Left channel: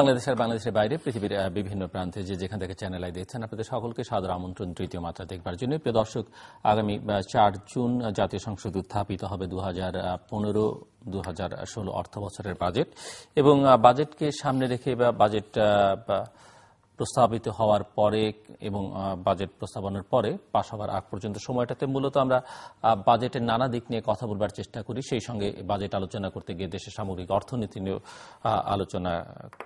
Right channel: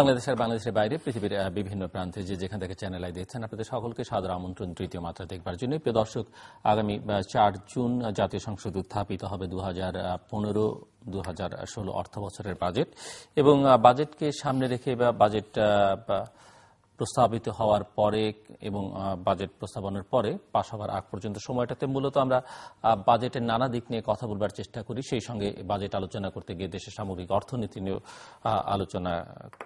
বাংলাদেশের বাইরে পৃথিবীর বিভিন্ন প্রান্তে যেখান থেকে চ্যানেল আই দেখছেন আপনাদের সকলকে সাদর আমন্ত্রণ তৃতীয় মাত্রা দেখবার জন্য। প্রিয় দর্শক, আগামী 4 জুন জাতীয় সংসদে উত্থাপিত হবে 2015-2016 অর্থ বছরের বাজেট, এবং বাজেটকে সামনে রেখে বা বাজেট প্রস্তাবিত হওয়ার পরে এবং বাজেট প্রস্তাবনের পরে পাশ হওয়ার আগ পর্যন্ত সময়টাতে মূলত আমরা বাজেটের নানা দিক নিয়ে কথা বলবার চেষ্টা করি। সেই সঙ্গে বাজেট আলোচনা করতে গিয়ে দেশের সামগ্রিক অর্থনীতি নিয়ে আলোচনা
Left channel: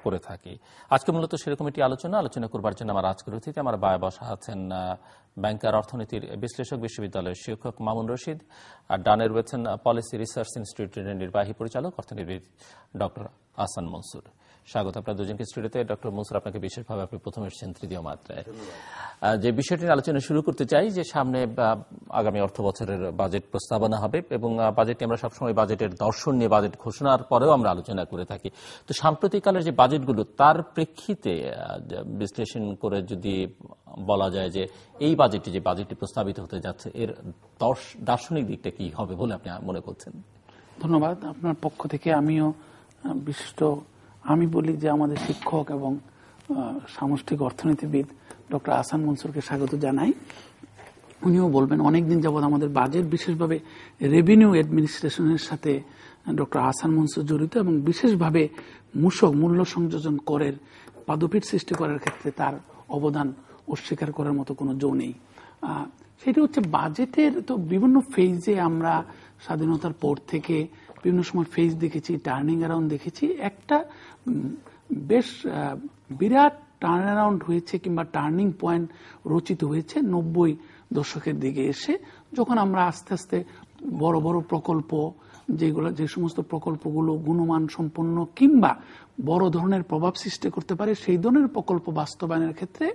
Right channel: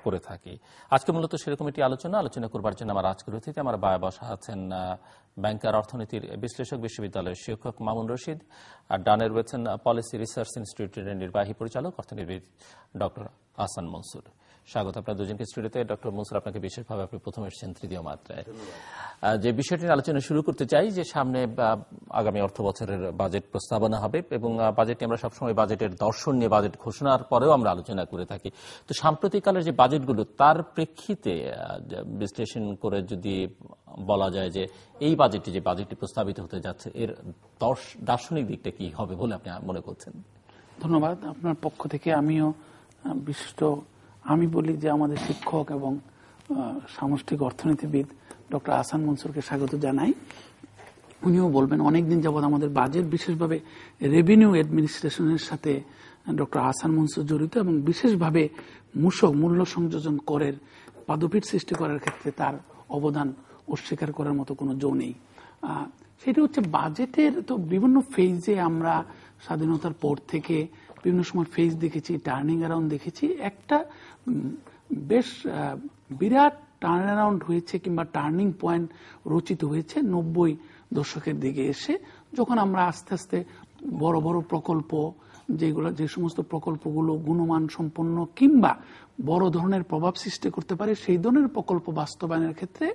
করে থাকি। আজকে মূলত সেরকম একটি আলোচনা করবার জন্য আমার আজকের অতিথি আমার বায়ে বসা আছেন ব্যাংকার অর্থনীতির বিশ্লেষক, বিশ্ববিদ্যালয়ের শিক্ষক মামুন রশিদ, আর ডানে রয়েছেন পলিসি রিসার্চ ইনস্টিটিউটের নির্বাহী পরিচালক অর্থনীতিবিদ ডক্টর আহসান মনসুর। স্বাগত আপনার দুজনকে স্টুডিওতে। ডক্টর মনসুর, আপনাকে বিশেষভাবে আপনি প্রথম এসেছেন তৃতীয় মাত্রায়। যে বিষয়টির আলোচনা শুরু করতে চাই, যে সামনে আগামী অর্থ বছরের বাজেট প্রস্তাবনা হবে এবং বাজেটে আমরা সবসময় বাজেটের দর্শন নিয়ে বাজেট ঘোষণার পরেও আমরা আলোচনা করে থাকি। তো সাম্প্রতিককালের যে বাজেটগুলো তার প্রেক্ষিতে বিশ্লেষণ করে যদি বলা যায় যে এই বাজেটটি যে বাজেটটি প্রস্তাবিত হতে যাচ্ছে এর দার্শনিক দিকটা কি হবে বলে আপনি মনে করছেন? ধন্যবাদ। আপনার পক্ষ থেকে আমিও আমি বলি যে আমাদের শিক্ষক এবং সামষ্টিক অর্থনীতিবিদ ডক্টর আহসান মনসুরকে স্বাগত জানাই। উনিও বলবেন অনেকদিন যাবৎ আমাদের বাজেট, বিশেষভাবে রেভিনিউ অ্যাডমিনিস্ট্রেশনের সাথে ডক্টর আহসান মনসুর জড়িত, এবং বিশেষভাবে মূল্য সংযোজন করের পাদপীঠ সৃষ্টি করার ক্ষেত্রে তার অবদান অস্বীকার করার মতো কোনো জো নেই। সেটি হচ্ছে বাজেটের তো বিভিন্ন ফেজে আমরা স্বাধীনতার পর থেকে বিভিন্ন সময় ফেজ দেখেছি, টার্নিং অ্যারাউন্ড দেখেছি। একটা বেশ বিরাট টার্ন অ্যারাউন্ড হয়েছে কিংবা টার্নিং পয়েন্ট রচিত হয়েছে 90 দশকের দিকে এসে, যখন আমরা আস্তে আস্তে বড় বড় প্রকল্প, যে সমস্ত প্রকল্পগুলো গুণমান সম্পন্ন কিংবা বড় ধরনের প্রভাব সৃষ্টি করতে পারে সেই ধরনের প্রকল্প বাস্তবায়নের ক্ষেত্রে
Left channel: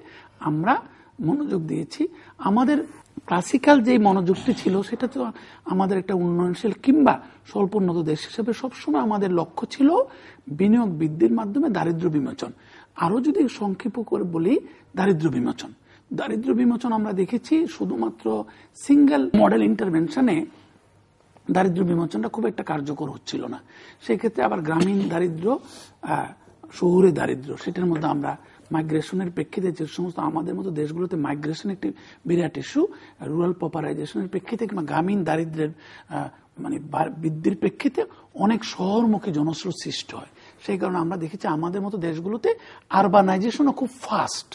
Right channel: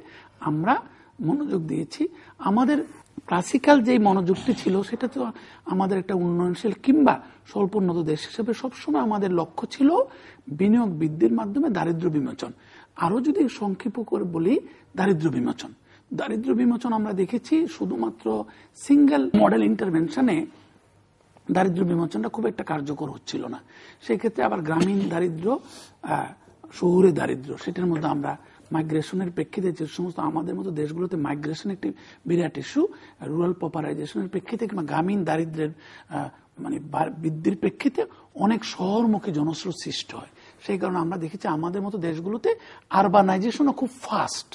আমরা মনোযোগ দিয়েছি। আমাদের ক্লাসিক্যাল যে মনোযোগটি ছিল সেটা তো আমাদের একটা উন্নয়নশীল কিংবা স্বল্প উন্নত দেশ হিসেবে সবসময় আমাদের লক্ষ্য ছিল বিনিয়োগ বৃদ্ধির মাধ্যমে দারিদ্র্য বিমোচন। আরো যদি সংক্ষেপ করে বলি, দারিদ্র্য বিমোচন আমরা দেখেছি শুধুমাত্র সিঙ্গেল মডেল ইন্টারভেনশনে দারিদ্র্য বিমোচনটা খুব একটা কার্যকর হচ্ছিল না। সেক্ষেত্রে আবার গ্রামীণ দারিদ্র্য, শহুরে দারিদ্র্য, সেটার মধ্যে আমরা মাইগ্রেশনের প্রেক্ষিতে যে সমস্ত আমাদের মতো দেশগুলোতে মাইগ্রেশন একটি বিরাট ইস্যু, রুরাল পপুলারাইজেশনের প্রেক্ষিতে কিংবা গ্রামীণ দারিদ্র্যের বৃদ্ধির প্রেক্ষিতে অনেক শহরমুখী জনস্রোত সৃষ্টি হয়। সেই কারণে আমরা দেখেছি আমাদের মতো দেশগুলোতে আরবানাইজেশনও খুব ফাস্ট,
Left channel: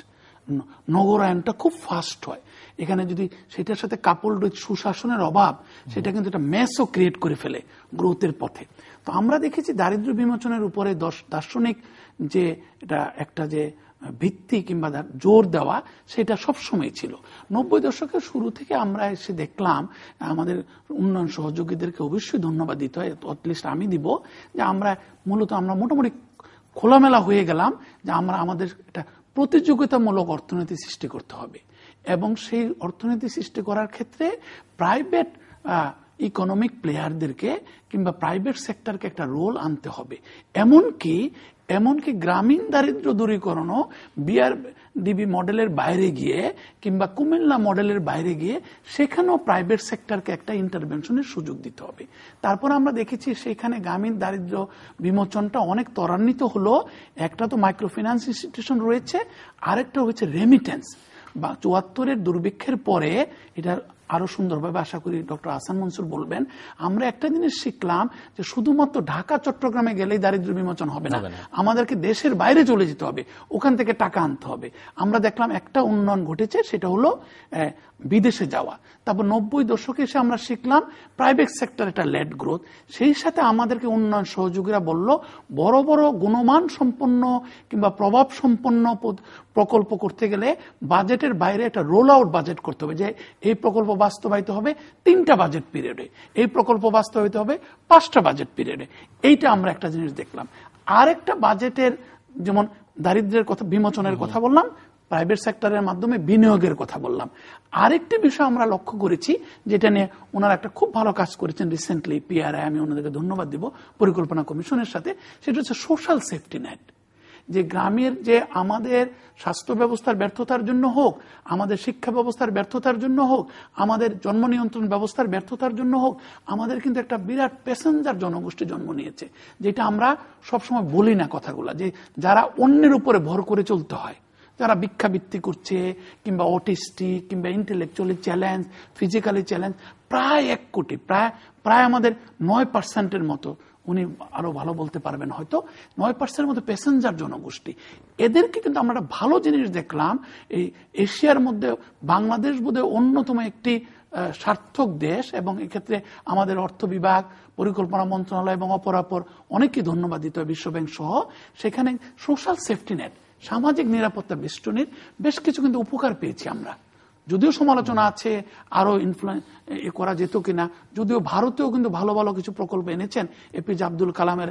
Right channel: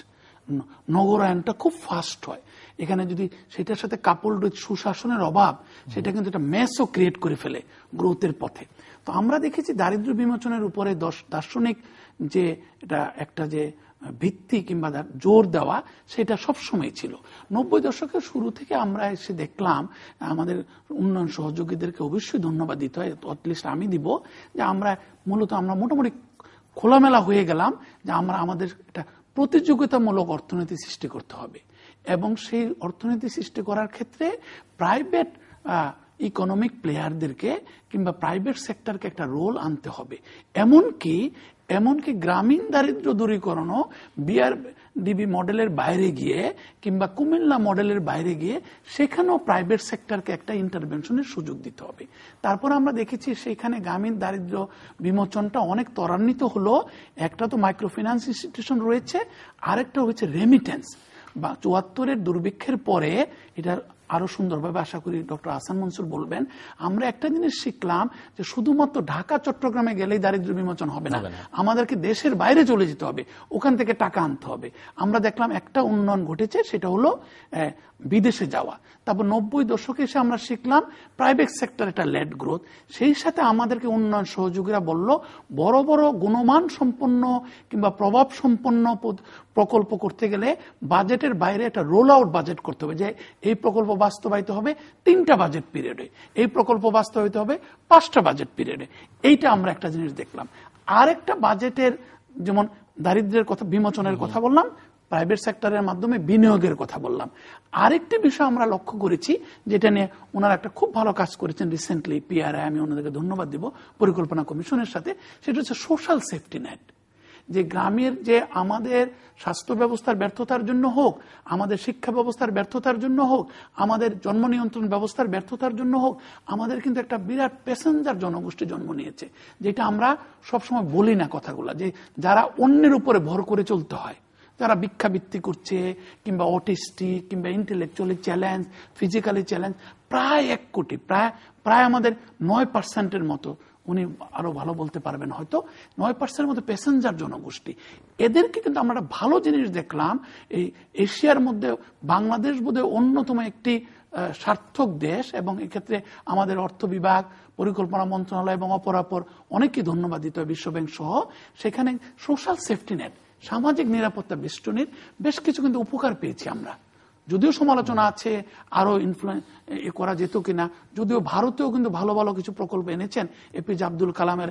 নগরায়নটা খুব ফাস্ট হয়। এখানে যদি সেটার সাথে কাপড় সুশাসনের অভাব, সেটা কিন্তু একটা মেসও ক্রিয়েট করে ফেলে গ্রোথের পথে। তো আমরা দেখেছি দারিদ্র্য বিমোচনের উপরে দার্শনিক যে এটা একটা যে ভিত্তি কিংবা জোর দেওয়া, সেটা সবসময় ছিল। 90 দশকের শুরু থেকে আমরা এসে দেখলাম, আমাদের উন্নয়ন সহযোগীদেরকে অবশ্যই ধন্যবাদ দিতে হয়, অ্যাটলিস্ট আমি দিব, যে আমরা মোটামুটি খোলামেলা হয়ে গেলাম যে আমাদের একটা প্রতিযোগিতামূলক অর্থনীতি সৃষ্টি করতে হবে, এবং সেই অর্থনীতি সৃষ্টি করার ক্ষেত্রে প্রাইভেট ইকোনমিক প্লেয়ারদেরকে কিংবা প্রাইভেট সেক্টরকে একটা রোল আনতে হবে। এমনকি গ্রামীণ দারিদ্র্য দূরীকরণও বিআরডিবি মডেলের বাইরে গিয়ে কিংবা কুমিল্লা মডেলের বাইরে গিয়ে সেখানেও প্রাইভেট সেক্টরকে একটা ইন্টারভেনশনের সুযোগ দিতে হবে। তারপর আমরা দেখেছি সেখানে গ্রামীণ দারিদ্র্য বিমোচনটা অনেক ত্বরান্বিত হলো। একটা তো মাইক্রো ফিন্যান্স ইনস্টিটিউশন রয়েছে, আরেকটা হচ্ছে রেমিটেন্স। বা 74-এর দুর্ভিক্ষের পরে এটা আরো সুন্দরভাবে আশা করি ডক্টর আহসান মনসুর বলবেন, আমরা একটা জিনিস শিখলাম যে শুধুমাত্র ঢাকা চট্টগ্রামে গেলেই দারিদ্র্য বিমোচন হবে না, আমাদেরকে দেশের বাইরে চলে যেতে হবে, ওখান থেকে টাকা আনতে হবে। আমরা দেখলাম একটা উন্নয়ন ঘটেছে, সেটা হলো বিদেশে যাওয়া। তারপর 90 দশকে এসে আমরা শিখলাম প্রাইভেট সেক্টর একটা লেড গ্রোথ। সেই সাথে আমাদেরকে উন্নয়ন সহযোগীরা বলল বড় বড় গুণমান সম্পন্ন কিংবা প্রভাব সম্পন্ন প্রকল্প করতে গেলে বাজেটের বাইরে একটা রোল আউট বাজেট করতে হবে, যে এই প্রকল্প বাস্তবায়িত হবে 3টা বাজেট পিরিয়ডে, এই প্রকল্প বাস্তবায়িত হবে 5টা বাজেট পিরিয়ডে। এইটা আমরা একটা জিনিস দেখলাম। আর একটা বাজেটের, যেমন দারিদ্র্যের কথা, বিমোচনের কথা বললাম, প্রাইভেট সেক্টরের মাধ্যমে বিনিয়োগের কথা বললাম। আরেকটি বিষয় আমরা লক্ষ্য করেছি, যেটা নিয়ে ওনারা একটা খুব ভালো কাজ করেছেন রিসেন্টলি, পিআরআই, আমি ওনাদেরকে ধন্যবাদ দিব, পরিকল্পনা কমিশনের সাথে, সেটা হচ্ছে সোশ্যাল সেফটি নেট। যে গ্রামের যে আমাদের স্বাস্থ্য ব্যবস্থার ব্যর্থতার জন্য হোক, আমাদের শিক্ষা ব্যবস্থার ব্যর্থতার জন্য হোক, আমাদের জন্ম নিয়ন্ত্রণ ব্যবস্থার ব্যর্থতার জন্য হোক, আমাদের কিন্তু একটা বিরাট প্যাসেঞ্জার জনগোষ্ঠী জন্ম নিয়েছে, যেটা আমরা সবসময় বলি না কথাগুলা, যে যারা অন্যের উপরে ভর করে চলতে হয়, যারা ভিক্ষাবৃত্তি করছে কিংবা অটিস্টিক কিংবা ইন্টেলেকচুয়ালি চ্যালেঞ্জ, ফিজিক্যালি চ্যালেঞ্জ, প্রায় 1 কোটি, প্রায় আমাদের 9% মতো, উনি আরো ভালো বলতে পারবেন হয়তো, 9% মতো প্যাসেঞ্জার জনগোষ্ঠী। এদেরকে কিন্তু আমরা একটা ভালো জিনিস দেখলাম, এই এশিয়ার মধ্যে বাংলাদেশ বোধহয় অন্যতম একটি সার্থক দেশ, এবং এক্ষেত্রে আমাদের অর্থ বিভাগ, পরিকল্পনা মন্ত্রণালয় এবং অপরাপর অনেকেই ধন্যবাদ দিতে হয়, বিশ্বব্যাংক সহ। সেখানে সোশ্যাল সেফটি নেট, সামাজিক নিরাপত্তা বেষ্টনীর বেশ কিছু কিন্তু উপকার পেয়েছি আমরা। যদিও সমালোচনা আছে আরো করা যেত কিনা, যদিও ভারতেও কিন্তু ভালো ভালো কিছু প্রকল্প এনেছেন এপিজে আব্দুল কালামের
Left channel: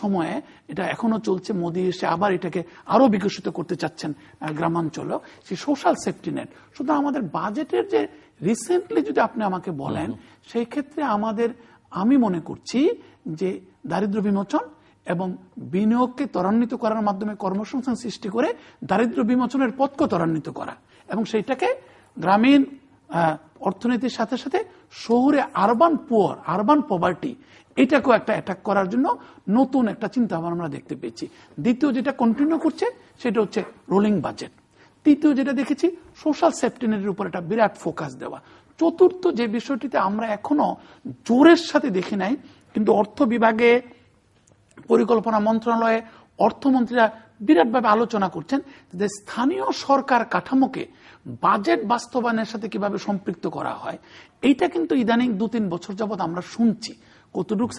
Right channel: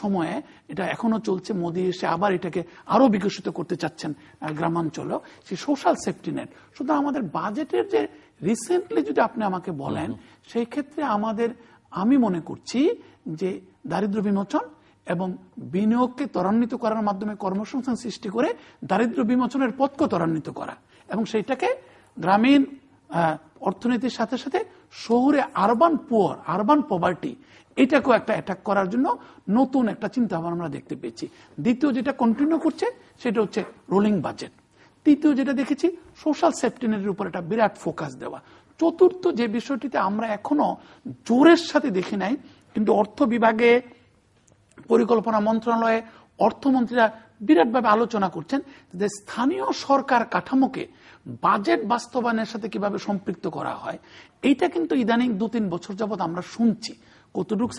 সময়ে, এটা এখনো চলছে, মোদী এসে আবার এটাকে আরো বিকশিত করতে চাচ্ছেন গ্রামাঞ্চলেও, সেই সোশ্যাল সেফটি নেট। শুধু আমাদের বাজেটের যে রিসেন্টলি যদি আপনি আমাকে বলেন, সেই ক্ষেত্রে আমি মনে করছি যে দারিদ্র্য বিমোচন এবং বিনিয়োগকে ত্বরান্বিত করার মাধ্যমে কর্মসংস্থান সৃষ্টি করে দারিদ্র্য বিমোচনের পথকে ত্বরান্বিত করা, এবং সেটাকে গ্রামীণ অর্থনীতির সাথে সাথে শহরে আরবান পভার্টি, এটাকেও একটা অ্যাটাক করার জন্য নতুন একটা চিন্তা আমরা দেখতে পেয়েছি। দ্বিতীয় যেটা কন্টিনিউ করছে সেটা হচ্ছে রোলিং বাজেট। তৃতীয় যেটা দেখেছি, সোশ্যাল সেফটি নেটের উপর একটা বিরাট ফোকাস দেওয়া। চতুর্থ যে বিষয়টিতে আমরা এখনো জোরের সাথে দেখি নাই, কিন্তু অর্থ বিভাগে, পরিকল্পনা মন্ত্রণালয়ে অর্থমন্ত্রীরা বিরাটভাবে আলোচনা করছেন যে স্থানীয় সরকার কাঠামোকে বাজেট বাস্তবায়নের সাথে কিভাবে সম্পৃক্ত করা হয়। এইটা কিন্তু ইদানিং 2-3 বছর যাবৎ আমরা শুনছি কতটুকু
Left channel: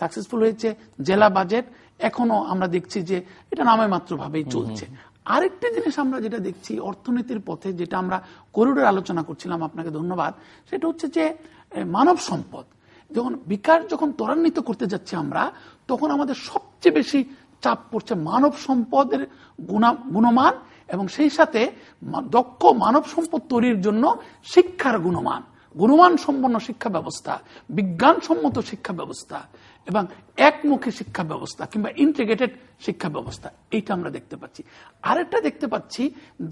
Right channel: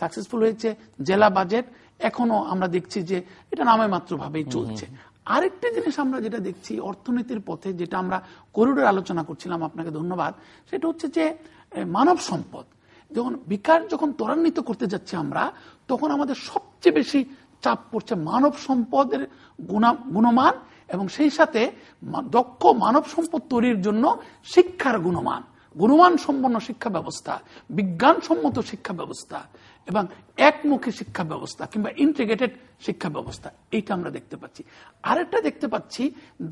সাকসেসফুল হয়েছে জেলা বাজেট, এখনো আমরা দেখছি যে এটা নামে মাত্র ভাবেই চলছে। আরেকটা জিনিস আমরা যেটা দেখছি অর্থনীতির পথে, যেটা আমরা করিডোর আলোচনা করছিলাম, আপনাকে ধন্যবাদ, সেটা হচ্ছে যে মানব সম্পদ যখন ত্বরান্বিত করতে যাচ্ছি আমরা, তখন আমাদের সবচেয়ে বেশি চাপ পড়ছে মানব সম্পদের গুণমান, এবং সেই সাথে দক্ষ মানব সম্পদ তৈরির জন্য শিক্ষার গুণমান সম্পন্ন শিক্ষা ব্যবস্থা, বিজ্ঞানসম্মত শিক্ষা ব্যবস্থা এবং একমুখী শিক্ষা ব্যবস্থা কিংবা ইন্টিগ্রেটেড শিক্ষা ব্যবস্থা, এইটা আমরা দেখতে পাচ্ছি। আরেকটা দেখতে পাচ্ছি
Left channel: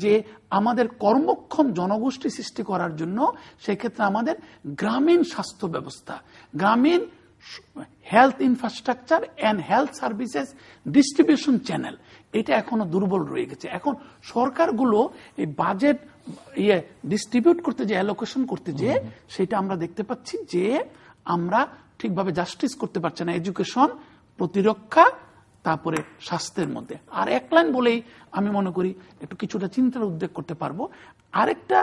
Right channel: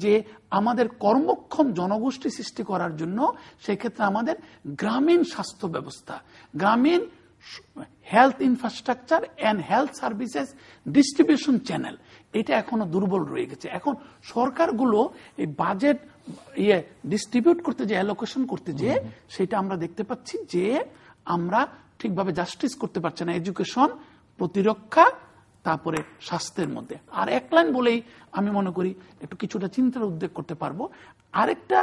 যে আমাদের কর্মক্ষম জনগোষ্ঠী সৃষ্টি করার জন্য সেক্ষেত্রে আমাদের গ্রামীণ স্বাস্থ্য ব্যবস্থা, গ্রামীণ health infrastructure and health services distribution channel, এটা এখনো দুর্বল রয়ে গেছে। এখন সরকারগুলো এই বাজেট ডিস্ট্রিবিউট করতে যে অ্যালোকেশন করতে যে, সেটা আমরা দেখতে পাচ্ছি যে আমরা ঠিকভাবে জাস্টিস করতে পারছি না এডুকেশন, প্রতিরক্ষা, তারপরে স্বাস্থ্যের মধ্যে। আর এক লাইন বলেই আমি মনে করি একটু কিছুটা চিন্তার উদ্বেগ করতে পারবো। আরেকটা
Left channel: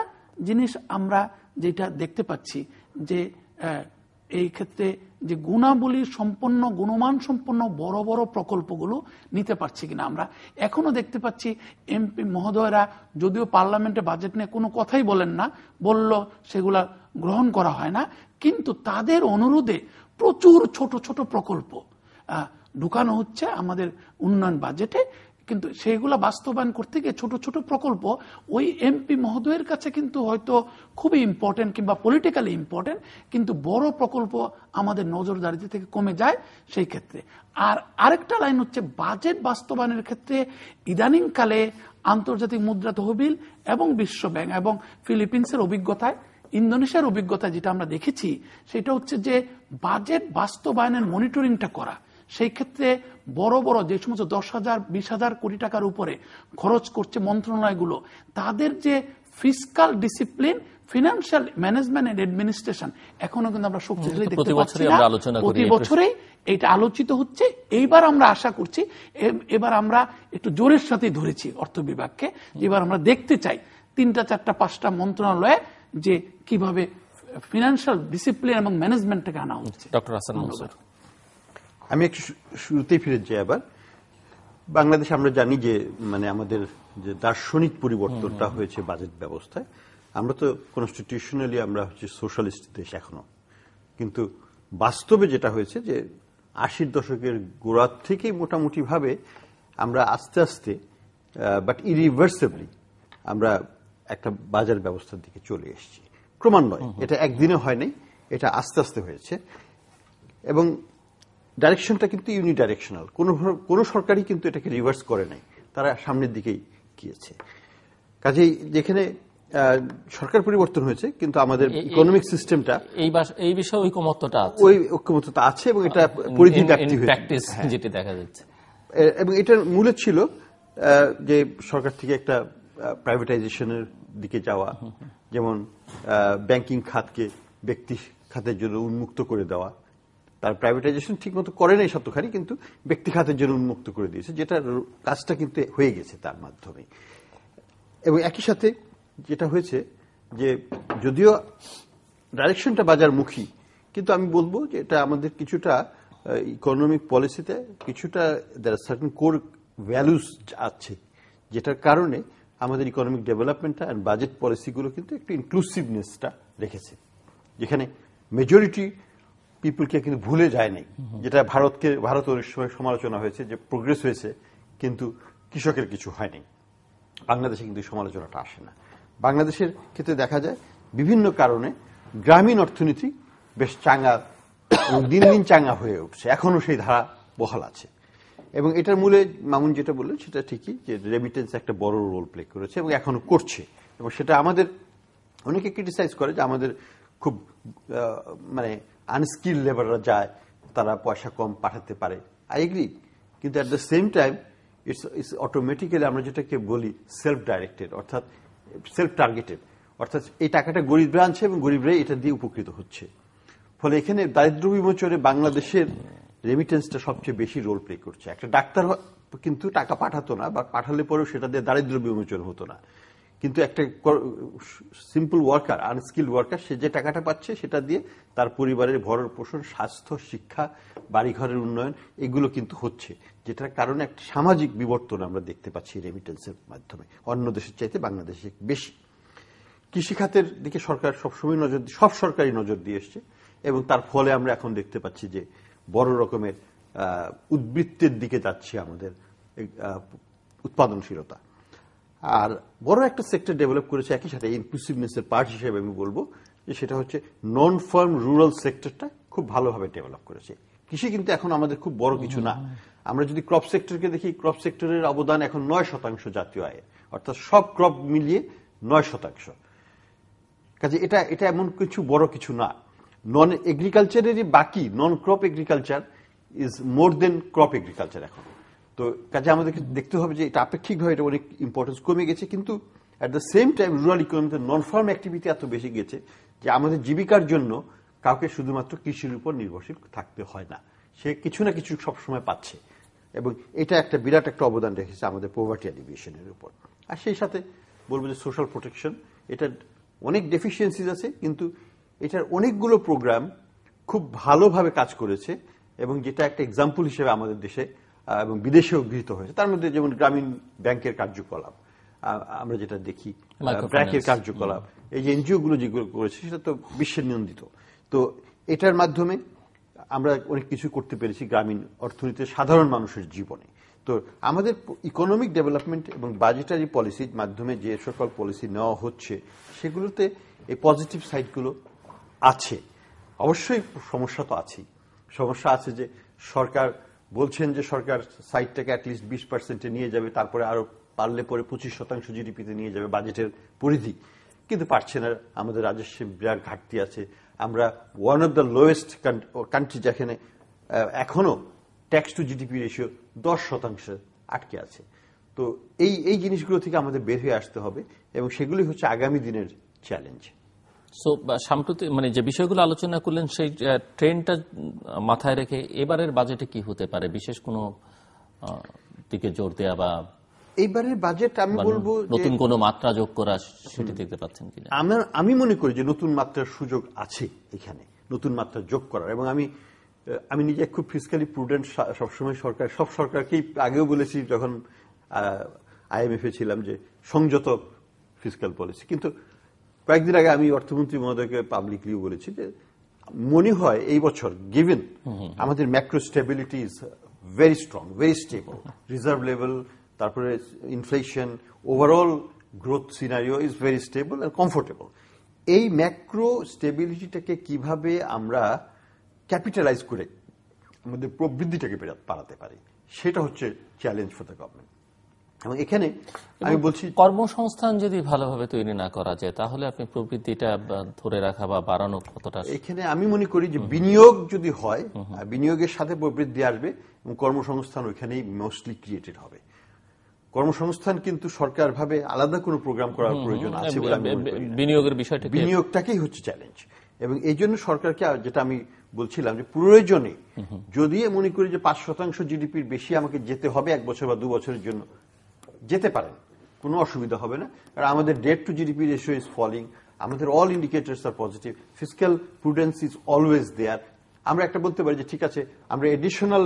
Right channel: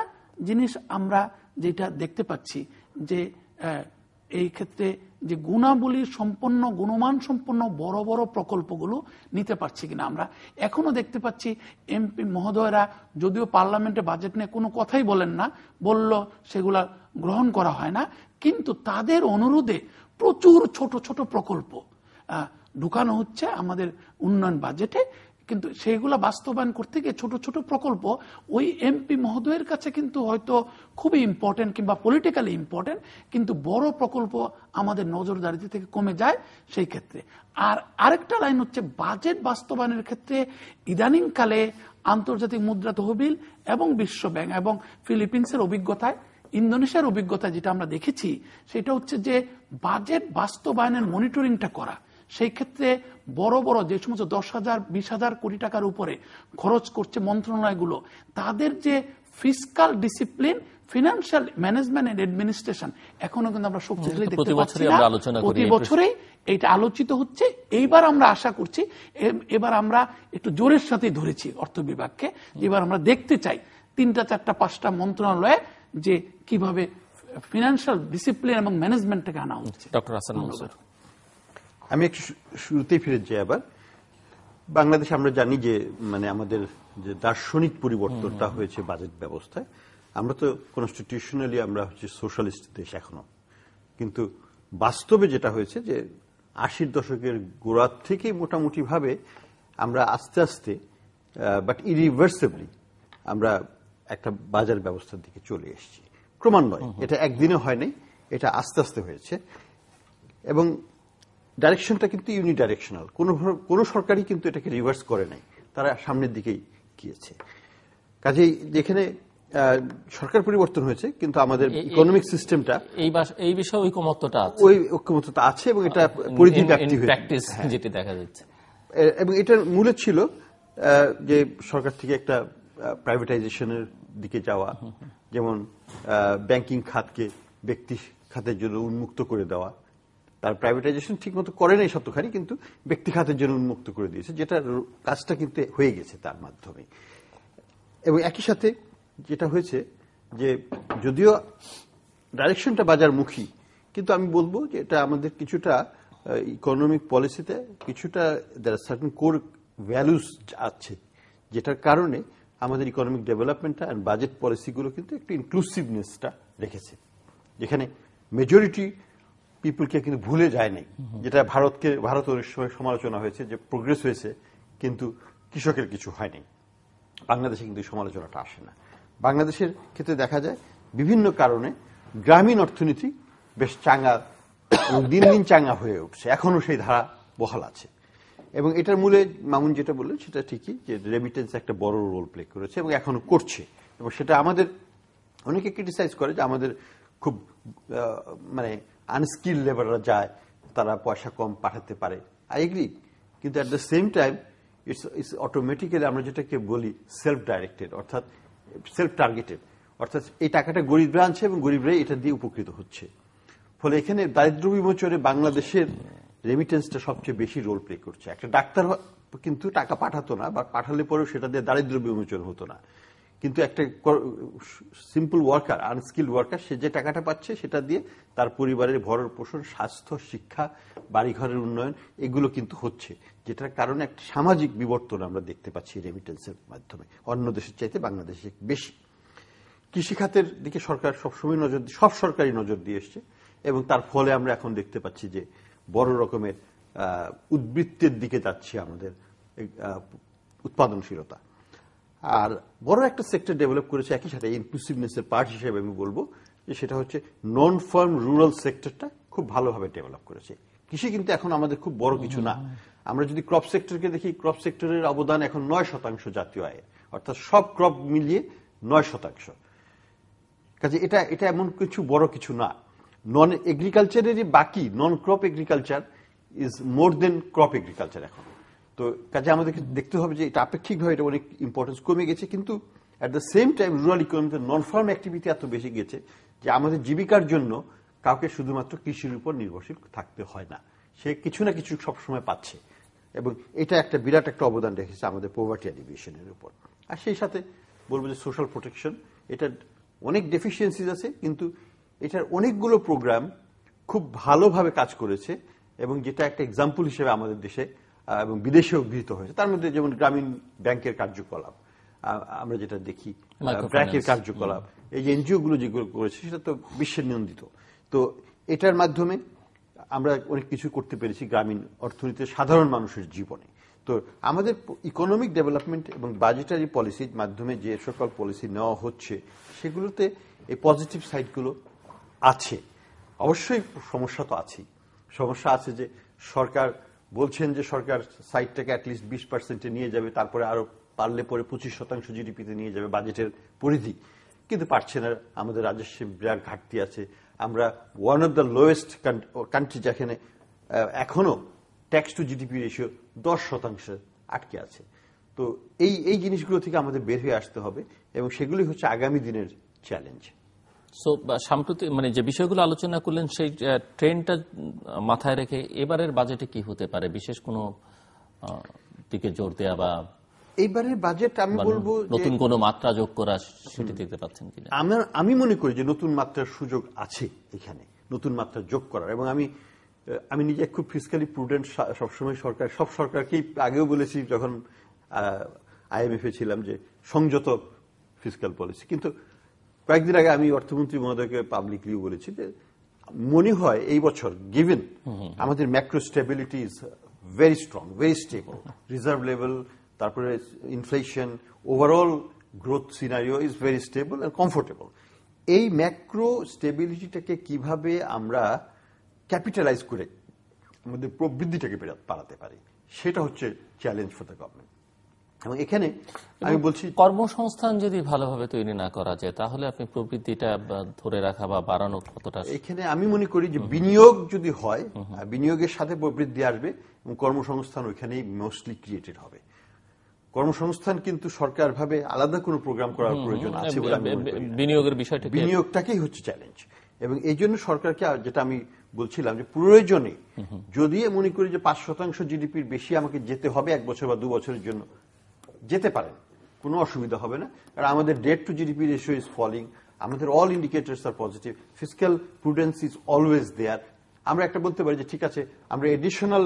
জিনিস আমরা যেটা দেখতে পাচ্ছি যে এই ক্ষেত্রে যে গুণাবলী সম্পন্ন, গুণমান সম্পন্ন বড় বড় প্রকল্পগুলো নিতে পারছি কিনা আমরা এখনো দেখতে পাচ্ছি। এমপি মহোদয়রা যদিও পার্লামেন্টে বাজেট নিয়ে কোনো কথাই বলেন না, বলল সেগুলা গ্রহণ করা হয় না, কিন্তু তাদের অনুরোধে প্রচুর ছোট ছোট প্রকল্প ঢুকানো হচ্ছে আমাদের উন্নয়ন বাজেটে, কিন্তু সেগুলা বাস্তবায়ন করতে গিয়ে ছোট ছোট প্রকল্প ওই এমপি মহোদয়ের কাছে কিন্তু হয়তো খুবই ইম্পর্টেন্ট কিংবা পলিটিক্যালি ইম্পর্টেন্ট, কিন্তু বড় প্রকল্প আমাদের নজরদারিতে থেকে কমে যায় সেই ক্ষেত্রে। আর আরেকটা লাইন হচ্ছে বাজেট বাস্তবায়নের ক্ষেত্রে ইদানিং কালে আন্তর্জাতিক মুদ্রা তহবিল এবং বিশ্বব্যাংক এবং ফিলিপিন্সের অভিজ্ঞতায়, ইন্দোনেশিয়ার অভিজ্ঞতায় যেটা আমরা দেখেছি, সেটা হচ্ছে যে বাজেট বাস্তবায়নের মনিটরিংটা করা। সেই ক্ষেত্রে বড় বড় যে সমস্ত 10,000-20,000 কোটি টাকার উপরে খরচ করছে মন্ত্রণালয়গুলো, তাদের যে fiscal discipline, financial management and administration এখনো কিন্তু আমরা শক্তিশালী দেখতে পাচ্ছি না। প্রতি বছরেই এটা আলোচিত হচ্ছে। এইবার আমরা আশা করছি, এবার আমরা একটু জোরের সাথে ধরেছি অর্থ বিভাগকে, এবার আমরা দেখতে চাই 3টা 4টা 5টা মন্ত্রণালয়ে যে কিভাবে ফিনান্সিয়াল ডিসিপ্লিন এবং ম্যানেজমেন্টটাকে আনা হচ্ছে। ডক্টর হাসান মনসুর, আমি একটু শুরুতেই ফিরে যাই। আবার বাংলাদেশ আমরা জানি যে আমাদের যে দার্শনিক পরিবর্তনটা হয়েছে বাজেট ব্যবস্থায়। আমরা তো কনস্টিটিউশনালি আমরা হচ্ছে সোশ্যালিস্ট দেশ এখনো, কিন্তু বাস্তবে যেটা হয়েছে যে 80-র দশকের গোড়ার থেকে মোটামুটি ভাবে আমরা আস্তে আস্তে বাট ইরিভার্সিবলি আমরা একটা বাজার ব্যবস্থার দিকে চলে এসেছি ক্রমান্বয়ে। এটা একদিনে হয়নি, এটা আস্তে আস্তে হয়েছে। এবং ডাইরেকশনটা কিন্তু ইউনিডাইরেকশনাল, কোন সরকারই কিন্তু এটাকে রিভার্স করে নাই, তারা সামনের দিকেই গিয়েছে। কাজেই যেখানে সরকার পরিবর্তন হয়েছে কিন্তু আমাদের ইকোনমিক সিস্টেমটা এই বিষয়ে ঐকমত্যটা আছে, ওই ঐক্যমত্যতা আছে এবং এটা পরিধি ব্যাপ্তি হয়েছে, প্র্যাকটিস যেটা দেখা যাচ্ছে। এবং এটার মূলে ছিল যে সরকার থেকে একটা প্রাইভেটাইজেশনের দিকে যাওয়া, যেমন ব্যাংকিং খাতকে ব্যক্তি খাতের জন্য উন্মুক্ত করে দেওয়া। তার প্রাইভেটাইজেশন ঠিক মতো করে নাই সত্যখানি, কিন্তু ব্যক্তি খাতের জন্য উন্মুক্ত করে দিয়েছে, যেটা কাজটা কিন্তু হয়ে গেছে তার মাধ্যমে। এবং একই সাথে যেটা হয়েছে যে যদিও ডাইরেকশনটা বাজারমুখী, কিন্তু আমি বলবো যে এটা আমাদের কিছুটা ইকোনমিক পলিসিতে কিছুটা দেয়ার আর সার্টেন কোর ভ্যালুস আছে, যেটার কারণে আমাদের ইকোনমিক ডেভেলপমেন্টটা এন্ড বাজেট পলিসিগুলো কিন্তু একটু ইনক্লুসিভনেসটা রেখেছে, যেখানে মেজরিটি পিপলকে কিন্তু ভুলে যায় নাই। যেটা ভারত অনেক সময় সমালোচনা হয়েছে যে প্রোগ্রেস হয়েছে কিন্তু কৃষকের কিছু হয়নি, বাংলাদেশে কিন্তু সমালোচনাটা আসে না। বাংলাদেশের ক্ষেত্রে দেখা যায় বিভিন্ন কারণে গ্রামীণ অর্থনীতি বেশ চাঙ্গা এবং দিন দিন চাঙ্গা হয়ে উঠছে, এখনো সেই ধারা বহাল আছে। এবং এটার মূলে মামুন যেটা বললেন সেটা ঠিকই, যে রেমিটেন্স একটা বড় রোল প্লে করেছে এবং এখনো করছে। এবং সেটা আমাদের অনেকে ক্রিটিসাইজ করে যে আমাদের খুব মানে আনস্কিল লেবাররা যায়, তারা পয়সা কম পাঠাতে পারে। আই এগ্রি, কিন্তু at the same time it's automatically আমরা যেটাকে বলি সেলফ ডাইরেক্টেড, অর্থাৎ সেলফ টার্গেটেড, অর্থাৎ এই টাকাটা গরিবরা আনছে এবং গরিবরাই এটা দিয়ে উপকৃত হচ্ছে। ফলে এখানে দারিদ্র বিমোচনে বাংলাদেশের রেমিটেন্সটা সবচেয়ে বেশি রোল প্লে করছে। একটা ডাক্তার কিন্তু টাকা পাঠাতো না, বা পাঠালে পরেও সেটা দিয়ে দারিদ্র বিমোচন হতো না, কিন্তু একটা সিম্পল ওয়ার্কার, আনস্কিল্ড ওয়ার্কার, সে যে টাকাটা পাচ্ছে সেটা দিয়ে তার পরিবারের ভরণ পোষণ, স্বাস্থ্য, শিক্ষা, বাড়িঘরের উন্নয়ন এগুলো কিন্তু হচ্ছে, যেটার কারণে একটা সামাজিক বিবর্তন আমরা দেখতে পাচ্ছি রেমিটেন্সের মাধ্যমে, অন্য দেশের চাইতে বাংলাদেশে বেশি। কৃষিখাতের দিকে সরকার সবসময় সব সরকারি নজর দিয়ে এসছে, এবং তার ফলে আমরা এখন দেখতে পাচ্ছি যে বড় রকমের উদ্বৃত্তের দিকে যাচ্ছে আমাদের উৎপাদনশীলতা। আর বড় একটা সেক্টর ডেভেলপ করেছে একই সাথে ইনক্লুসিভনেসের পার্ট হিসেবে আমি বলবো যে সেটা হচ্ছে নন ফার্ম রুরাল সেক্টরটা খুব ভালোভাবে ডেভেলপ করেছে। কৃষি কিন্তু এখন আমাদের খুব বড় কিছু না। আমরা যদি ক্রপ সেক্টরকে দেখি, ক্রপ সেক্টরের অবদান এখন 9% জাতীয় আয়ে, অর্থাৎ সব ক্রপ মিলিয়ে 9%। কাজে এটা এমন কিছু বড় কিছু না। নন এগ্রিকালচারেরই বাকি non crop agriculture is more than crop agriculture এখন। তো কাজে আমাদেরকে দেখতে হবে যে এটা আপেক্ষিকভাবে এটা অনেক ইম্পর্টেন্স কমে গেছে, কিন্তু at the same time rural ইকোনমিতে নন ফার্ম অ্যাক্টিভিটি এত বেশি গেছে যে আমাদের জীবিকার জন্য কাউকে শুধুমাত্র কৃষির উপর নির্ভরশীল থাকতে হয় না, সে কিছু না কিছু সবসময় পাচ্ছে। এবং এটা একটা বিরাট একটা অবদান রেখেছে আমাদের পভার্টি এলিভিয়েশনের উপর। আর সেই সাথে বলবো যে সোশ্যাল প্রোটেকশন, এটা অনেক ডেফিসিয়েন্সিজ আছে, কিন্তু এটার অনেকগুলো প্রোগ্রাম খুব ভালোভাবে কাজ করেছে, এবং যেটা একটা এক্সাম্পল হিসেবে আমাদের দেশে এবং বিদেশেও গৃহীত হয়েছে। তার মধ্যে যেমন গ্রামীণ ব্যাংকের কার্যকলাপ আমরা যেটা দেখি, ব্র্যাকের কার্যকলাপ, এই যে এনজিও গুলো যেগুলো করেছে সেটা তো বিশ্বের নিয়ন্ত্রিত। তো এটার মাধ্যমে আমরা অনেক কিছু করতে পেরেছি গ্রামীণ অর্থনীতিতে সাধারণ মানুষের জীবনে। তো আমাদের ইকোনমিক ডেভেলপমেন্ট এবং বাজেটারি পলিসির মাধ্যমে যে সকল পলিসি নেওয়া হচ্ছে সেগুলোতে এই পজিটিভ সাইডগুলো আছে। অবশ্যই সমস্যা তো আছেই। সমস্যা আছে যে সরকার বলছেন যে সরকার সাইডটাকে অ্যাটলিস্ট 20% নিয়ে যাবে, তারপরে আরো পারলে পরে 25% জিডিপিতে নিয়ে যাবে বাজেটের পরিধি, কিন্তু পারছে না। আমাদের রাজস্বের বিরাট ঘাটতি আছে। আমরা one of the lowest country যেখানে এখনো ট্যাক্স টু জিডিপি রেশিও 10% আটকে আছে। তো এই জিনিসগুলো থেকে আমাদের বের হয়ে আসতে হবে, এবং সেগুলি হচ্ছে আগামী দিনের চ্যালেঞ্জ। সো সাম্প্রতিক মানে যে বিষয়গুলো আলোচনা করলেন সেই ট্রেন্ডটা মাথায় রেখে এবারের বাজেটে কি হতে পারে, বিশেষ কোনো দিকে জোর দেয়া বা এইবারের বাজেট আমি বলবো নতুন কোনো মাত্রা যোগ করা, সেটি দেখতে পাচ্ছেন কিনা? আমি মনে করি যে নতুন মাত্রার সুযোগ আছে এখানে, নতুন মাত্রা যোগ করার। এবং আমি নিজে খুব ফিসক্যালি প্রুডেন্ট সবসময় সব সরকারকেই আগেও বলেছি যখন আইএমএফ এ ছিলাম যে সংযত ফিসক্যাল পলিসি। কিন্তু কয়েকদিন আগে আমি অর্থমন্ত্রী মহোদয়কে পাবলিকলি বলেছি যে মনে হয় এই বছর গিভেন আমাদের macro stability is very strong, very stable, reserve level, তারপরে inflation, overall growth scenario is very stable and comfortable. এই ম্যাক্রো স্টেবিলিটিটাকে কিভাবে আমরা ক্যাপিটালাইজ করে আমাদের প্রবৃদ্ধিটাকে বাড়াতে পারি, সেটা হচ্ছে চ্যালেঞ্জ ফর দ্য গভর্নমেন্ট। এবং এখানে আমি বলছি কর্মসংস্থান যদি ভালোভাবে তৈরি না করা যায় তাহলে আপনি প্রবৃদ্ধিটা ধরে রাখা বা বাড়ানো কতটা? এখানে আমি মনে করি যে বিনিয়োগ যদি হয়, বিনিয়োগের সাথে প্রবৃদ্ধি আসবে এবং কর্মসংস্থান ওইখানেই মোস্টলি ক্রিয়েটেড হবে। কর্মসংস্থান কিন্তু সরকার ভাবে আলাদা কোনো প্রোগ্রাম করার প্রয়োজন আছে বলে আমি মনে করি না। বিনিয়োগের বিষয়টা, বিনিয়োগটাকেই হচ্ছে চ্যালেঞ্জ। এবং এই জন্য সরকারকে, যেটা আমি বলছিলাম, যে প্রয়োজনে যদি মনে করি যে 5% জিডিপির বেশি আমাকে যেতে হবে 1 বছর বা 2 বছরের জন্য, যেতে পারেন, কোনো অসুবিধা হবে না। কারণ আমাদের debt to GDP ratio is falling, আমাদের all indicators are positive, fiscal prudence is always there. আমরা একটা বলতে পারি যে ঠিক আছে, আমরা এডিশনাল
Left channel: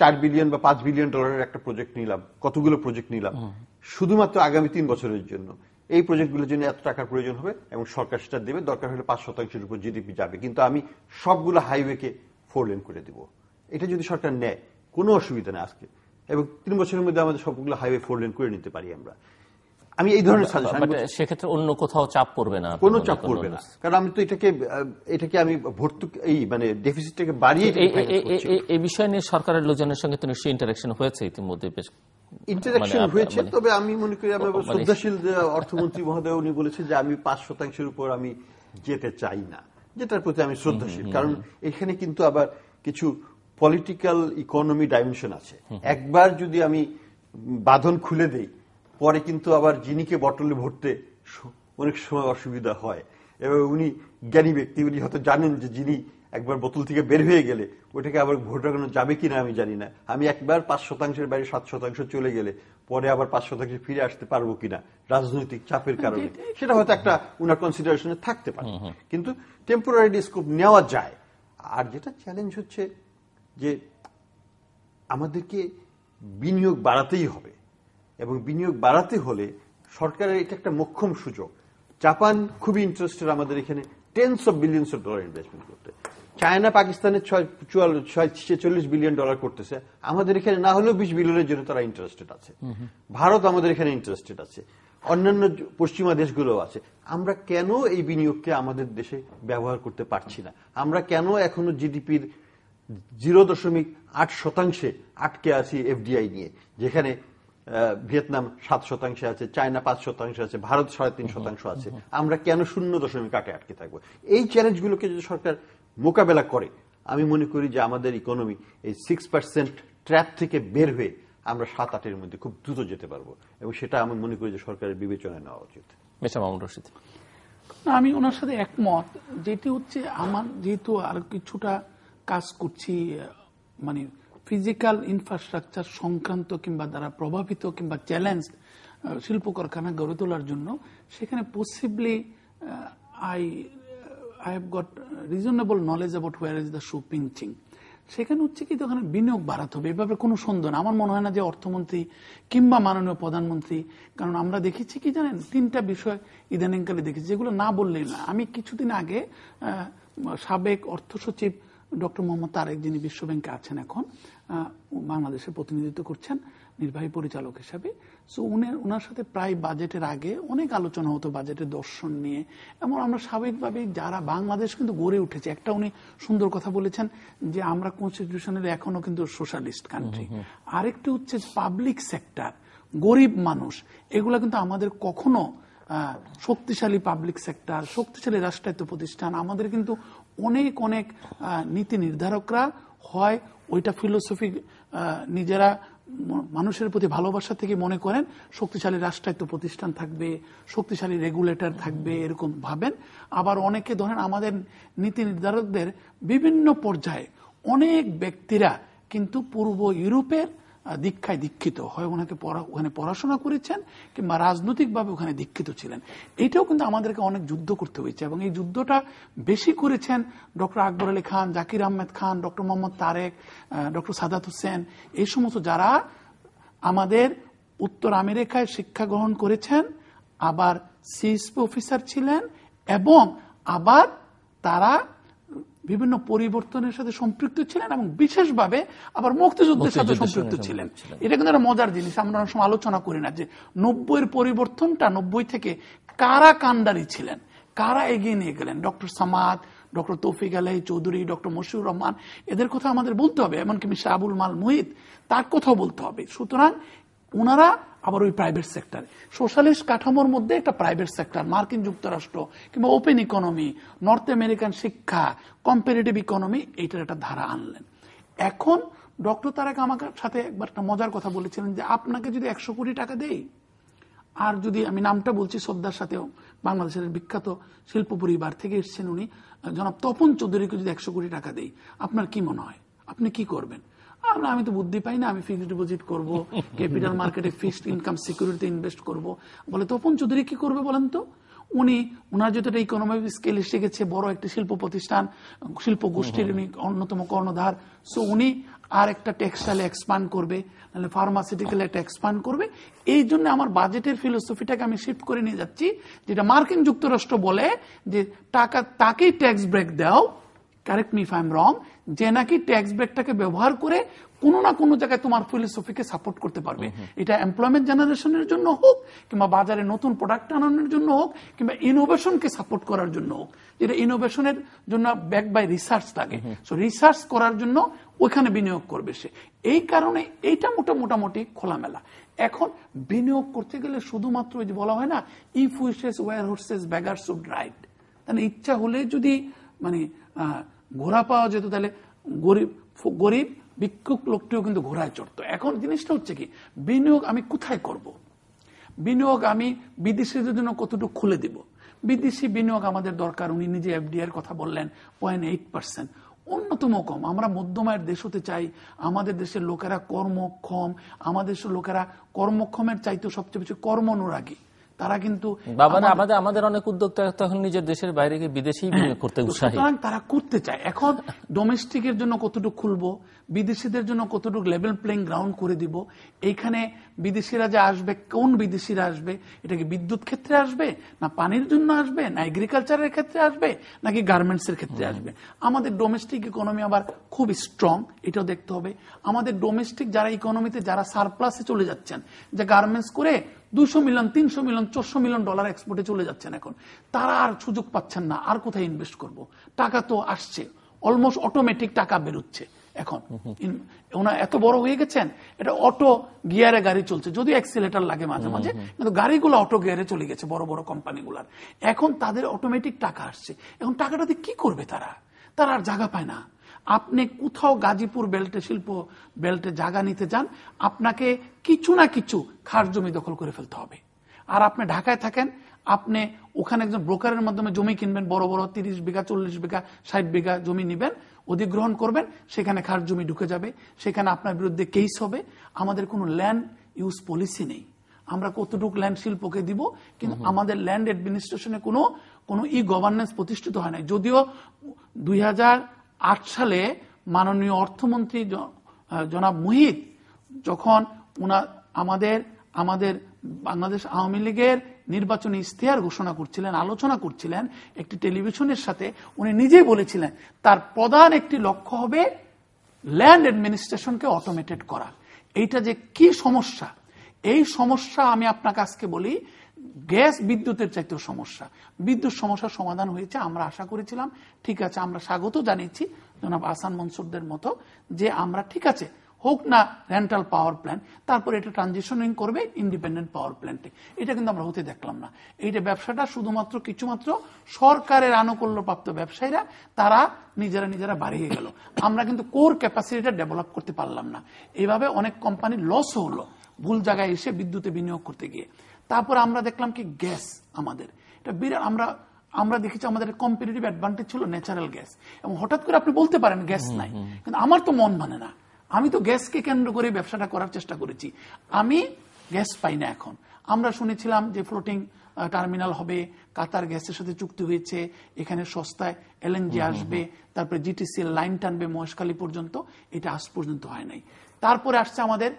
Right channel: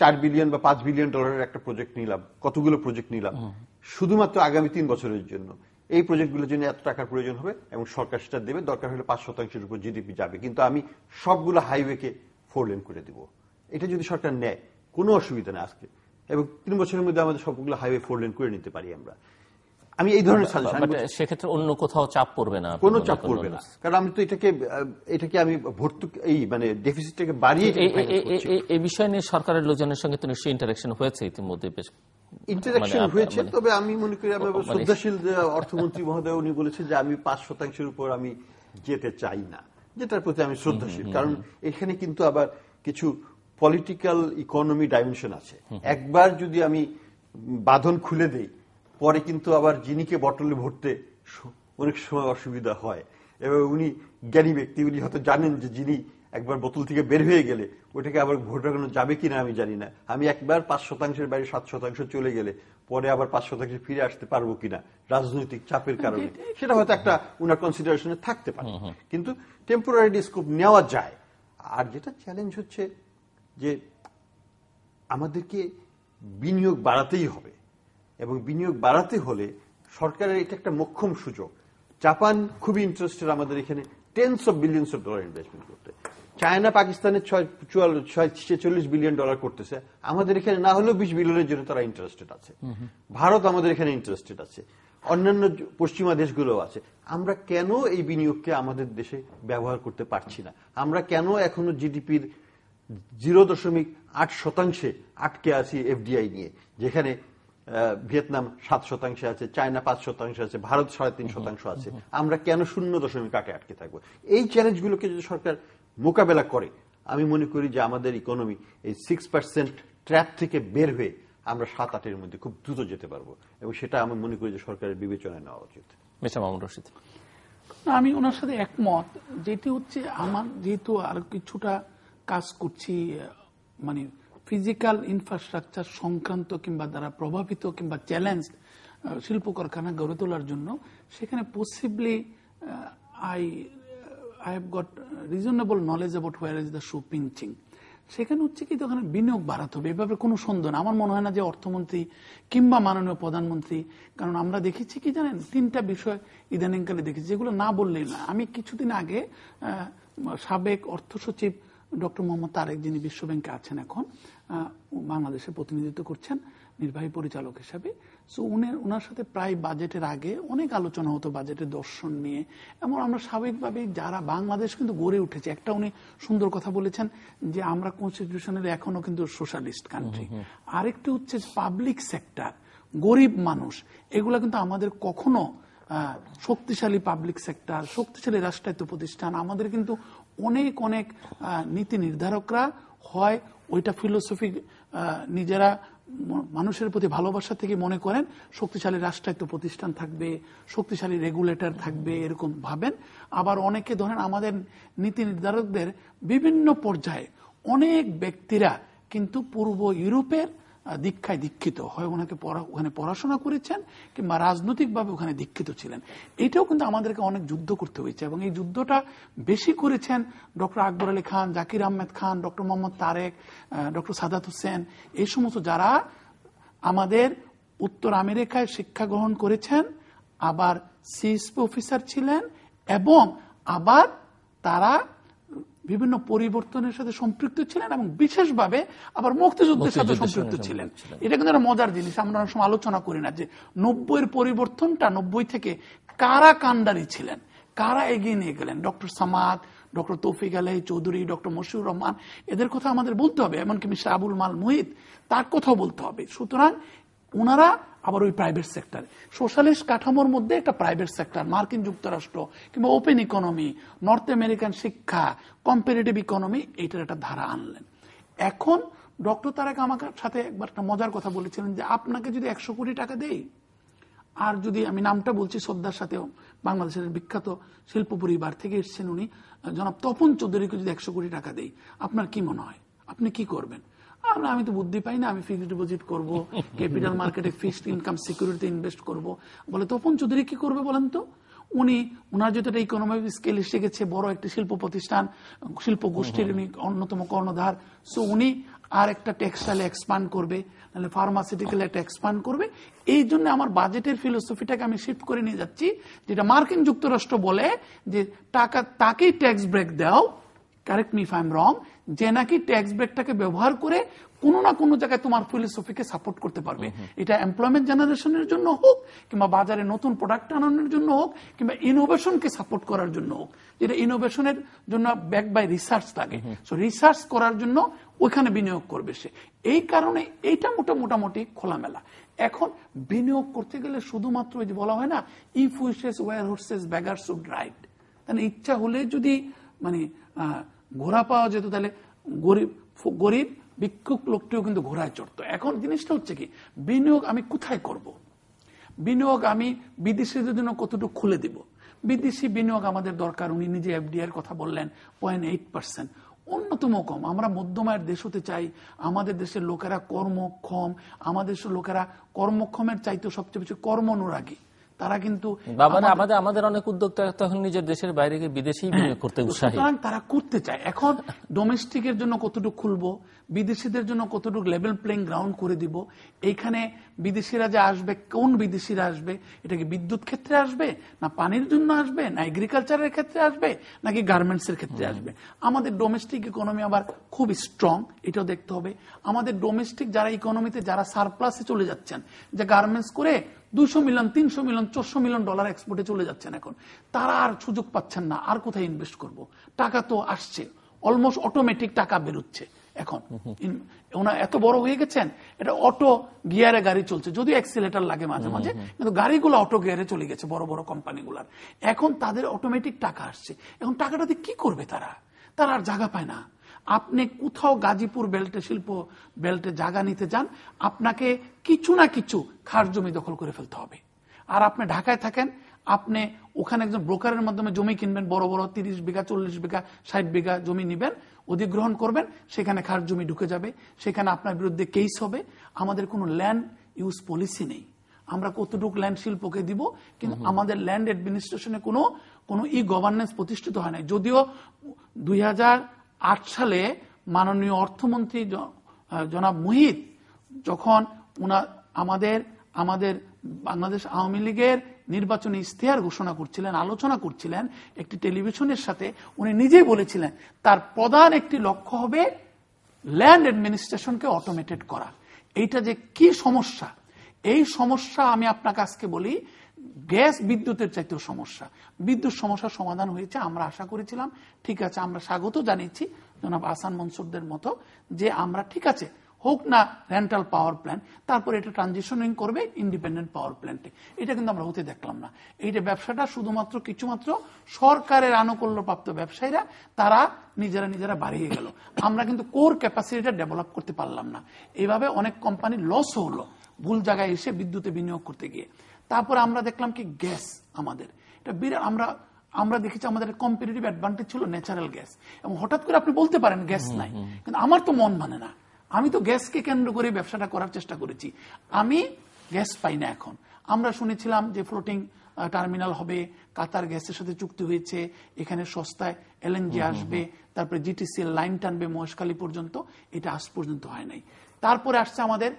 4 বিলিয়ন বা 5 বিলিয়ন ডলারের একটা প্রজেক্ট নিলাম, কতগুলো প্রজেক্ট নিলাম শুধুমাত্র আগামী 3 বছরের জন্য। এই প্রজেক্টগুলোর জন্য এত টাকার প্রয়োজন হবে এবং সরকার সেটা দেবে, দরকার হলে 5% উপর জিডিপি যাবে, কিন্তু আমি সবগুলো হাইওয়েকে 4 লেন করে দিব। এটা যদি সরকার নেয় কোনো অসুবিধা নেই আজকে, এবং 3 বছরের মধ্যে আমাদের সবগুলো হাইওয়ে 4 লেন করে নিতে পারি আমরা। আমি এই ধরনের সাজেশন, সেক্ষেত্রে অন্য কোথাও চাপ পড়বে না, কোনো চাপ পড়বে না। কারণ আমি তো এটাকে আমি ভর্তুকি, এই মানে ডেফিসিটটাকে বাড়িয়ে, এই বিষয় নিয়ে সরকারের লোকজনের সঙ্গে তো নিশ্চয়ই ইন্টারাকশন হয়েছে ইতিমধ্যে, বেশ ইন্টারাকশন হয়েছে। তবে আমি মনে করি আমার শ্রদ্ধাশীল অর্থমন্ত্রী মহোদয় উনি বলেছেন যে আমি 5% উপর আমি যেতে চাই না, যেটার প্রতি আমি শ্রদ্ধাশীল। কারণ এখানে কিন্তু আবার কিছু পলিটিক্যাল ইকোনমি ডাইমেনশন আছে। একবার যদি আমি বাঁধন খুলে দেই, পরে কিন্তু আবার জিনিকে বটলে ভরতে অনেক সময় অসুবিধা হয়। এবং উনি জ্ঞানী ব্যক্তি, উনি হয়তো জানেন যে যিনি একবার বোতল থেকে বের হয়ে গেলে ওটাকে আবার ভোটানো যাবে কিনা আমি জানি না। আমি একবার 5%-এর বাইরে 7% চলে গেলে পরে আবার 5% ফিরে আসতে পারবো কিনা রাজনৈতিক চাপের কারণে, সেটা হয়তো একটা উনার কনসিডারেশনে থাকতে পারে, কিন্তু টেম্পোরারি স্কোপ নেওয়া যায়। আর যেটা চ্যালেঞ্জ হচ্ছে যে আমাদেরকে বিনিয়োগ বাড়াতেই হবে, এবং বিনিয়োগ বাড়াতে হলে সরকারের এটা একটা মোক্ষম সুযোগ। জাপান খুবই ইন্টারেস্টেড আমাদের এখানে tense of billions of dollar investment করতে। চায়না পাকিস্তানের 46 বিলিয়ন ডলার করতেছে, আমাদের এখানে না হলেও 20 বিলিয়নের জন্য তারা ইন্টারেস্টেড আছে। ভারত আমাদের এখানে ইন্টারেস্টেড আছে, অন্যান্য পশ্চিমা দেশগুলো আছে। আমরা কেন এই বিনিয়োগকে আমাদের দেশে ব্যবহার করতে পারছি না? আমরা কেন এখনো জিডিপির 0.8% আটকে আছি এফডিআই নিয়ে, যেখানে ভিয়েতনাম 7% আছে, চায়না 5% আছে, ভারত 3.5% আছে। আমরা কেন 0.8 আটকে থাকবো? এই চ্যালেঞ্জগুলোকে যদি সরকার মোকাবেলা করে, আমি মনে করি যে আমাদের ইকোনমি এই 6% ট্র্যাপ থেকে বের হয়ে আমরা 7-8-এর মধ্যে খুব দ্রুত যেতে পারবো, এবং সেটা আমি মনে করি যে সরকারের বিবেচনায় নেওয়া উচিত। মামুনুর রশীদ, আমি ওনার সাথে একমত। যেটি হচ্ছে আমার যেহেতু আর কিছুটা কাজ করছি, মানে ফিজিক্যাল ইনফ্রাস্ট্রাকচার সংক্রান্ত কিংবা দ্বারা প্রভাবিত কিংবা চ্যালেঞ্জ শিল্প কারখানা গড়ে তোলার জন্য, সেখানে possibly I have got reasonable knowledge about where is the shoe pinching. সেখানে হচ্ছে কি ওখানে বিনিয়োগ বাড়াতে হবে, এভাবে কোনো সন্দেহ না। আমার মনে হয় না যে অর্থমন্ত্রী কিংবা মাননীয় প্রধানমন্ত্রী, কারণ আমরা দেখেছি কি জানেন, 3টা বিষয় ইদানিংকালে দেখেছি যেগুলো না বললেই না। আমি কিছুদিন আগে সাবেক অর্থ সচিব ডক্টর মোহাম্মদ তারেক, যিনি বিশ্বব্যাংকে আছেন এখন, বাংলাদেশে প্রতিনিধিত্ব করছেন নির্বাহী পরিচালক হিসাবে, সো ওনার সাথে প্রায় বাজেটের আগে অনেক আলোচনা হতো বাজেটের দর্শন নিয়ে। এবং আমরা স্বাভাবিকভাবেই যারা বাংলাদেশ কিন্তু গড়ে উঠেছে, একটা উনি সুন্দর কথা বলেছেন যে আমরা কনস্টিটিউশনালি এখনো কিন্তু সোশ্যালিস্ট কান্ট্রি। আরেকটি হচ্ছে পাবলিক সেক্টর, গরিব মানুষ, এগুলা কিন্তু আমাদের কখনো শক্তিশালী পাবলিক সেক্টর, শক্তিশালী রাষ্ট্রায়ত্ত প্রতিষ্ঠান, আমাদের কিন্তু অনেক অনেক নীতি নির্ধারকরা হয় ওইটা ফিলোসফি নিজেরা মানুষের প্রতি ভালোবাসা থেকে মনে করেন শক্তিশালী রাষ্ট্রায়ত্ত প্রতিষ্ঠান থাকবে, শক্তিশালী রেগুলেটর থাকবে, এরকম ভাবেন। আবার অনেকে ধরেন আমাদের নীতি নির্ধারকদের বিভিন্ন পর্যায়ে অনেক ব্যক্তিরা কিন্তু পূর্ব ইউরোপের দীক্ষায় দীক্ষিত হয়, ওখানে পড়াশোনা করেছেন কিংবা রাজনৈতিকভাবে ওখানে দীক্ষিত ছিলেন। এটাও কিন্তু আমাদেরকে অনেক যুদ্ধ করতে হয়েছে, এবং এই যুদ্ধটা বেশি করেছেন doctor Akbar Ali Khan, Zakir Ahmed Khan, doctor Mohammad Tarique, doctor Saadat Hossain, এই সমস্ত যারা আমাদের উত্তর আমেরিকায় শিক্ষা গ্রহণ করেছেন, আবার সিএসপি অফিসার ছিলেন, এবং আবার তারা বিভিন্ন পরিবর্তনের সাথে সম্পৃক্ত ছিলেন, এবং বিশেষভাবে আবার মুক্তিযুদ্ধের সাথে সম্পৃক্ত ছিলেন। এটা কিন্তু একটা মজার জিনিস, আমরা অনেক সময় আলোচনা করি না যে 90-এর পরিবর্তনটা, 90 থেকে কারা কান্ডারি ছিলেন, কারা এগিয়ে নিয়ে গেলেন। ডক্টর সামাদ, ডক্টর তৌফিক আলাই চৌধুরী, ডক্টর মশিউর রহমান, এদের কথা আমাদের বলতে হবে, এমনকি মিস্টার আবুল মাল মুহিত, তার কথাও বলতে হবে। সুতরাং ওনারা আবার ওই প্রাইভেট সেক্টর, সোশ্যালিস্ট কাঠামোর মধ্যে একটা প্রাইভেট সেক্টর, মার্কিন যুক্তরাষ্ট্র কিংবা ওপেন ইকোনমি, নর্থ আমেরিকান শিক্ষা, কম্পারেটিভ ইকোনমি, এইটার একটা ধারা আনলেন। এখন ডক্টর তারেক আমার সাথে একবার একটা মজার কথা বলেছিলেন যে আপনাকে যদি 100 কোটি টাকা দেই, আর যদি আমি নামটা বলছি শ্রদ্ধার সাথেও, বাংলাদেশের বিখ্যাত শিল্প পরিবার থেকে এসেছেন উনি, জনাব তপন চৌধুরীকে যদি 100 কোটি টাকা দেই, আপনার কি মনে হয় আপনি কি করবেন? আমি তো বুদ্ধি পাই না, আমি ফিক্সড ডিপোজিট করবো, ক্যাপিটাল মার্কেটে ফিক্সড ইনকাম সিকিউরিটি ইনভেস্ট করব। বলে তপন চৌধুরী কি করবে বলেন তো? উনার যেটা ইকোনমিক স্কেলে শিখেছে, বড় একটি শিল্প প্রতিষ্ঠান, শিল্প গোষ্ঠীর অন্যতম কর্ণধার, সো উনি আর একটা টেক্সটাইলে এক্সপান্ড করবে, নাহলে ফার্মাসিউটিক্যাল একটা এক্সপান্ড করবে। এই জন্য আমার বাজেটের ফিলোসফিটাকে আমি শিফট করে নিয়ে যাচ্ছি, যেটা মার্কিন যুক্তরাষ্ট্র বলে যে টাকা তাকেই ট্যাক্স ব্রেক দাও, correct me if I am রং, যে নাকি ট্যাক্স ব্রেকটাকে ব্যবহার করে কোনো না কোনো জায়গায় তোমার ফিলোসফিকে সাপোর্ট করতে পারবে। এটা এমপ্লয়মেন্ট জেনারেশনের জন্য হোক, কিংবা বাজারে নতুন প্রোডাক্ট আনানোর জন্য হোক, কিংবা ইনোভেশনকে সাপোর্ট করার জন্য হোক, যেটা ইনোভেশনের জন্য ব্যাক বাই রিসার্চ লাগে, সো রিসার্চ করার জন্য ওইখানে বিনিয়োগ করবে সে। এই কারণে এইটা মোটামুটি খোলামেলা। এখন বিনিয়োগ করতে গেলে শুধুমাত্র যে বলা হয় না, if wishes were horses beggar should ride, তাহলে ইচ্ছা হলে যদি মানে ঘোড়া পাওয়া যেত, তাহলে গরিব ভিক্ষুক লোকটিও কিন্তু ঘোড়ায় চড়তো। এখন জিনিসটা হচ্ছে কি, বিনিয়োগ আমি কোথায় করব? বিনিয়োগ আমি বিদেশিদের জন্য কতটুকু খুলে দিব? বিদেশি বিনিয়োগ আমাদের দরকার। উনি নিজে এফডিআই এর কথা বললেন, 0.8%, অন্যতম কম। আমরা মধ্যমায়ের দেশ হতে চাই, আমাদের দেশের লোকেরা কর্মক্ষম, আমাদের দেশের লোকেরা কর্মক্ষমের চাইতে সবচেয়ে বেশি কর্মনুরাগী। তারা কিন্তু আমাদের অনেক উদ্যোক্তা তখন নিজের দেশের বাইরে গিয়ে বিদেশেই বিনিয়োগ করতে উৎসাহী, তারা করতে চায়। এখন ডোমেস্টিকের জন্য কতটুকু খুলবো, বিদেশিদের জন্য কতটুকু লেভেল প্লেইং গ্রাউন্ড করে দিব। এইখানে বিদেশিরা যে আসবে, কোন বিদেশিরা আসবে? এটা কি বিদ্যুৎ ক্ষেত্রে আসবে, না পানির জন্য আসবে, না এগ্রিকালচারের ক্ষেত্রে আসবে, নাকি গার্মেন্টস এর ক্ষেত্রে আসবে? আমাদের ডোমেস্টিক ইকোনমি আবার খুব স্ট্রং, এটাও দেখতে হবে। আমাদের ডোমেস্টিক যারা ইকোনমিতে যারা সারপ্লাসে চলে যাচ্ছেন, যে গার্মেন্টস করে 200 মিলিয়ন, 300 মিলিয়ন, 400 মিলিয়ন ডলার এক্সপোর্টে চলে যাচ্ছেন, এখন তারা আর সুযোগ পাচ্ছেন না। আর কোথায় ইনভেস্ট করব? টাকা তো আসছে, অলমোস্ট অটোমেটিক টাকা বেরোচ্ছে। এখন ওনারা এত বড় হয়ে গেছেন, এটা অটো গিয়ারে গাড়ি চলছে, যদি অ্যাক্সিলেটার লাগে মাঝে মাঝে, কিন্তু গাড়িগুলো অটো গিয়ারে চলে গেছে বড় বড় কোম্পানিগুলার। এখন তাদের অটোমেটিক টাকা আসছে। এখন টাকাটা দিয়ে কি করবে তারা? তারা আর জায়গা পায় না। আপনি কোথাও গাজীপুর বেল্টে, শিল্প বেল্টে জায়গা নিতে যান, আপনাকে কিছু না কিছু খাস জমি দখল করে ফেলতে হবে। আর আপনি ঢাকায় থাকেন, আপনি ওখানে একজন ব্রোকারের মাধ্যমে জমি কিনবেন, বড় বড় 30 বিঘা, 40 বিঘা, 60 বিঘা জমি নিবেন, অধিগ্রহণ করবেন, সেখানে খাস জমি ঢুকে যাবে, সেখানে আপনার বিরুদ্ধে কেস হবে। আমাদের কোনো ল্যান্ড ইউজ পলিসি নেই। আমরা কতটুকু ল্যান্ড শিল্পকে দিব, কিন্তু আমাদের ল্যান্ড অ্যাডমিনিস্ট্রেশনে কোনো ই গভর্নেন্স প্রতিষ্ঠিত হয় নাই। যদিও 2008 সালে মাননীয় অর্থমন্ত্রী জনাব মুহিত যখন আমাদের বাংলাদেশ আওয়ামী লীগের নির্বাচনী ইশতেহার ঘোষণা করছিলেন, আলোচনা করছিলেন একটি টেলিভিশনের সাথে, উনি নিজেই বলেছিলেন তার প্রধান একটি লক্ষ্য হবে ল্যান্ড অ্যাডমিনিস্ট্রেশনকে অটোমেটেড করা। এইটা যে কি সমস্যা, এই সমস্যা আমি আপনাকে আজকে বলি, গ্যাস বিদ্যুতের চাইতেও সমস্যা। বিদ্যুৎ সমস্যার সমাধান হয়েছে, আমরা আশা করেছিলাম, ঠিক আছে, আমরা স্বাগত জানিয়েছি জনাব আহসান মনসুরদের মতো, যে আমরা ঠিক আছে হোক না রেন্টাল পাওয়ার প্ল্যান্ট, তারপর এটা ট্রানজিশনিং করবে ইন্ডিপেন্ডেন্ট পাওয়ার প্ল্যান্টে। এটা কিন্তু আমরা হতে দেখলাম না। এইটা ব্যবসাটা শুধুমাত্র কিছুমাত্র সরকারের আনুকূল্যপ্রাপ্ত ব্যবসায়ীরা তারা নিজেরা বাড়িয়ে গেল। আমরা কিন্তু কোর ক্যাপাসিটিটা ডেভেলপ করতে পারলাম না। এইভাবে অনেক কোম্পানি লস হলো ভুল জায়গায় এসে বিদ্যুতে বিনিয়োগ করতে গিয়ে। তারপর আমরা দেখলাম কি গ্যাস, আমাদের এটা বিরাট, আমরা দেখেছি আমাদের কম্পিটিটিভ অ্যাডভান্টেজ ছিল ন্যাচারাল গ্যাস, এবং হঠাৎ করে আপনি বলতে পারেন গ্যাস নাই, কিন্তু আমার তো মন মানে না। আমি তো গ্যাসকে কেন্দ্র করে ব্যবসাটা করার চেষ্টা করেছি, আমি গ্যাস পাই না। এখন আমরা শুনেছিলাম যে ফ্লোটিং টার্মিনাল হবে, কাতার গ্যাসের সাথে চুক্তি হয়েছে, এখানে সস্তায় এলএনজি আসবে, তারপরে জিটিসি লাইন টানবে মহেশখালী পর্যন্ত, এটা আজ পর্যন্ত হয় নাই। তারপরে আসছে আমাদের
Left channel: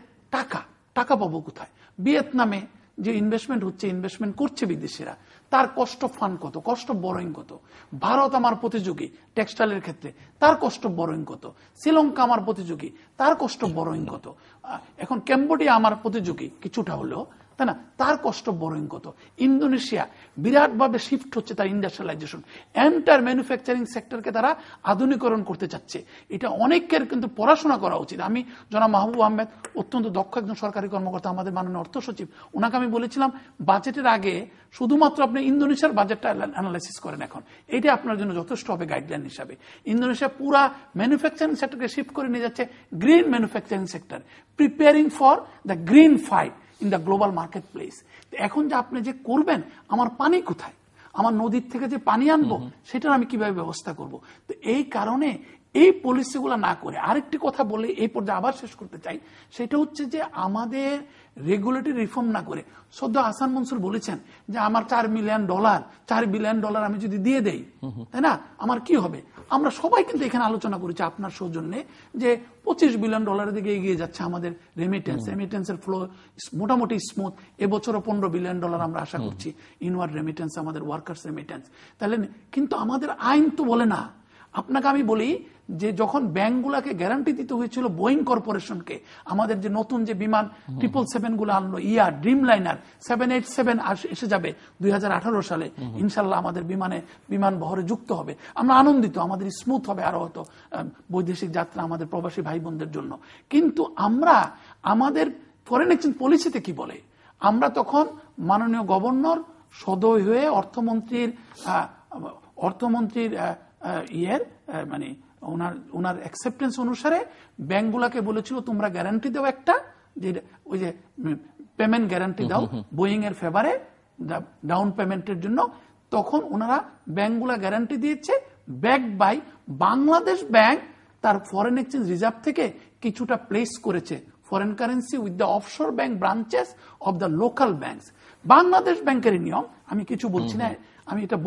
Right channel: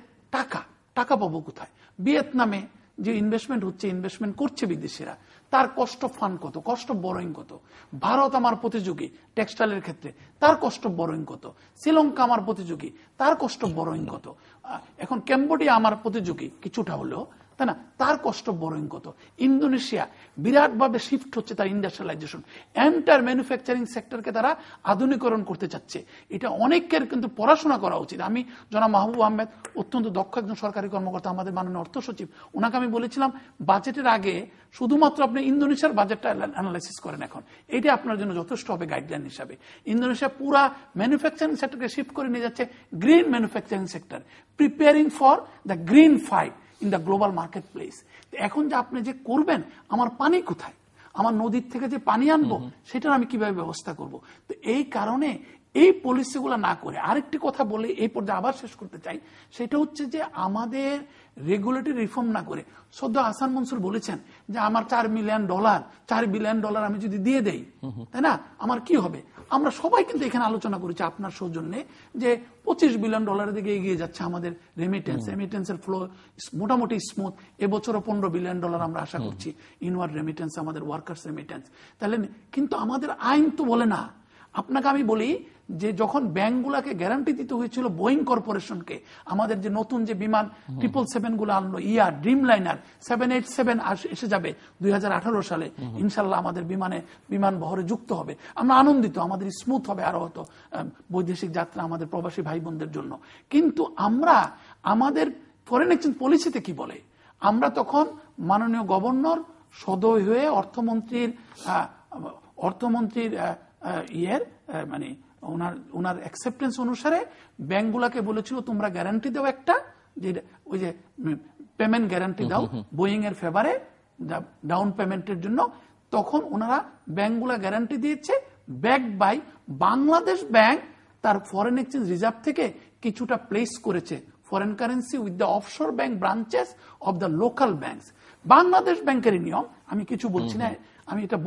টাকা পাবো কোথায়? ভিয়েতনামে যে ইনভেস্টমেন্ট হচ্ছে, ইনভেস্টমেন্ট করছে বিদেশিরা, তার কষ্ট ফান্ড কত, কষ্ট বরোইং কত? ভারত আমার প্রতিযোগী টেক্সটাইলের ক্ষেত্রে, তার কষ্ট বরোইং কত? শ্রীলঙ্কা আমার প্রতিযোগী, তার কষ্ট বরোইং কত? এখন ক্যাম্বোডিয়া আমার প্রতিযোগী কিছুটা হলেও, তাই না? তার কষ্ট বরং কত। ইন্দোনেশিয়া বিরাটভাবে শিফট হচ্ছে তার ইন্ডাস্ট্রিয়ালাইজেশন, এন্টার ম্যানুফ্যাকচারিং সেক্টরকে তারা আধুনিকরণ করতে চাচ্ছে। এটা অনেকের কিন্তু পড়াশোনা করা উচিত। আমি জনাব মাহবুব আহমেদ অত্যন্ত দক্ষ একজন সরকারি কর্মকর্তা, আমাদের মাননীয় অর্থ সচিব, ওনাকে আমি বলেছিলাম বাজেটের আগে শুধুমাত্র আপনি ইন্দোনেশিয়ার বাজেটটা অ্যানালাইসিস করেন, এখন এটা আপনার জন্য যথেষ্ট হবে গাইডলাইন হিসাবে। ইন্দোনেশিয়া পুরা ম্যানুফ্যাকচারিং সেক্টরকে শিফট করে নিয়ে যাচ্ছে green manufacturing sector, preparing for the green fight in the global market place. এখন যে আপনি যে করবেন, আমার পানি কোথায়, আমার নদীর থেকে যে পানি আনবো সেটার আমি কিভাবে ব্যবস্থা করব। তো এই কারণে এই পলিসিগুলো না করে আরেকটি কথা বলে এই পর্যায়ে আবার শেষ করতে চাই, সেটা হচ্ছে যে আমাদের রেগুলেটরি রিফর্ম না করে, সদ্য হাসান মনসুর বলেছেন যে আমার $4 বিলিয়ন আমি যদি দিয়ে দেই, তাই না, আমার কি হবে। আমরা সবাই কিন্তু এখানে আলোচনা করেছি আপনার সৌজন্যে যে $25 বিলিয়ন দিকে এগিয়ে যাচ্ছে আমাদের রেমিটেন্সের ফ্লো মোটামুটি স্মুথ। এবছরও $15 বিলিয়ন আমরা আশা করছি ইনওয়ার্ড রেমিটেন্স, আমাদের ওয়ার্কার্স রেমিটেন্স। তাহলে কিন্তু আমাদের আইন তো বলে না। আপনাকে আমি বলি যে যখন ব্যাংকগুলোকে গ্যারান্টি দিতে হয়েছিল বোয়িং কর্পোরেশনকে, আমাদের যে নতুন যে বিমান 777 গুলো আনলো, ড্রিম লাইনার 787 এসে যাবে 2018 সালে ইনশাল্লাহ, আমাদের বিমান বহরে যুক্ত হবে। আমরা আনন্দিত, আমাদের স্মুথ হবে আরো হতো বৈদেশিক যাত্রা আমাদের প্রবাসী ভাই বোনদের জন্য। কিন্তু আমরা আমাদের ফরেন এক্সচেঞ্জ পলিসিতে কি বলে, আমরা তখন মাননীয় গভর্নর সদয় হয়ে অর্থমন্ত্রীর মানে ওনার অ্যাকসেপ্টেন্স অনুসারে ব্যাংকগুলোকে বলেছিল তোমরা গ্যারান্টি দাও একটা, যে ওই যে পেমেন্ট গ্যারান্টি দাও বোয়িং এর ফেভারে ডাউন পেমেন্টের জন্য। তখন ওনারা ব্যাংকগুলা গ্যারান্টি দিয়েছে, ব্যাকড বাই বাংলাদেশ ব্যাংক তার ফরেন এক্সচেঞ্জ রিজার্ভ থেকে কিছুটা প্লেস করেছে foreign currency with the offshore bank branches of the local banks. Bangladesh ব্যাংকের নিয়ম, আমি কিছু বলছি না, আমি এটা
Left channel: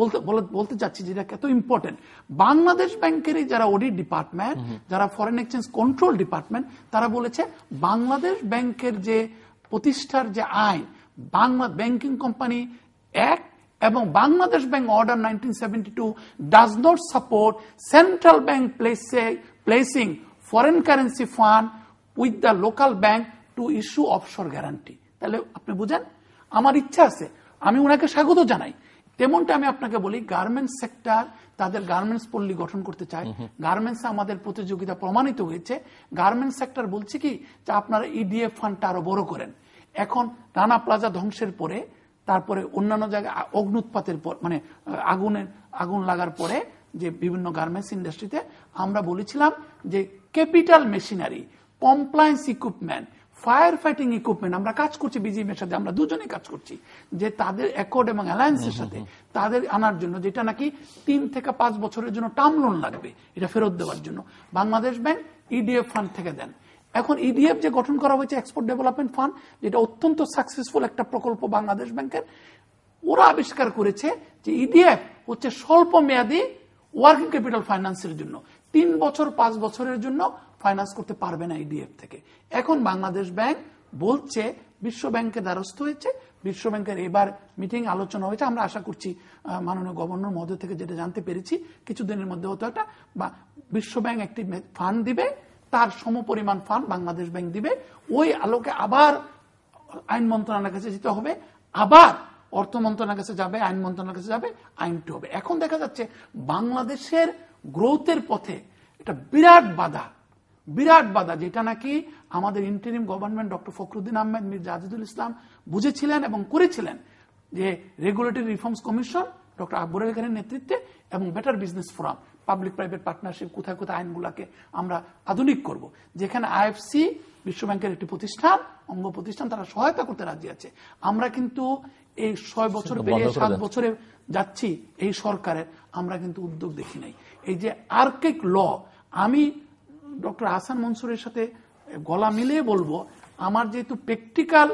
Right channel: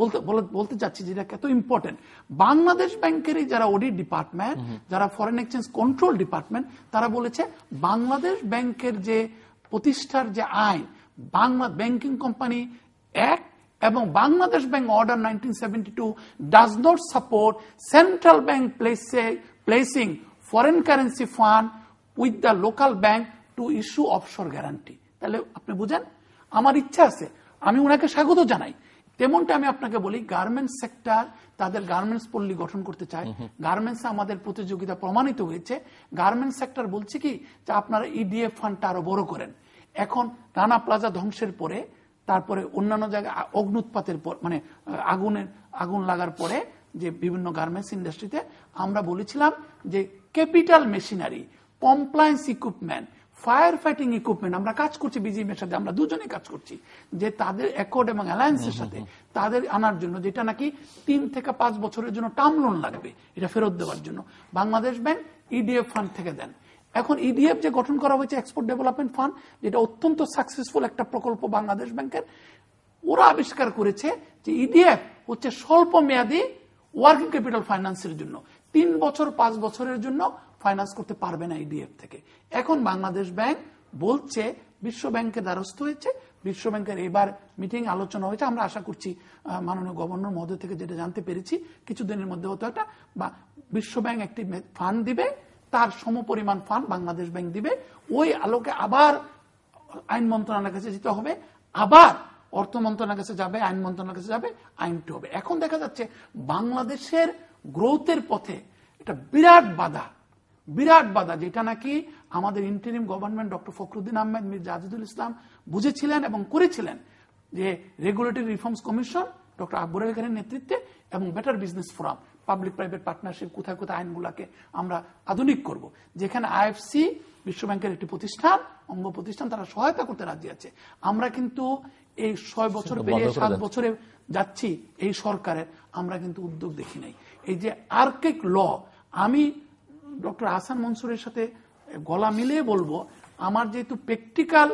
বলতে চাচ্ছি যেটা কত ইম্পর্টেন্ট। বাংলাদেশ ব্যাংকের যারা অডিট ডিপার্টমেন্ট, যারা ফরেন এক্সচেঞ্জ কন্ট্রোল ডিপার্টমেন্ট, তারা বলেছে বাংলাদেশ ব্যাংকের যে প্রতিষ্ঠার যে আইন, বাংলা ব্যাংকিং কোম্পানি অ্যাক্ট এবং Bangladesh bank order 1972 does not support central bank placing foreign currency fund with the local bank to issue offshore guarantee. তাহলে আপনি বুঝেন, আমার ইচ্ছা আছে, আমি ওনাকে স্বাগত জানাই। তেমনটা আমি আপনাকে বলি, গার্মেন্টস সেক্টর তাদের গার্মেন্টস পল্লী গঠন করতে চায়। গার্মেন্টস আমাদের প্রতিযোগিতা প্রমাণিত হয়েছে। গার্মেন্টস সেক্টর বলছে কি যে আপনারা ইডিএফ ফান্ডটা আরো বড় করেন। এখন রানা প্লাজা ধ্বংসের পরে, তারপরে অন্যান্য জায়গায় অগ্নুৎপাতের পর, মানে আগুন লাগার পরে যে বিভিন্ন গার্মেন্টস ইন্ডাস্ট্রিতে আমরা বলেছিলাম যে capital machinery, compliance equipment, fire fighting equipment আমরা কাজ করছি বিজিএমের সাথে, আমরা দুজনেই কাজ করছি যে তাদের অ্যাকর্ড এবং অ্যালায়েন্সের সাথে তাদের আনার জন্য, যেটা নাকি 3 থেকে 5 বছরের জন্য টার্ম লোন লাগবে এটা ফেরত দেওয়ার জন্য। বাংলাদেশ ব্যাংক ইডিএফ ফান্ড থেকে দেন। এখন ইডিএফ যে গঠন করা হয়েছে, এক্সপোর্ট ডেভেলপমেন্ট ফান্ড, যেটা অত্যন্ত সাকসেসফুল একটা প্রকল্প বাংলাদেশ ব্যাংকের, ওরা আবিষ্কার করেছে যে ইডিএফ হচ্ছে স্বল্প মেয়াদী ওয়ার্কিং ক্যাপিটাল ফাইন্যান্সের জন্য। 3 বছর 5 বছরের জন্য ফাইন্যান্স করতে পারবে না ইডিএফ থেকে। এখন বাংলাদেশ ব্যাংক বলছে, বিশ্ব ব্যাংকের দ্বারস্থ হয়েছে, বিশ্ব ব্যাংকের এবার মিটিং আলোচনা হয়েছে, আমরা আশা করছি মাননীয় গভর্নর মহোদয় থেকে যেটা জানতে পেরেছি কিছুদিনের মধ্যে হতো একটা, বা বিশ্ব ব্যাংক একটি ফান্ড দিবে, তার সমপরিমাণ ফান্ড বাংলাদেশ ব্যাংক দিবে। ওই আলোকে আবার আইন মন্ত্রণালয়ের কাছে যেতে হবে, আবার অর্থ মন্ত্রণালয়ের কাছে যাবে, আইন মন্ত্রণালয়ের কাছে যাবে, আইনটি হবে। এখন দেখা যাচ্ছে বাংলাদেশের গ্রোথের পথে এটা বিরাট বাধা, যেটা নাকি আমাদের interim government doctor Fakhruddin Ahmed, Mir Zahidul Islam বুঝেছিলেন এবং করেছিলেন, যে regulatory reforms commission doctor Akbar Ali খানের নেতৃত্বে এবং better business forum, public private partnership, কোথায় কোথায় আইনগুলোকে আমরা আধুনিক করব, যেখানে আইএফসি বিশ্ব ব্যাংকের একটি প্রতিষ্ঠান, অঙ্গ প্রতিষ্ঠান, তারা সহায়তা করতে রাজি আছে। আমরা কিন্তু এই 6 বছর পেরিয়ে 7 বছরে যাচ্ছি এই সরকারের, আমরা কিন্তু উদ্যোগ দেখি নাই। এই যে আর্কিক ল, আমি ডক্টর হাসান মনসুরের সাথে গলা মিলিয়ে বলবো, আমার যেহেতু প্র্যাকটিক্যাল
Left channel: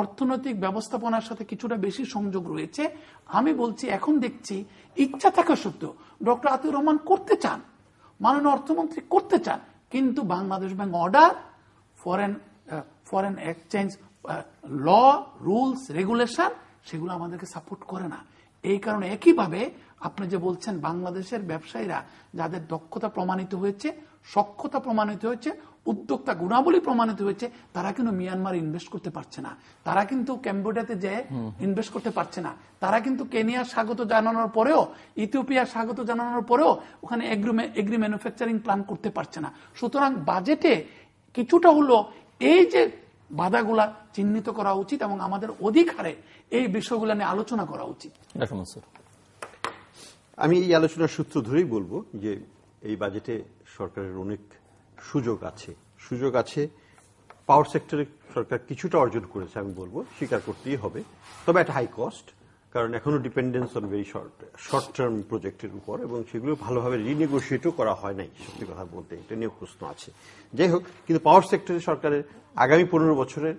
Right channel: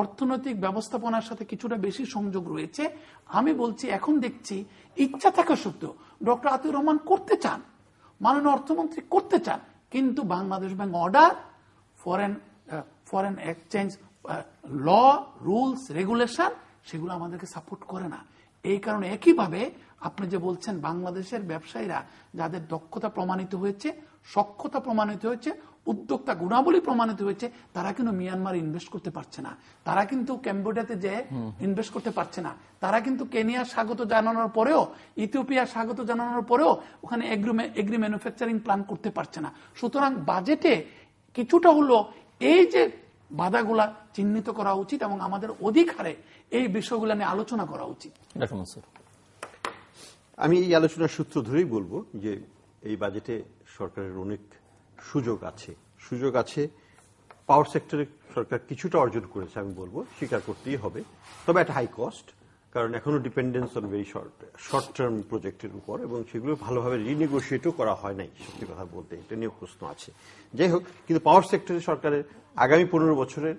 অর্থনৈতিক ব্যবস্থাপনার সাথে কিছুটা বেশি সংযোগ রয়েছে, আমি বলছি এখন দেখছি ইচ্ছা থাকা সত্ত্বেও ডক্টর আতিউর রহমান করতে চান, মাননীয় অর্থমন্ত্রী করতে চান, কিন্তু Bangladesh bank order, foreign exchange law, rules, regulation, সেগুলো আমাদেরকে সাপোর্ট করে না। এই কারণে একইভাবে আপনি যে বলছেন বাংলাদেশের ব্যবসায়ীরা যাদের দক্ষতা প্রমাণিত হয়েছে, সক্ষতা প্রমাণিত হয়েছে, উদ্যোক্তা গুণাবলী প্রমাণিত হয়েছে, তারা কিন্তু মিয়ানমারে ইনভেস্ট করতে পারছে না, তারা কিন্তু ক্যাম্বোডিয়াতে যে ইনভেস্ট করতে পারছে না, তারা কিন্তু কেনিয়ার স্বাগত জানানোর পরেও, ইথিওপিয়ার স্বাগত জানানোর পরেও ওখানে এগ্রি ম্যানুফ্যাকচারিং প্ল্যান করতে পারছে না। সুতরাং বাজেটে কিছুটা হলো এই যে বাধাগুলা চিহ্নিত করা উচিত এবং আমাদের অধিক হারে এই বিষয়গুলো নিয়ে আলোচনা করা উচিত। আমি এই আলোচনার সূত্র ধরেই বলবো যে এই বাজেটে সরকারের অনেক সুযোগ আছে। পাওয়ার সেক্টরে সরকার কিছুটা অর্জন করেছে, আমি বলবো, স্বীকার করতেই হবে। তবে একটা হাই কস্ট, কারণ এখনো dependence on very short term প্রজেক্টের উপর, এবং সেগুলো ভালোভাবে রিনেগোসিয়েটও করা হয় নাই, সত্যি কথা বলতে এটা নিয়ে প্রশ্ন আছে। যাই হোক, কিন্তু পাওয়ার সেক্টরে সরকারের আগামী 15 বছরের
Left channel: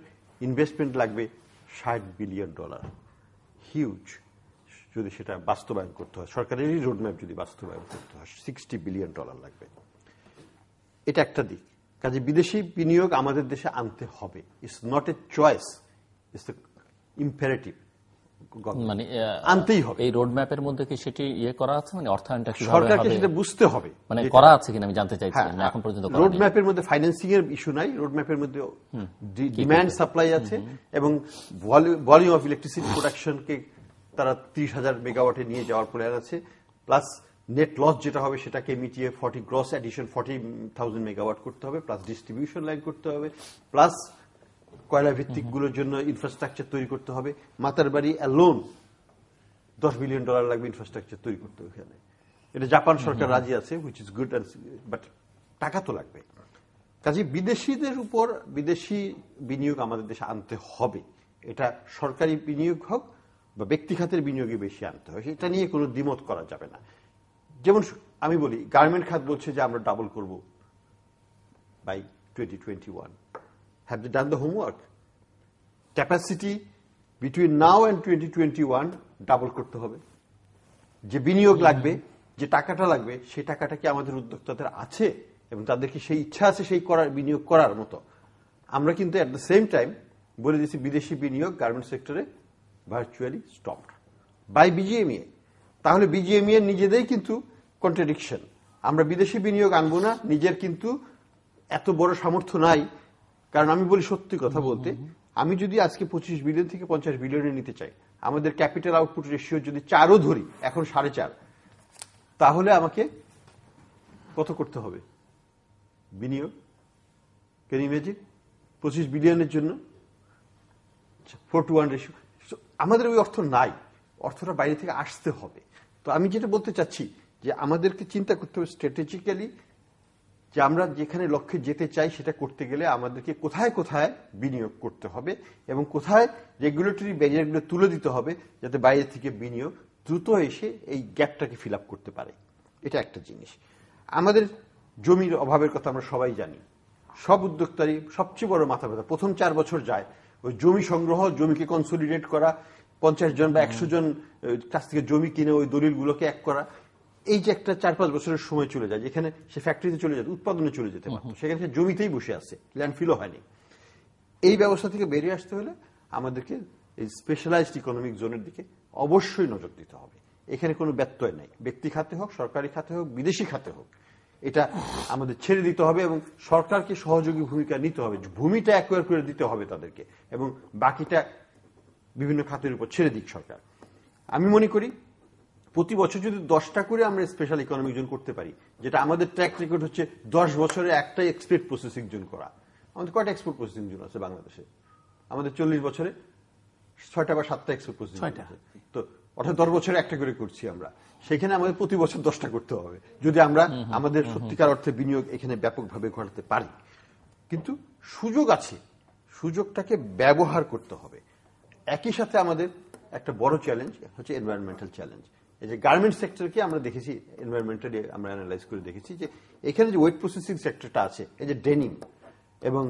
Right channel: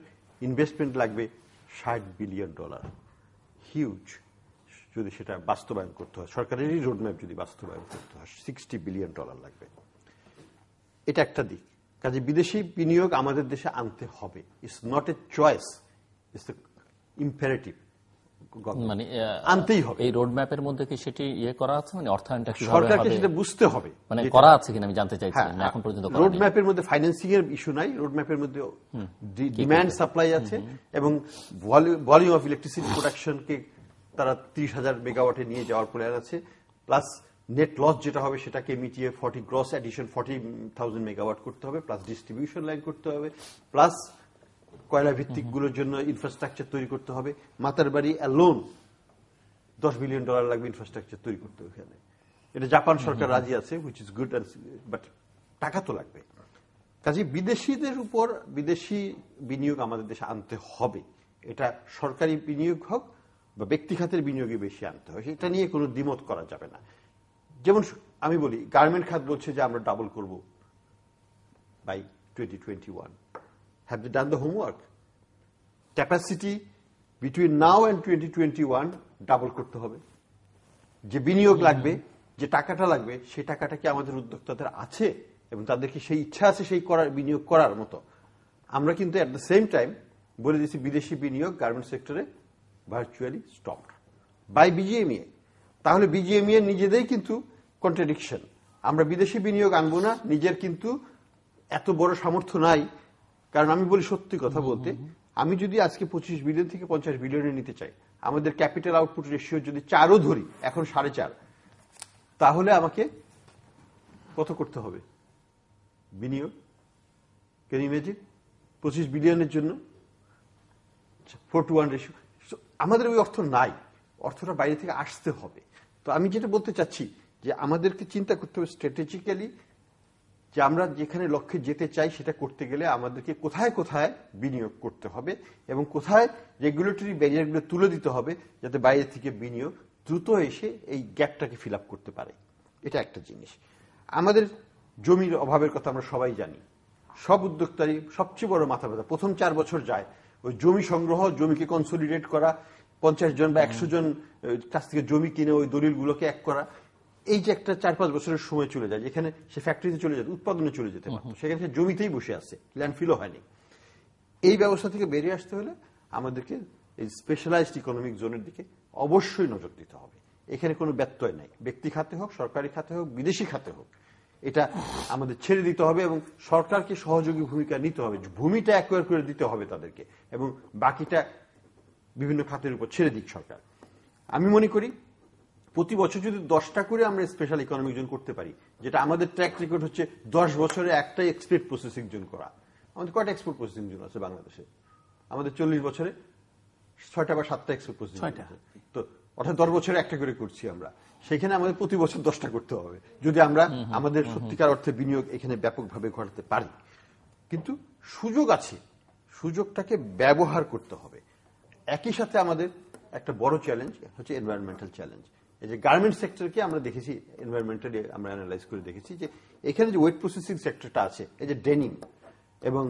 ইনভেস্টমেন্ট লাগবে $60 বিলিয়ন, হিউজ। যদি সেটা বাস্তবায়ন করতে হয়, সরকারের এই রোডম্যাপ যদি বাস্তবায়ন করতে হয়, $60 বিলিয়ন লাগবে। এটা একটা দিক। কাজে বিদেশি বিনিয়োগ আমাদের দেশে আনতে হবে। It's not a choice, it's imperative. মানে আনতেই হবে। এই রোডম্যাপের মধ্যে কি সেটি করা আছে, মানে অর্থায়নটা কিভাবে সরকারকে সেটা বুঝতে হবে, মানে করা আছে কিনা আমি জানতে চাইছি। এখন পর্যন্ত রোডম্যাপের মধ্যে ফাইন্যান্সিং এর ইস্যু নাই, রোডম্যাপের মধ্যে ডিমান্ড সাপ্লাই আছে, এবং ভলিউম অফ ইলেকট্রিসিটি প্রোডাকশনকে তারা 30,000 মেগাওয়াটে নিয়ে যাওয়ার প্ল্যান আছে, প্লাস নেট লস যেটা হবে সেটাকে মিটিয়ে 40,000 মেগাওয়াট করতে হবে, প্লাস ডিস্ট্রিবিউশন লাইন করতে হবে, প্লাস কয়লা ভিত্তিক গুলোর জন্য ইনফ্রাস্ট্রাকচার তৈরি করতে হবে। মাতারবাড়ি অ্যালোন $10 বিলিয়ন লাগবে ইনফ্রাস্ট্রাকচার তৈরি করতে হবে। এটা জাপান সরকার রাজি আছে, হুইচ ইজ গুড, বাট টাকা তো লাগবে। কাজে বিদেশিদের উপর বিদেশি বিনিয়োগ আমাদের দেশে আনতে হবে। এটা সরকারি বিনিয়োগ হোক বা ব্যক্তি খাতের বিনিয়োগে বেশি আনতে হবে, এটা নিয়ে কোনো দ্বিমত করা যাবে না। যেমন আমি বলি, গার্মেন্ট খাত বলছে যে আমরা ডাবল করব by 2021. Have they done the homework? Capacity between now and 2021 double করতে হবে। যে বিনিয়োগ লাগবে, যে টাকাটা লাগবে, সেই টাকাটা কি আমাদের উদ্যোক্তাদের আছে এবং তাদেরকে সেই ইচ্ছা আছে সেই বিনিয়োগ করার মতো? আমরা কিন্তু এট দ্য সেম টাইম বলে দিচ্ছি বিদেশি বিনিয়োগ গার্মেন্ট সেক্টরে ভার্চুয়ালি স্টপড বাই বিজিএমইএ। তাহলে বিজিএমইএ নিজেদের কিন্তু কন্ট্রাডিকশন। আমরা বিদেশি বিনিয়োগ আনবো না, নিজের কিন্তু এত বড় সামর্থ্য নাই। কারণ আমি বলি সত্যি কথা বলতে, আমি যদি আজকে 25 বিলিয়ন থেকে 50 বিলিয়নে নিতে চাই, আমাদের ক্যাপিটাল আউটপুট রেশিও যদি 4ও ধরি, এখন 4.5, তাহলে আমাকে কত করতে হবে বিনিয়োগ? Can you imagine? 25 বিলিয়নের জন্য 4:1 রেশিও। আমাদের ওই অর্থ নাই, অর্থটা বাইরে থেকে আসতে হবে। তো আমি যেটা বলতে চাচ্ছি যে আমাদেরকে চিন্তা করতে হবে স্ট্র্যাটেজিক্যালি, যে আমরা যেখানে লক্ষ্যে যেতে চাই সেটা করতে গেলে আমাদেরকে কোথায় কোথায় বিনিয়োগ করতে হবে এবং কোথায় রেগুলেটরি ব্যারিয়ারগুলো তুলে দিতে হবে, যাতে বাইরে থেকে বিনিয়োগ দ্রুত এসে এই গ্যাপটাকে ফিল আপ করতে পারে। এটা একটা জিনিস। আমাদের জমির অভাবের কথা আমরা সবাই জানি। সব উদ্যোক্তারই সবচেয়ে বড় মাথা ব্যথা প্রথম 4 বছর যায় ওই জমি সংগ্রহ, জমিকে কনসলিডেট করা, 50 জন বা 100 জন কাছ থেকে জমি কিনে ওই দলিলগুলোকে এক করা। এই যে একটা 4-5 বছরের সময় চলে যায়, যেখানে সে ফ্যাক্টরিতে চলে যেত, উৎপাদনে চলে যেতে পারত, সেখানে সে জমিতেই বসে আছে, ল্যান্ডফিলও হয়নি। এই ব্যবস্থা থেকে বেরিয়ে আসতে হলে আমাদেরকে এই স্পেশালাইজড ইকোনমিক জোনের দিকে অবশ্যই নজর দিতে হবে। এখানে কোনো ব্যত্যয় নাই, ব্যক্তি খাতে হোক, সরকারি খাতে হোক, বিদেশি খাতে হোক, এটা আমাদের ছেড়ে দিতে হবে এবং সরকারকে সহযোগী ভূমিকা নিতে হবে। ভূমিটা অ্যাকোয়ার করে দিতে হবে তাদেরকে, এবং বাকিটা বিভিন্ন খাতের উপর ছেড়ে দিক সরকার। আমি মনে করি প্রতি বছর যদি 10টা করে আমরা স্পেশাল ইকোনমিক জোন করতে পারি, যেটা আমাদের ট্র্যাক রেকর্ড হচ্ছে 10 বছরে একটাই এক্সপোর্ট প্রসেসিং জোন করা। আমাদের কয়টা এক্সপোর্ট প্রসেসিং জোন আছে বাংলাদেশে? আমাদের 40 বছরে 6টা বা 7টা এক্সপোর্ট প্রসেসিং জোন আছে। তো অর্থাৎ 10 বছরে একটা করে করছি আমরা। সেখানে আমাদের প্রতি বছর 10টা করতে হবে যদি আমরা আমাদের সত্যিকার অর্থে বিনিয়োগ এখানে ব্যাপকভাবে ঘটাতে পারি। কিন্তু সুযোগ আছে, সুযোগটাকে ব্যবহার করতে হবে। একই সাথে আমাদের একটা বড় চ্যালেঞ্জ হচ্ছে এনভায়রনমেন্টাল চ্যালেঞ্জ। এই যে গার্মেন্ট সেক্টরকে আমরা দেখেছি, এনভায়রনমেন্টালি আমরা অ্যানালাইজ করে দেখেছি যে এখানে যে ওয়েট প্রসেসিং সেক্টরটা আছে, এই যে ডেনিম এবং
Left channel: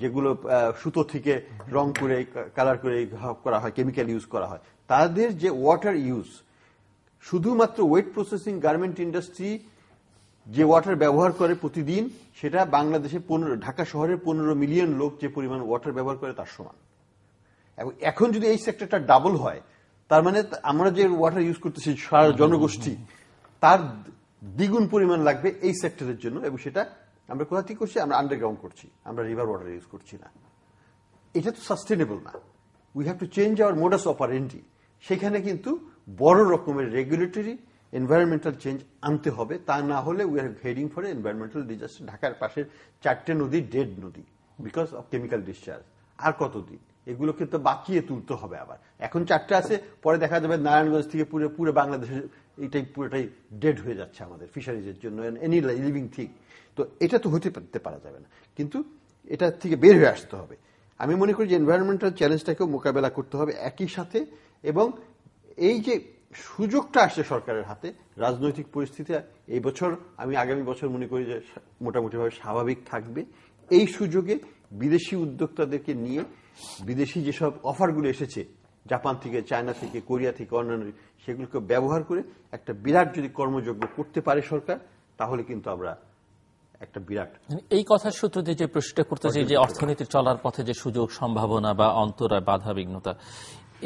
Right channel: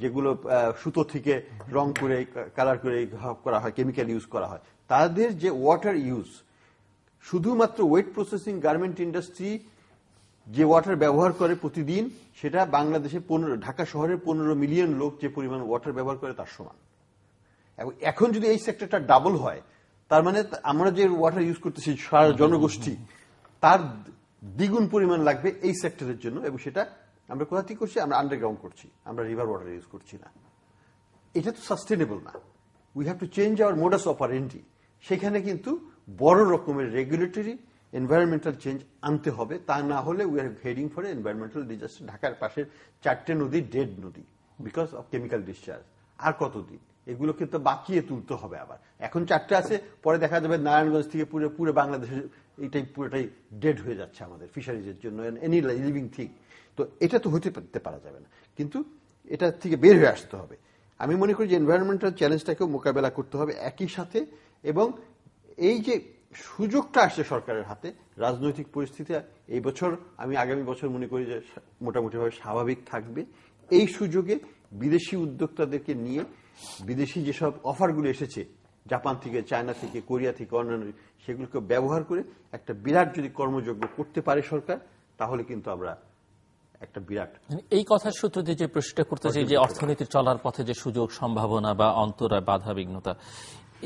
যেগুলো সুতো থেকে রং করে কালার করে করা হয়, কেমিক্যাল ইউজ করা হয়, তাদের যে ওয়াটার ইউজ, শুধুমাত্র ওয়েট প্রসেসিং গার্মেন্ট ইন্ডাস্ট্রি যে ওয়াটার ব্যবহার করে প্রতিদিন, সেটা বাংলাদেশে ঢাকা শহরের 15 মিলিয়ন লোক যে পরিমাণ ওয়াটার ব্যবহার করে তার সমান। এবং এখন যদি এই সেক্টরটা ডাবল হয়, তার মানে আমরা যে ওয়াটার ইউজ করতেছি সারা জনগোষ্ঠী, তার দ্বিগুণ পরিমাণ লাগবে এই সেক্টরের জন্য, এবং সেটা আমরা কোথা থেকে করছি? আমরা আন্ডারগ্রাউন্ড করছি, আমরা রিভার ওয়াটার ইউজ করছি না। এটা তো সাস্টেনেবল না। We have to change our modus operandi. সেখানে কিন্তু বড় রকমের রেগুলেটরি এনভায়রনমেন্টাল চেঞ্জ আনতে হবে। তা না হলে we are heading for environmental disaster. ঢাকার পাশের 4টে নদী ডেড নদী বিকজ অফ কেমিক্যাল ডিসচার্জ। আর কতদিন? এগুলোকে তো বাঁচিয়ে তুলতে হবে আবার। এখন 4টে আছে, পরে দেখা যাবে নারায়ণগঞ্জ থেকে পুরো বাংলাদেশের এটাই পুরোটাই ডেড হয়ে যাচ্ছে আমাদের ফিশারিজের জন্য, এনি লিভিং থিং। তো এটা তো হতে পারা যাবে না, কিন্তু এটা থেকে বের হয়ে আসতে হবে। আমি মনে করি যে এনভায়রনমেন্টাল চ্যালেঞ্জটাকেও মোকাবেলা করতে হবে একই সাথে। এবং এই যে সুযোগটা আসছে সরকারের হাতে, রাজনৈতিক পরিস্থিতি এই বছর, আমি আগামী বছর মনে করি যে মোটামুটিভাবে স্বাভাবিক থাকবে। এই সুযোগে বিদেশি উদ্যোক্তাদেরকে নিয়ে বিদেশি যেসব অফারগুলো এসেছে জাপান থেকে, চায়না থেকে, কোরিয়া থেকে, অন্যান্য, সেগুলোকে ব্যবহার করে একটা বিরাট যদি কর্মযজ্ঞ করতে পারে সরকার, তাহলে কিন্তু আমরা একটা বিরাট। এই কথার সূত্র দিয়ে যে প্রশ্নটা করতেছি যে অর্থনীতি চলার পথে যে সুযোগ সম্ভাবনা বা অন্তরায় বাধা বিঘ্নতা,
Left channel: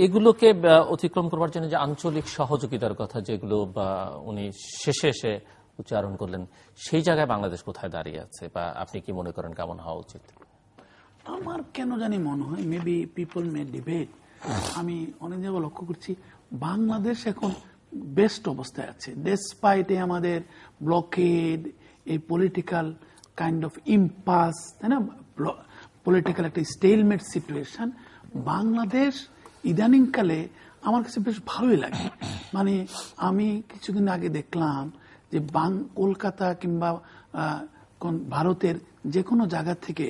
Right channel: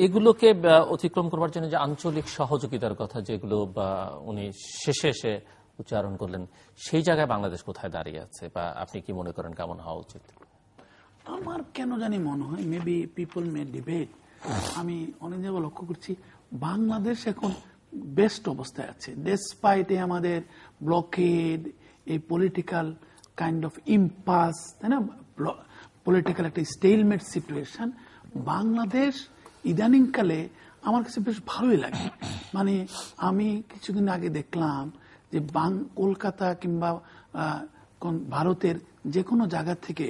এগুলোকে অতিক্রম করবার জন্য যে আঞ্চলিক সহযোগিতার কথা যেগুলো উনি শেষে এসে উচ্চারণ করলেন, সেই জায়গায় বাংলাদেশ কোথায় দাঁড়িয়ে আছে বা আপনি কি মনে করেন কেমন হওয়া উচিত? আমার কেন জানি মনে হয় মেবি পিপল মে ডিবেট, আমি অনেক জায়গায় লক্ষ্য করছি বাংলাদেশ এখন বেস্ট অবস্থায় আছে ডেসপাইট আমাদের ব্লকেড, এই পলিটিক্যাল কাইন্ড অফ ইম্পাস, তাই না, পলিটিক্যাল একটা স্টেলমেট সিচুয়েশন। বাংলাদেশ ইদানিংকালে আমার কাছে বেশ ভালোই লাগে। মানে আমি কিছুদিন আগে দেখলাম যে কলকাতা কিংবা ভারতের যে কোনো জায়গা থেকে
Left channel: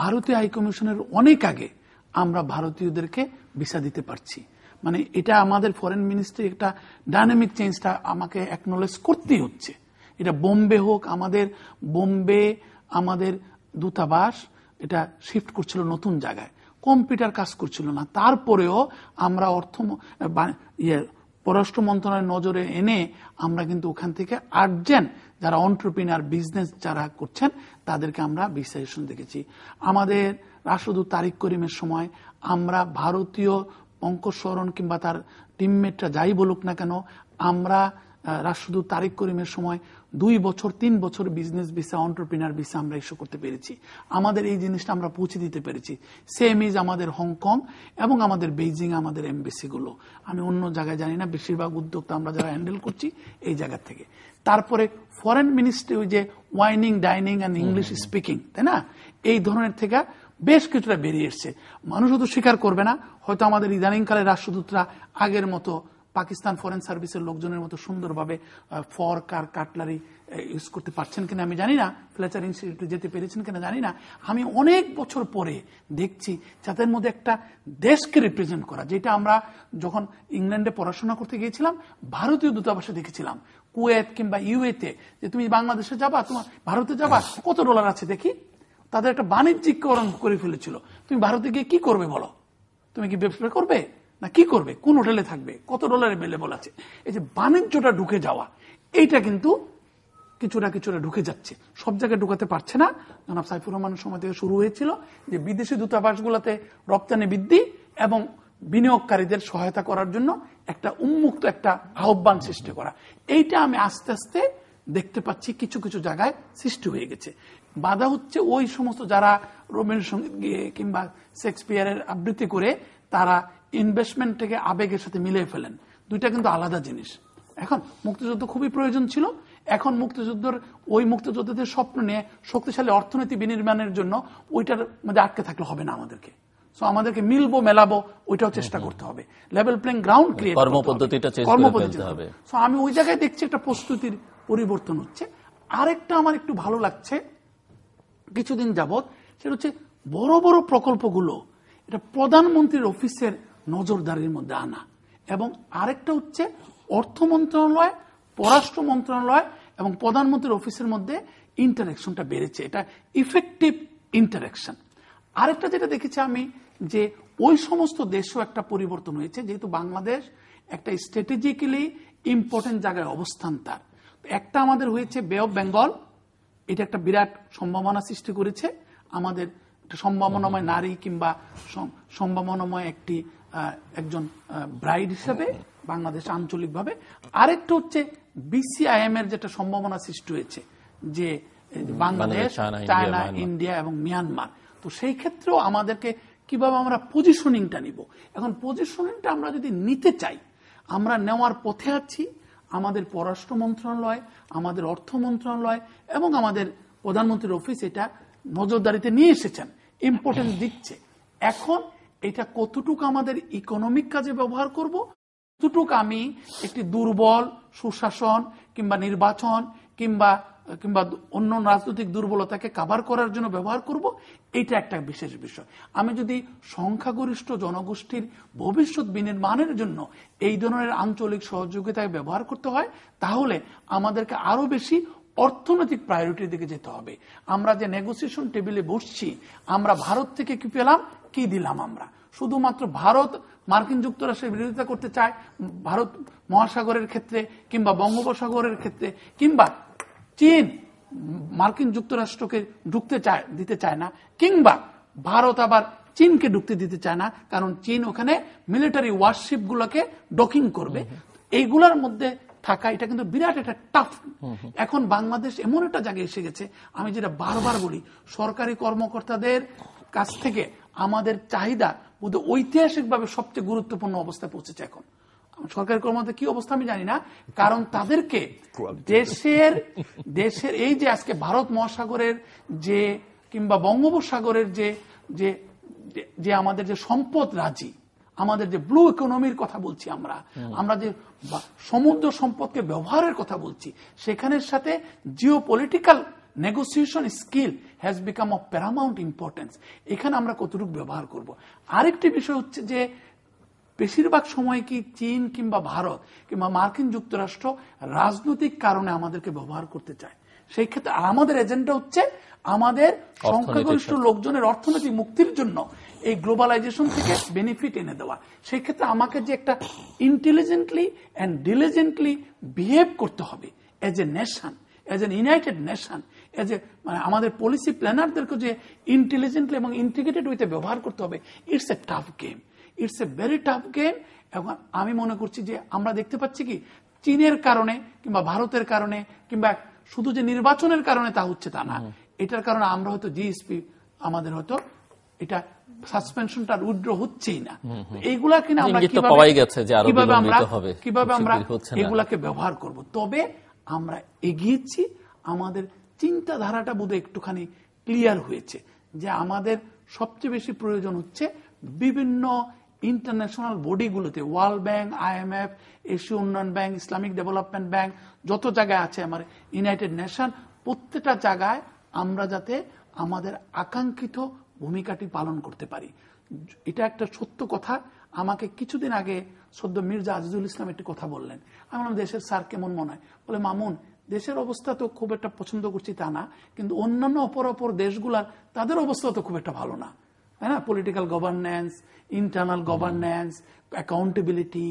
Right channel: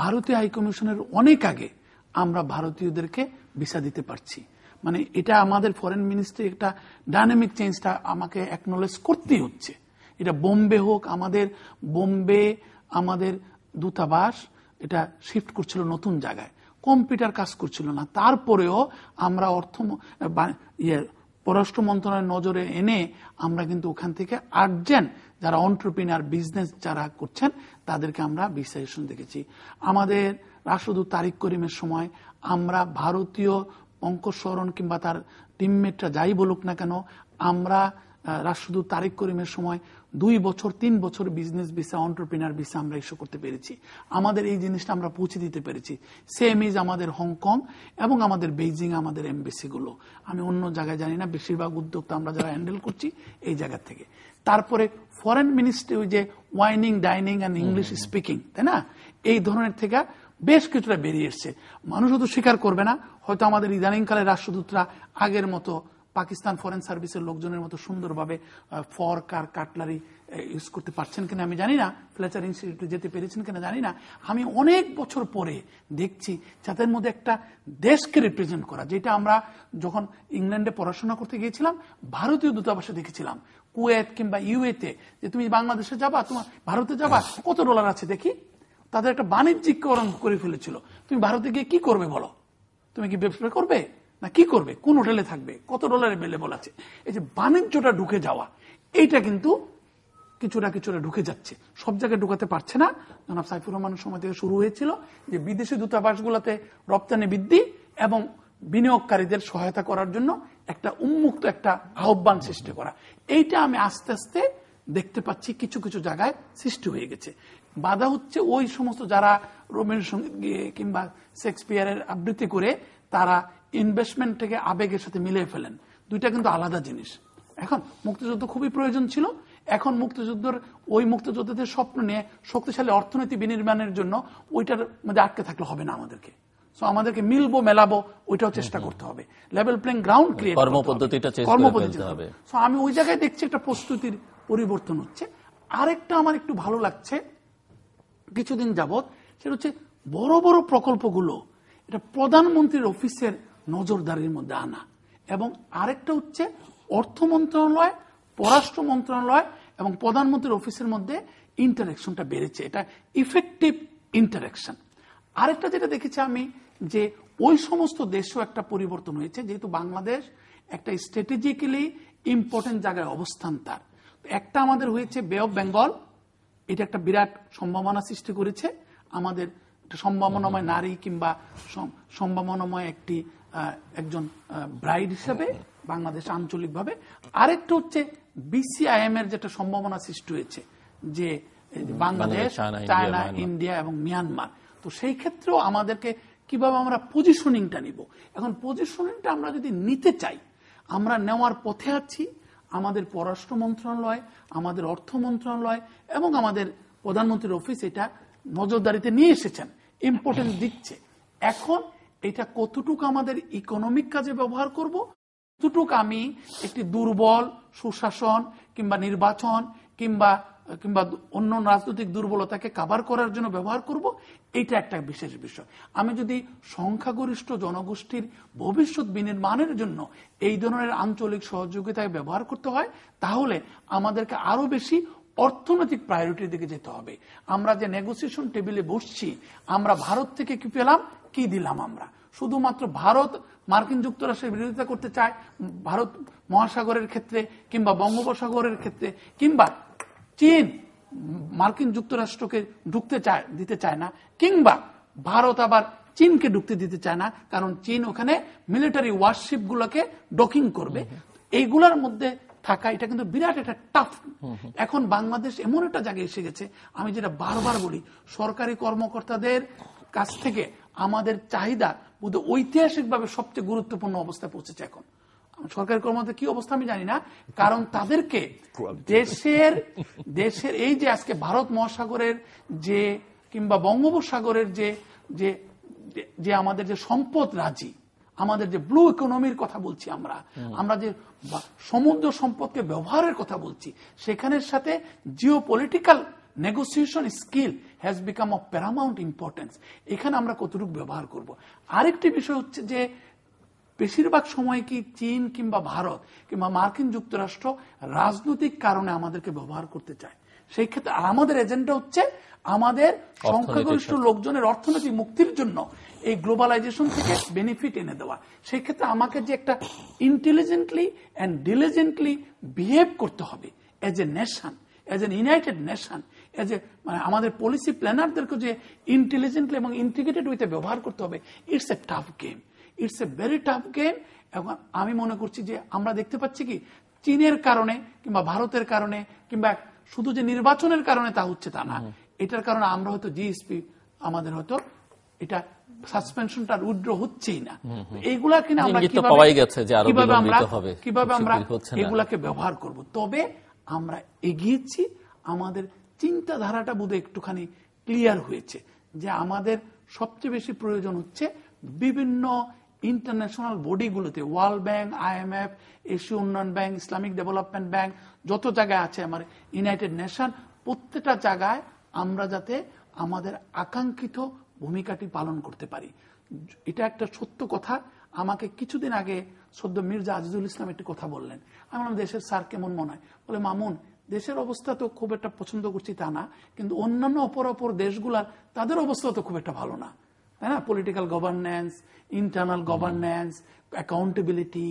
ভারতীয় হাইকমিশনের অনেক আগে আমরা ভারতীয়দেরকে ভিসা দিতে পারছি। মানে এটা আমাদের ফরেন মিনিস্ট্রি একটা ডাইনামিক চেঞ্জটা আমাকে অ্যাকনোলেজ করতেই হচ্ছে। এটা বোম্বে হোক, আমাদের দূতাবাস এটা শিফট করছিল নতুন জায়গায়, কম্পিউটার কাজ করছিল না, তারপরেও আমরা পররাষ্ট্র মন্ত্রণালয়ের নজরে এনে আমরা কিন্তু ওখান থেকে আর্জেন্ট যারা অন্টারপ্রিনার বিজনেস যারা করছেন তাদেরকে আমরা ভিসা দেখেছি। আমাদের রাষ্ট্রদূত তারিক করিমের সময় আমরা ভারতীয় পঙ্কজ শরণ কিংবা তার টিমমেটরা যাই বলুক না কেন, আমরা রাষ্ট্রদূত তারিক করিমের সময় 2 বছর 3 বছর বিজনেস ভিসা, অন্টারপ্রিনার ভিসা আমরা ইস্যু করতে পেরেছি। আমাদের এই জিনিসটা আমরা পৌঁছে দিতে পেরেছি। সেম ইজ আমাদের হংকং এবং আমাদের বেইজিং, আমাদের এমবেসি গুলো। আমি অন্য জায়গায় জানি না, বেশিরভাগ উদ্যোক্তা আমরা যারা হ্যান্ডেল করছি এই জায়গা থেকে। তারপরে ফরেন মিনিস্ট্রি ওই যে ওয়াইনিং, ডাইনিং অ্যান্ড ইংলিশ স্পিকিং, তাই না, এই ধরনের থেকে বেশ কিছুটা বেরিয়ে এসছে। মানুষ তো স্বীকার করবে না, হয়তো আমাদের ইদানিংকালে রাষ্ট্রদূতরা আগের মতো পাকিস্তান ফরেন সার্ভিসের লোকজনের মতো সুন্দরভাবে ফর্ক আর কাটলারি ইউজ করতে পারছেন কিনা আমি জানি না, ফ্লেচার ইনস্টিটিউটে যেতে পেরেছেন কিনা জানি না। আমি অনেক বছর পরে দেখছি যাদের মধ্যে একটা দেশকে রিপ্রেজেন্ট করা, যেটা আমরা যখন ইংল্যান্ডে পড়াশোনা করতে গিয়েছিলাম ভারতীয় দূতাবাসে দেখেছিলাম, কুয়েত কিংবা ইউএতে, যে তুমি বাংলাদেশে যাবা, তোমার ভারতে যাবা, কত ডলার আছে দেখি। তাদের একটা বাণিজ্যিকরণ করে ফেলেছিল। তুমি ভারতে গিয়ে কি করবে বলো? তুমি কি ব্যবসা করবে না কি করবে? কোন হোটেলে থাকবে? কত ডলার অ্যাভেলেবল আছে? এই যে বাণিজ্যটা ঢুকে যাওয়া, এইটা কিন্তু কিছুটা ঢুকে যাচ্ছে, সব জায়গায় ঢুকাতে পারছে না। জনাব সাইফুর রহমানের সময় থেকে শুরু হয়েছিল যে বিদেশি দূতাবাসগুলোতে রপ্তানি বৃদ্ধি এবং বিনিয়োগকারীদের সহায়তা করার জন্য একটা উন্মুক্ত একটা আহ্বান সৃষ্টি করা। এইটা আমি আস্তে আস্তে দেখতে পাচ্ছি কিছু কিছু জায়গায় সৃষ্টি হয়ে গেছে। বাধা হচ্ছে ওই সমস্ত যারা রবীন্দ্রসঙ্গীত গিয়ে কিংবা শেক্সপিয়ারের আবৃত্তি করে তারা ইনভেস্টমেন্ট থেকে আবেগের সাথে মিলিয়ে ফেলেন। দুইটা কিন্তু আলাদা জিনিস। এখন মুক্তিযুদ্ধ খুবই প্রয়োজন ছিল, এখন মুক্তিযুদ্ধদের স্বপ্ন নিয়ে শক্তিশালী অর্থনীতি বিনির্মাণের জন্য ওইটার মধ্যে আটকে থাকলে হবে না। আমাদেরকে মিলবো মেলাবো ওইটাও চেষ্টা করতে হবে, লেভেল প্লেইং গ্রাউন্ড ক্রিয়েট কর্মপদ্ধতি হবে। আমি ওই জায়গায় দেখছি একটা প্রস্তুতির পরিবর্তন হচ্ছে। আরেকটা আমার একটু ভালো লাগছে কিছুদিন যাবৎ, সেটা হচ্ছে বড় বড় প্রকল্পগুলো এটা প্রধানমন্ত্রীর অফিসের নজরদারির মধ্যে আনা, এবং আরেকটা হচ্ছে অর্থ মন্ত্রণালয়, পররাষ্ট্র মন্ত্রণালয় এবং প্রধানমন্ত্রীর অফিসের মধ্যে ইন্টারাকশনটা বেড়েছে, এটা ইফেক্টিভ ইন্টারাকশন। আরেকটা যেটা দেখেছি আমি, যে ওই সমস্ত দেশেও একটা পরিবর্তন হয়েছে, যেহেতু বাংলাদেশ একটা স্ট্র্যাটেজিক্যালি ইম্পর্টেন্ট জায়গায় অবস্থান তার। একটা আমাদের হয়েছে বে অফ বেঙ্গল, এটা একটা বিরাট সম্ভাবনা সৃষ্টি করেছে আমাদের সম্ভাবনাময় নারী কিংবা সম্ভাবনাময় একজন ব্রাইড হিসেবে বাংলাদেশ আঞ্চলিকভাবে। আরেকটা হচ্ছে বিসিআইএম এর যেটা সম্ভাবনা সৃষ্টি হয়েছে, যে বাংলাদেশ, চায়না, ইন্ডিয়া এবং মিয়ানমার। তো সেই ক্ষেত্রেও আমাদেরকে কিভাবে আমরা পজিশনিংটা নিব। এখন পজিশনিংটা আমরা যদি নিতে চাই, আমরা নেওয়ার পথে আছি। আমাদের পররাষ্ট্র মন্ত্রণালয়, আমাদের অর্থ মন্ত্রণালয় এবং আমাদের প্রধানমন্ত্রীর অফিস এটা নজরদারিতে নিয়ে এসেছেন, ইম্পর্টেন্স দিচ্ছে। এখন এটা কতটুকু আমাদের ইকোনমিক কাজে ব্যবহার করব, কতটুকু আমি একটি দুর্বল সুশাসন কিংবা নির্বাচন কিংবা অন্য রাজনৈতিক দুর্বলতাকে কভার করার জন্য ব্যবহার করব, এটা একটা বিশেষ বিষয়। আমি যদি সংখ্যাগরিষ্ঠ জনগোষ্ঠীর ভবিষ্যৎ বিনির্মাণের জন্য এই ধরনের আঞ্চলিক সহযোগিতায় ব্যবহার করতে হয়, তাহলে আমাদেরকে আরো বেশি অর্থনৈতিক প্রায়োরিটির দিকে যেতে হবে। আমরা যে নেগোসিয়েশন টেবিলে বসছি, আমরা ভারত থেকে কি পেলাম, কি দিলাম। আমরা শুধুমাত্র ভারত মার্কিন যুক্তরাষ্ট্রের বিরোধিতা করতে চায় ভারত মহাসাগরের ক্ষেত্রে কিংবা বঙ্গোপসাগরের ক্ষেত্রে, কিংবা চীন মার্কিন যুক্তরাষ্ট্রকে দিতে চায় না, কিংবা ভারত আবার চীনকে ঢুকতে দিতে চায় না, কারণ চীন ওখানে মিলিটারি ওয়ারশিপ গুলোকে ডকিং করবে। এইগুলোর মধ্যে থাকা এটা কিন্তু বিরাট একটা টাফ। এখন বাংলাদেশ এমন একটা জায়গায় এসে গেছে, আমি যেটা বারবার বলি, সরকারি কর্মকর্তাদের কাছ থেকে আমাদের চাহিদা বোধ ঐতিহাসিকভাবে সবচেয়ে গুরুত্বপূর্ণ অবস্থায় পৌঁছেছে। এখন সরকারি কর্মকর্তা কি অবস্থা আমি জানি না, কারণ তাদেরকে দেশের এই যে আজকে ভারত মহাসাগরের যে কিংবা বঙ্গোপসাগরের যে আমাদের যে সম্পদ রাজি, আমাদের যে ব্লু ইকোনমির কথা বলছি, আমরা যে সমুদ্র সম্পদকে ব্যবহারের কথা বলছি, সেখানের সাথে geopolitical negotiation skill has become of Paramount importance. এখানে আমরা কতটুকু ব্যবহার করব। আরেকটি বিষয় হচ্ছে যে বেশিরভাগ সময় কি চীন কিংবা ভারত কিংবা মার্কিন যুক্তরাষ্ট্র রাজনৈতিক কারণে আমাদেরকে ব্যবহার করতে চায়। সেই ক্ষেত্রে আমাদের এজেন্ডা হচ্ছে আমাদের সংখ্যাগরিষ্ঠ লোকজনের অর্থনৈতিক মুক্তির জন্য এই গ্লোবালাইজেশন থেকে বেনিফিট এনে দেওয়া। সেই ক্ষেত্রে আমাকে যে একটা ইন্টেলিজেন্টলি অ্যান্ড ডিলিজেন্টলি বিহেভ করতে হবে as a nation, age N United nation, as a আমাদের পলিসি প্ল্যানারদেরকে যে ইন্টেলিজেন্টলি এবং ইন্টিগ্রেটেড ওয়েতে ব্যবহার করতে হবে। It's a tough game, it's a very tough game. এবং আমি মনে করছি যে আমরা দেখতে পাচ্ছি কি চীনের কারণে কিংবা ভারতের কারণে কিংবা শুধু যে নির্বাচনের কারণে তা হচ্ছে তা না, এটার কারণে আমরা হয়তো জিএসপি আমাদের হয়তো এটা সাসপেনশনটা উইথড্র হচ্ছেই না। এইগুলা কিনা আমরা কিভাবে আমরা এগুলাকে ব্যবহার করব। তবে আমরা এগিয়েছি, আমাদের চিন্তাধারাটা বোধহয় একটুখানি ক্লিয়ার হয়েছে যে আমাদের সবচেয়ে বেশি প্রয়োজন হচ্ছে বিভিন্ন ইন্টারন্যাশনাল বডিগুলোতে, ওয়ার্ল্ড ব্যাংক, IMF, এশীয় উন্নয়ন ব্যাংক, ইসলামিক ডেভেলপমেন্ট ব্যাংক, যত জায়গায় আছে আমার ইউনাইটেড নেশন, প্রত্যেকটা জায়গায় আমরা যাতে আমাদের আকাঙ্ক্ষিত ভূমিকাটি পালন করতে পারি। এটা একটা সত্য কথা। আমাকে কিছুদিন আগে সদ্য মির্জা আজিজুল ইসলাম একটি কথা বললেন। আমার দেশের স্যার কেমন মনে হয়, বলে মামুন দেশের অবস্থা তো খুব একটা পছন্দ করছি তা না, কিন্তু অন্যান্য অপর দেশগুলার তাদের অবস্থা তো খুব একটা ভালো না, তাই না? Political governance, internal governance, accountability,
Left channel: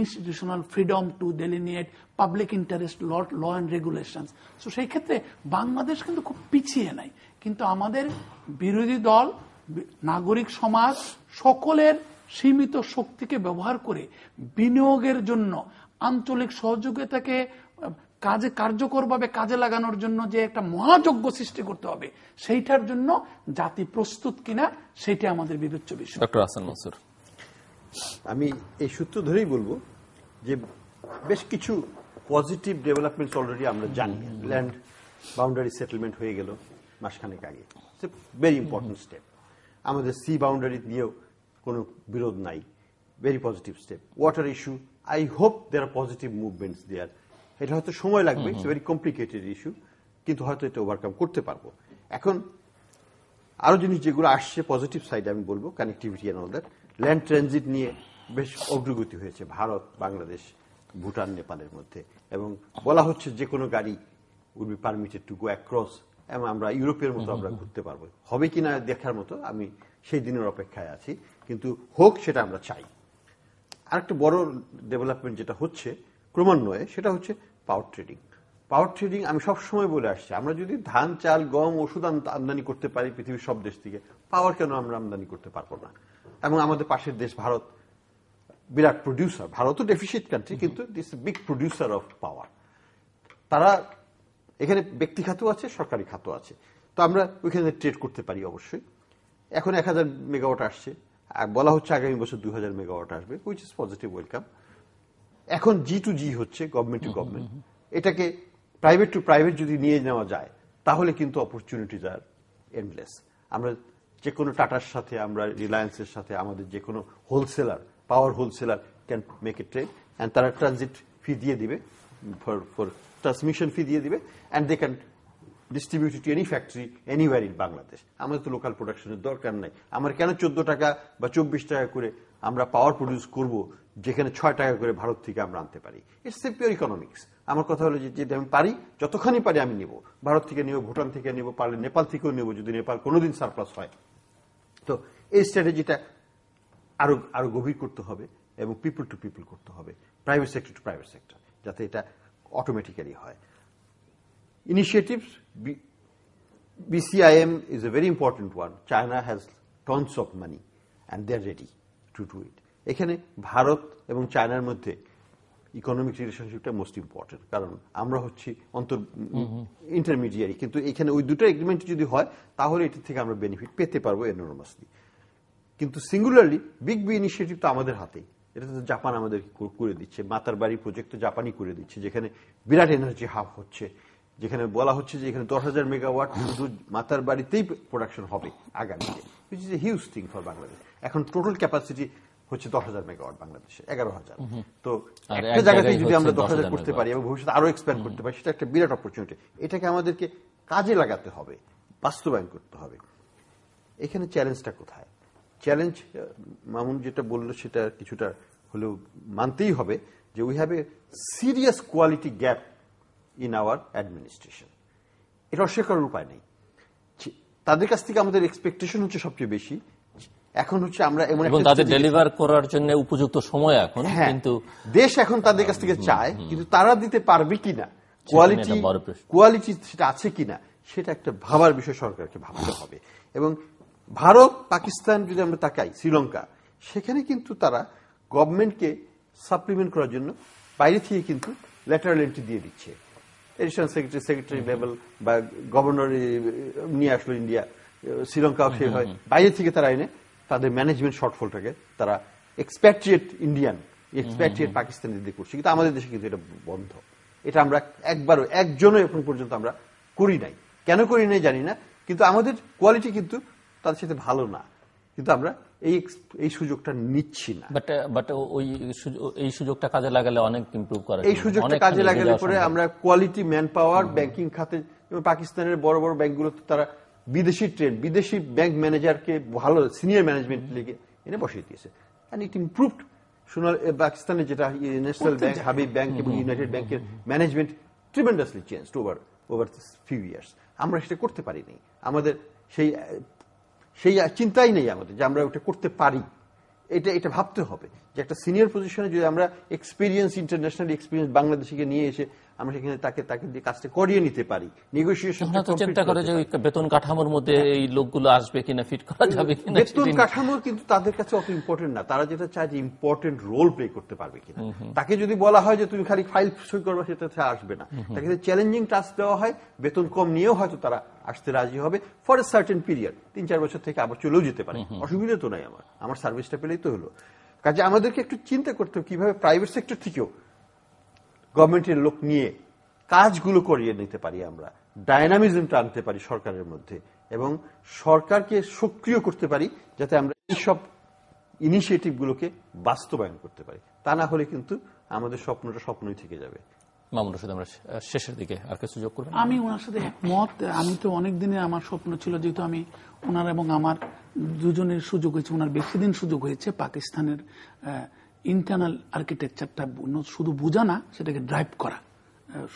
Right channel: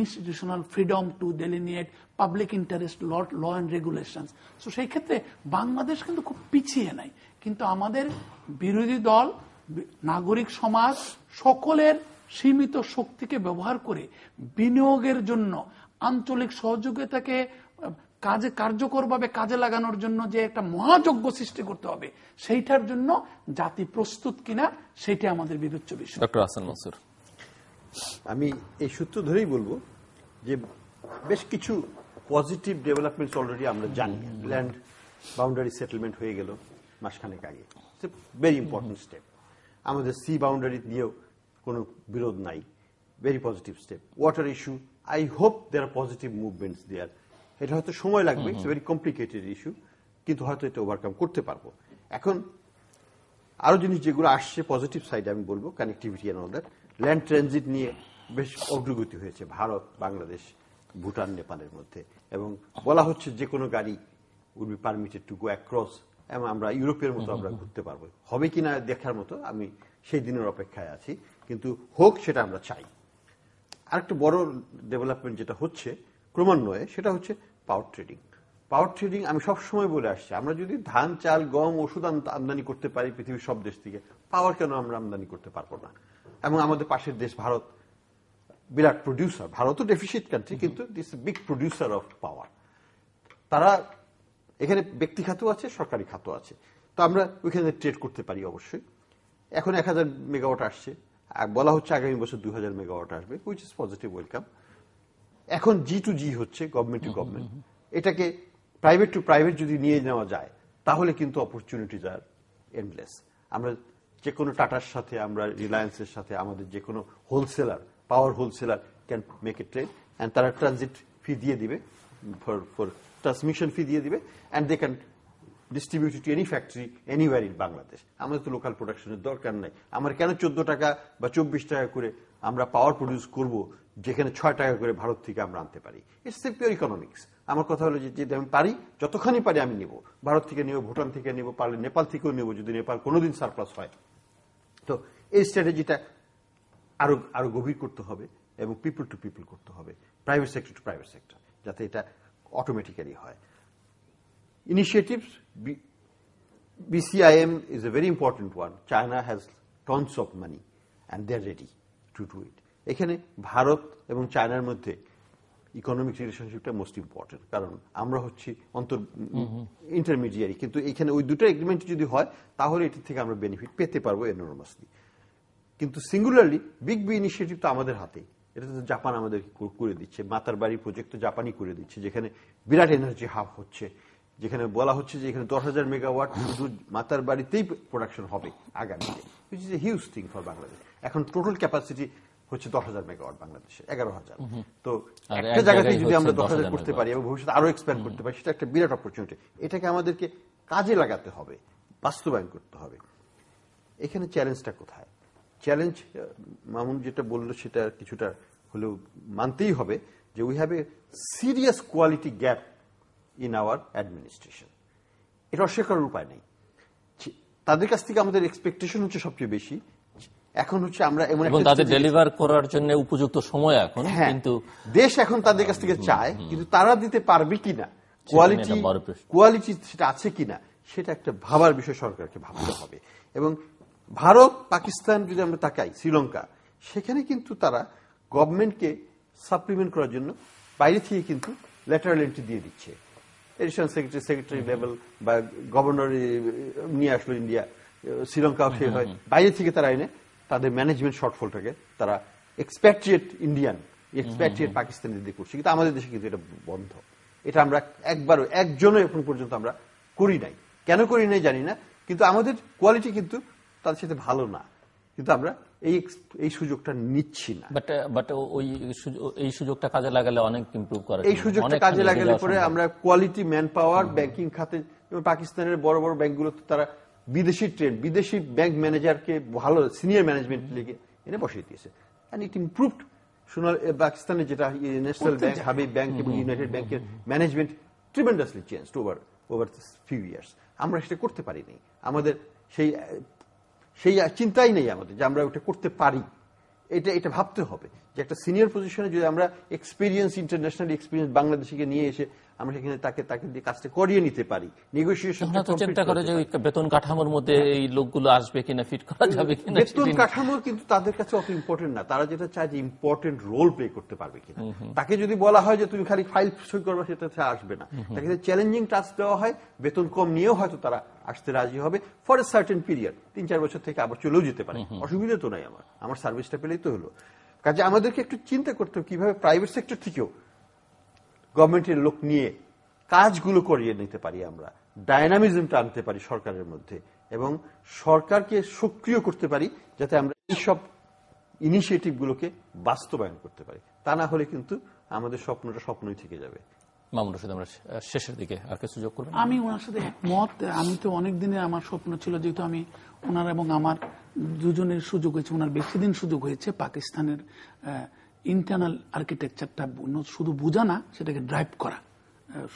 institutional freedom to delineate, public interest, law and regulations. তো সেই ক্ষেত্রে বাংলাদেশ কিন্তু খুব পিছিয়ে নাই, কিন্তু আমাদের বিরোধী দল, নাগরিক সমাজ সকলের সীমিত শক্তিকে ব্যবহার করে বিনিয়োগের জন্য, আঞ্চলিক সহযোগিতাকে কার্যকরভাবে কাজে লাগানোর জন্য যে একটা মহাযজ্ঞ সৃষ্টি করতে হবে, সেইটার জন্য জাতি প্রস্তুত কিনা সেটা আমাদের বিবেচ্য বিষয়। ডক্টর হাসান মনসুর, আমি এই সূত্র ধরেই বলবো যে বেশ কিছু পজিটিভ ডেভেলপমেন্টস অলরেডি আমরা জানি। ল্যান্ড বাউন্ডারি সেটেলমেন্ট হয়ে গেল মাসখানেক আগে, ভেরি ইম্পর্টেন্ট স্টেপ। আমাদের সি বাউন্ডারি দিয়েও কোনো বিরোধ নাই, very positive step. Water issue, I hope there are positive movements there. এটা হয়তো সময় লাগবে, ইটস ভেরি কমপ্লিকেটেড ইস্যু, কিন্তু হয়তো এটা ওভারকাম করতে পারবো। এখন আরো জিনিস যেগুলো আসছে পজিটিভ সাইডে আমি বলবো, connectivity and all that. Land transit নিয়ে বেশ অগ্রগতি হয়েছে ভারত, বাংলাদেশ, ভুটান, নেপালের মধ্যে, এবং বলা হচ্ছে যে কোনো গাড়ি will be permitted to go across, এবং আমরা ইউরোপের মতো আমরা ঘুরতে পারবো। হবে কিনা দেখার মতো, আমি সেই দিনের অপেক্ষায় আছি, কিন্তু হোক সেটা আমরা চাই। আরেকটা বড় ডেভেলপমেন্ট যেটা হচ্ছে ক্রমান্বয়ে, সেটা হচ্ছে পাওয়ার ট্রেডিং। পাওয়ার ট্রেডিং আমি সবসময় বলে আসছি, আমরা যদি ধান, চাল, গম, ওষুধ আমদানি করতে পারি পৃথিবীর সব দেশ থেকে, পাওয়ার কেন আমরা আমদানি করতে পারবো না? এবং আমাদের পাশের দেশ ভারত বিরাট প্রডিউসার, ভারতও ডেফিসিট কান্ট্রি, কিন্তু this big producer of power. তারা এখানে ব্যক্তি খাতও আছে, সরকারি খাতও আছে। তো আমরা ওইখানে ট্রেড করতে পারি অবশ্যই। এখন 1000 মেগাওয়াট আসছে, বলা হচ্ছে আগামী বছর 2000 মেগাওয়াট আসবে, হুইচ ইজ পজিটিভ, ওয়েলকাম। এখন জি টু জি হচ্ছে, গভর্নমেন্ট টু গভর্নমেন্ট। এটাকে প্রাইভেট টু প্রাইভেট যদি নিয়ে নেওয়া যায় তাহলে কিন্তু অপরচুনিটিজ আর এন্ডলেস। আমরা যে কোনো টাটার সাথে, আমরা রিলায়েন্সের সাথে, আমাদের যে কোনো wholesaler, power wholesaler can make a trade, and তারা ট্রানজিট ফি দিয়ে দিবে, ফর ট্রান্সমিশন ফি দিয়ে দিবে, and they can distribute to any factory anywhere in Bangladesh. আমাদের তো লোকাল প্রোডাকশনের দরকার নাই। আমার কেন 14 টাকা বা 24 টাকা করে আমরা পাওয়ার প্রডিউস করব, যেখানে 6 টাকা করে ভারত থেকে আমরা আনতে পারি? It's pure economics. আমার কথা হলো যে যদি আমি পারি, যতখানি পারি আমি নেব, ভারত থেকে নেব, ভুটান থেকে নেব, পারলে নেপাল থেকেও নেব যদি নেপাল কোনোদিন সারপ্লাস হয়। তো এই স্ট্র্যাটেজিটা আরো গভীর করতে হবে এবং পিপল টু পিপল করতে হবে, private sector to private sector, যাতে এটা অটোমেটিক্যালি হয়। Initiatives, BCIM is a very important one. China has tons of money and they're ready to do it. এখানে ভারত এবং চায়নার মধ্যে ইকোনমিক রিলেশনশিপটা মোস্ট ইম্পর্টেন্ট, কারণ আমরা হচ্ছি ইন্টারমিডিয়ারি। কিন্তু এখানে ওই দুটো এগ্রিমেন্ট যদি হয় তাহলে এটার থেকে আমরা বেনিফিট পেতে পারবো এনরমাসলি। কিন্তু সিঙ্গুলারলি বিগ ইনিশিয়েটিভ তো আমাদের হাতেই। এটা তো জাপান আমাদের করে দিচ্ছে, মাতার বাড়ি প্রজেক্ট তো জাপানই করে দিচ্ছে, যেখানে বিরাট এনার্জি হাব হচ্ছে, যেখানে বলা হচ্ছে যে এখানে 10,000 মেগাওয়াট শুধু মাতার বাড়িতেই প্রোডাকশন হবে আগামীতে, which is a huge thing for Bangladesh. এখন টোটাল ক্যাপাসিটি হচ্ছে 10,000 মেগাওয়াট বাংলাদেশে, 11,000। তো একটা জায়গাতে যদি আমরা 10,000 করতে পারি এবং ভবিষ্যতে আরো এক্সপ্যান্ড করতে পারি, সেটা একটা বিরাট অপরচুনিটি। এটাকে আমাদেরকে কাজে লাগাতে হবে, বাস্তবায়ন করতে হবে। এখানে চ্যালেঞ্জটা কোথায়? চ্যালেঞ্জ মামুন যেটা বললো সেটা কিছুটা হলেও মানতেই হবে, যে we have a serious quality gap in our administration. এটা অস্বীকারের উপায় নেই। তাদের কাছ থেকে আমাদের এক্সপেকটেশন হচ্ছে সবচেয়ে বেশি। এখন হচ্ছে আমরা এমন একটা তাদের ডেলিভার করার জন্য উপযুক্ত সময় এখন, কিন্তু দেশ এখন তাদের কাছ থেকে চায়, কিন্তু তারা দিতে পারবে কিনা, কোয়ালিটি সেটা আছে কিনা, সেটা একটা ভাবার বিষয়, সরকারকে ভাবতে হবে। এবং ভারত, পাকিস্তান যদি আমরা তাকাই, শ্রীলঙ্কা, সেখানে কিন্তু তারা গভর্নমেন্টকে সাপ্লিমেন্ট করার জন্য বাইরে থেকে কিন্তু লেটারাল এন্ট্রি দিয়ে দিচ্ছে। এডিশনাল সেক্রেটারি লেভেল বা গভর্নর নিয়ে আসলো ইন্ডিয়া, শ্রীলঙ্কাও সে হয়, বাইরে থেকে তারা এনে তাদের ম্যানেজমেন্ট শর্টফলটাকে তারা এক্সপ্যাট্রিয়েট ইন্ডিয়ান, এক্সপ্যাট্রিয়েট পাকিস্তানিদের করছে। কিন্তু আমাদের দেশে কিন্তু এটা বন্ধ। এটা আমরা একজনও এখন পর্যন্ত আমরা করি নাই। কেন করি নাই জানি না, কিন্তু আমাদের কোয়ালিটি কিন্তু তাদের সাথে ভালো না, কিন্তু আমরা এই সুযোগটা নিচ্ছি না। বাট এই সুযোগটা কাজে লাগালে অনেক ইমপ্রুভ করা, এই সুযোগটা কাজে লাগালে পরে আমরা কোয়ালিটি ম্যান পাওয়ার ব্যাংকিং খাতে, পাকিস্তানের বড় বড় ব্যাংকগুলোতে তারা বিদেশি ট্রেড, বিদেশি ব্যাংক ম্যানেজারকে ভালো সিনিয়র ম্যানেজমেন্ট লেগে এনে বসিয়ে দিয়েছে, এন্ড ইট ইমপ্রুভড। পাকিস্তানের যেটা ন্যাশনাল ব্যাংক, হাবিব ব্যাংক এবং ইউনাইটেড ব্যাংকের management tremendously changed over few years. আমরা সেটা করতে পারিনি। আমাদের সেই চিন্তাই নেই আমাদের যে আমরা ওটা করতে পারি। এটা ভাবতে হবে যে একটা সিনিয়র পজিশনে যদি আমরা এক্সপিরিয়েন্স, ইন্টারন্যাশনাল এক্সপিরিয়েন্স বাংলাদেশকে নিয়ে এসে আমরা সেখানে তাকে দিয়ে কাজটা করিয়ে নিতে পারি, নেগোসিয়েশন চেষ্টা করে যে বেতন কাঠামোর মধ্যে এই লোকগুলো আসবে কিনা, ফিট করা যাবে কিনা। বেতন কাঠামো কিন্তু তাদের কাছে অত ইম্পর্টেন্ট না। তারা যেটা চায় যে ইম্পর্টেন্ট রোল প্লে করতে পারবে কিনা। তাকে যদি বলা হয় যে তুমি খালি ফাইল সই করবে, সেটা আসবে না। তাকে যদি চ্যালেঞ্জিং টাস্ক দেওয়া হয়, বেতন কম নিয়েও হয়তো তারা আসতে রাজি হবে ফর এ সার্টেন পিরিয়ড, 3-4 বছর থেকে আবার চলেও যেতে পারে। অসুবিধা তো নাই, আমার সার্ভিসটা পেলেই তো হলো। কাজে আমাদেরকে একটু চিন্তা করতে হবে কিভাবে প্রাইভেট সেক্টর থেকেও গভর্নমেন্টের লোক নিয়ে কাজগুলো করিয়ে নিতে পারি, আমরা ডায়নামিজমটা আনতে পারি সরকারের মধ্যে, এবং সরকারকে সক্রিয় করতে পারি যাতে আমরা এইসব ইনিশিয়েটিভ গুলোকে বাস্তবায়ন করতে পারি। তা না হলে কিন্তু আমাদের স্বপ্নটা স্বপ্নই থেকে যাবে। মামুন রশিদ, আমরা শেষের দিকে আর কিছু যোগ করব? আমি ওনার সাথে একমত। আমি তো অনেক দিনে আমার স্বপ্ন ছিল, যেহেতু আমি ওনার এবং আমার দুজনের সুযোগ হয়েছে, ওনার বেশি দিন সুযোগ হয়েছে পাকিস্তানের ইন্টারনাল আর্কিটেকচারটা শুধু বোঝা না, সেটাকে ড্রাইভ করা,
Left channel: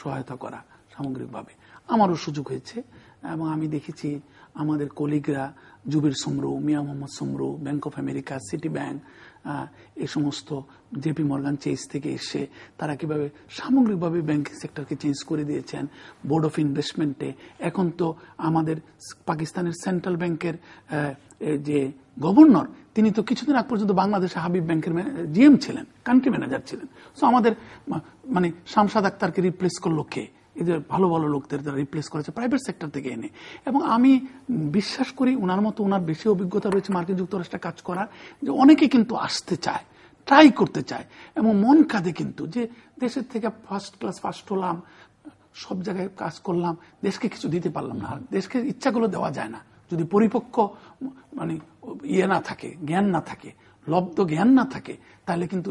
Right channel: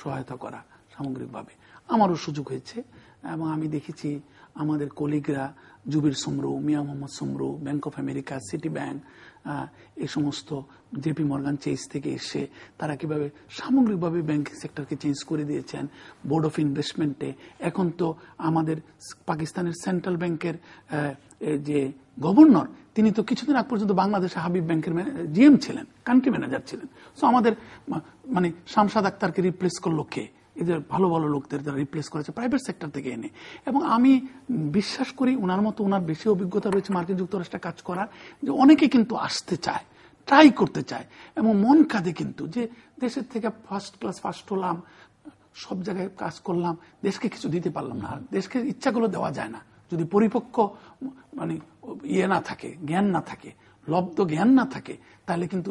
সহায়তা করা সামগ্রিকভাবে আমারও সুযোগ হয়েছে। এবং আমি দেখেছি আমাদের কলিগরা, Zubair Samru, Mian Mohammad Samru, bank of America, Citi bank, এই সমস্ত জেপি মর্গান চেজ থেকে এসে তারা কিভাবে সামগ্রিকভাবে ব্যাংকিং সেক্টরকে চেঞ্জ করে দিয়েছেন। বোর্ড অফ ইনভেস্টমেন্টে এখন তো আমাদের পাকিস্তানের সেন্ট্রাল ব্যাংকের যে গভর্নর, তিনি তো কিছুদিন আগ পর্যন্ত বাংলাদেশে হাবিব ব্যাংকের জিএম ছিলেন, কান্ট্রি ম্যানেজার ছিলেন। সো আমাদের মানে শামসাদ আক্তারকে রিপ্লেস করলো কে? এই যে ভালো ভালো লোকদের যারা রিপ্লেস করেছে প্রাইভেট সেক্টর থেকে এনে। এবং আমি বিশ্বাস করি ওনার মতো ওনার বেশি অভিজ্ঞতা রয়েছে মার্কিন যুক্তরাষ্ট্রে কাজ করার, যে অনেকে কিন্তু আসতে চায়, ট্রাই করতে চায় এবং মন কাঁদে কিন্তু যে দেশের থেকে ফার্স্ট ক্লাস ফার্স্ট হলাম, সব জায়গায় কাজ করলাম, দেশকে কিছু দিতে পারলাম না। দেশকে ইচ্ছাগুলো দেওয়া যায় না যদি পরিপক্ক মানে ইয়ে না থাকে, জ্ঞান না থাকে, লব্ধ জ্ঞান না থাকে, তাহলে কিন্তু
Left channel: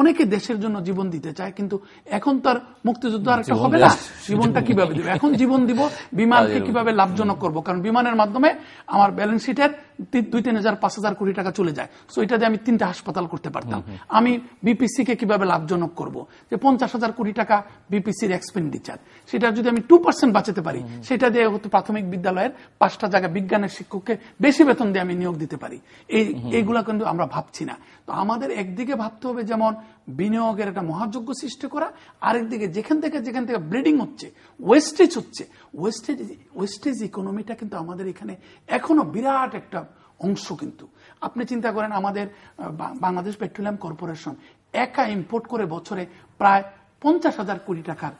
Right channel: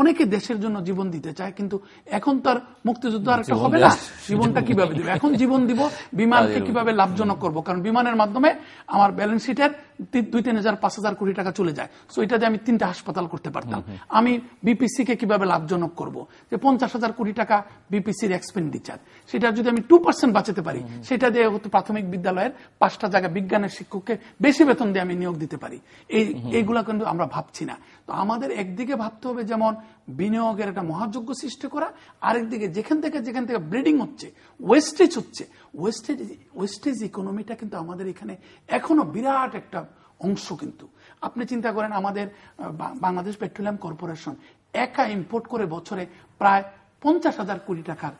অনেকে দেশের জন্য জীবন দিতে চায়, কিন্তু এখন তার মুক্তিযুদ্ধ আর একটা হবে না, জীবনটা কিভাবে দিব, এখন জীবন দিব বিমানকে কিভাবে লাভজনক করব, কারণ বিমানের মাধ্যমে আমার ব্যালেন্স শিটের 2-3,000-5,000 কোটি টাকা চলে যায়। সো এটা দিয়ে আমি 3টা হাসপাতাল করতে পারতাম। আমি বিপিসি কে কিভাবে লাভজনক করব, যে 50,000 কোটি টাকা বিপিসির এক্সপেন্ডিচার, সেটা যদি আমি 2% বাঁচাতে পারি, সেটা দিয়ে হয়তো প্রাথমিক বিদ্যালয়ের 5টা জায়গা বিজ্ঞানের শিক্ষককে বেশি বেতন দিয়ে আমি নিয়োগ দিতে পারি। এইগুলা কিন্তু আমরা ভাবছি না। তো আমাদের একদিকে ভাবতে হবে যেমন বিনিয়োগের একটা মহাযজ্ঞ সৃষ্টি করা, আরেকদিকে যেখান থেকে ব্লিডিং হচ্ছে, ওয়েস্টেজ হচ্ছে, ওয়েস্টেজ ইকোনমিটা কিন্তু আমাদের এখানে এখনো বিরাট একটা অংশ। কিন্তু আপনি চিন্তা করেন আমাদের বাংলাদেশ পেট্রোলিয়াম কর্পোরেশন একা ইম্পোর্ট করে বছরে প্রায় 50,000 কোটি টাকার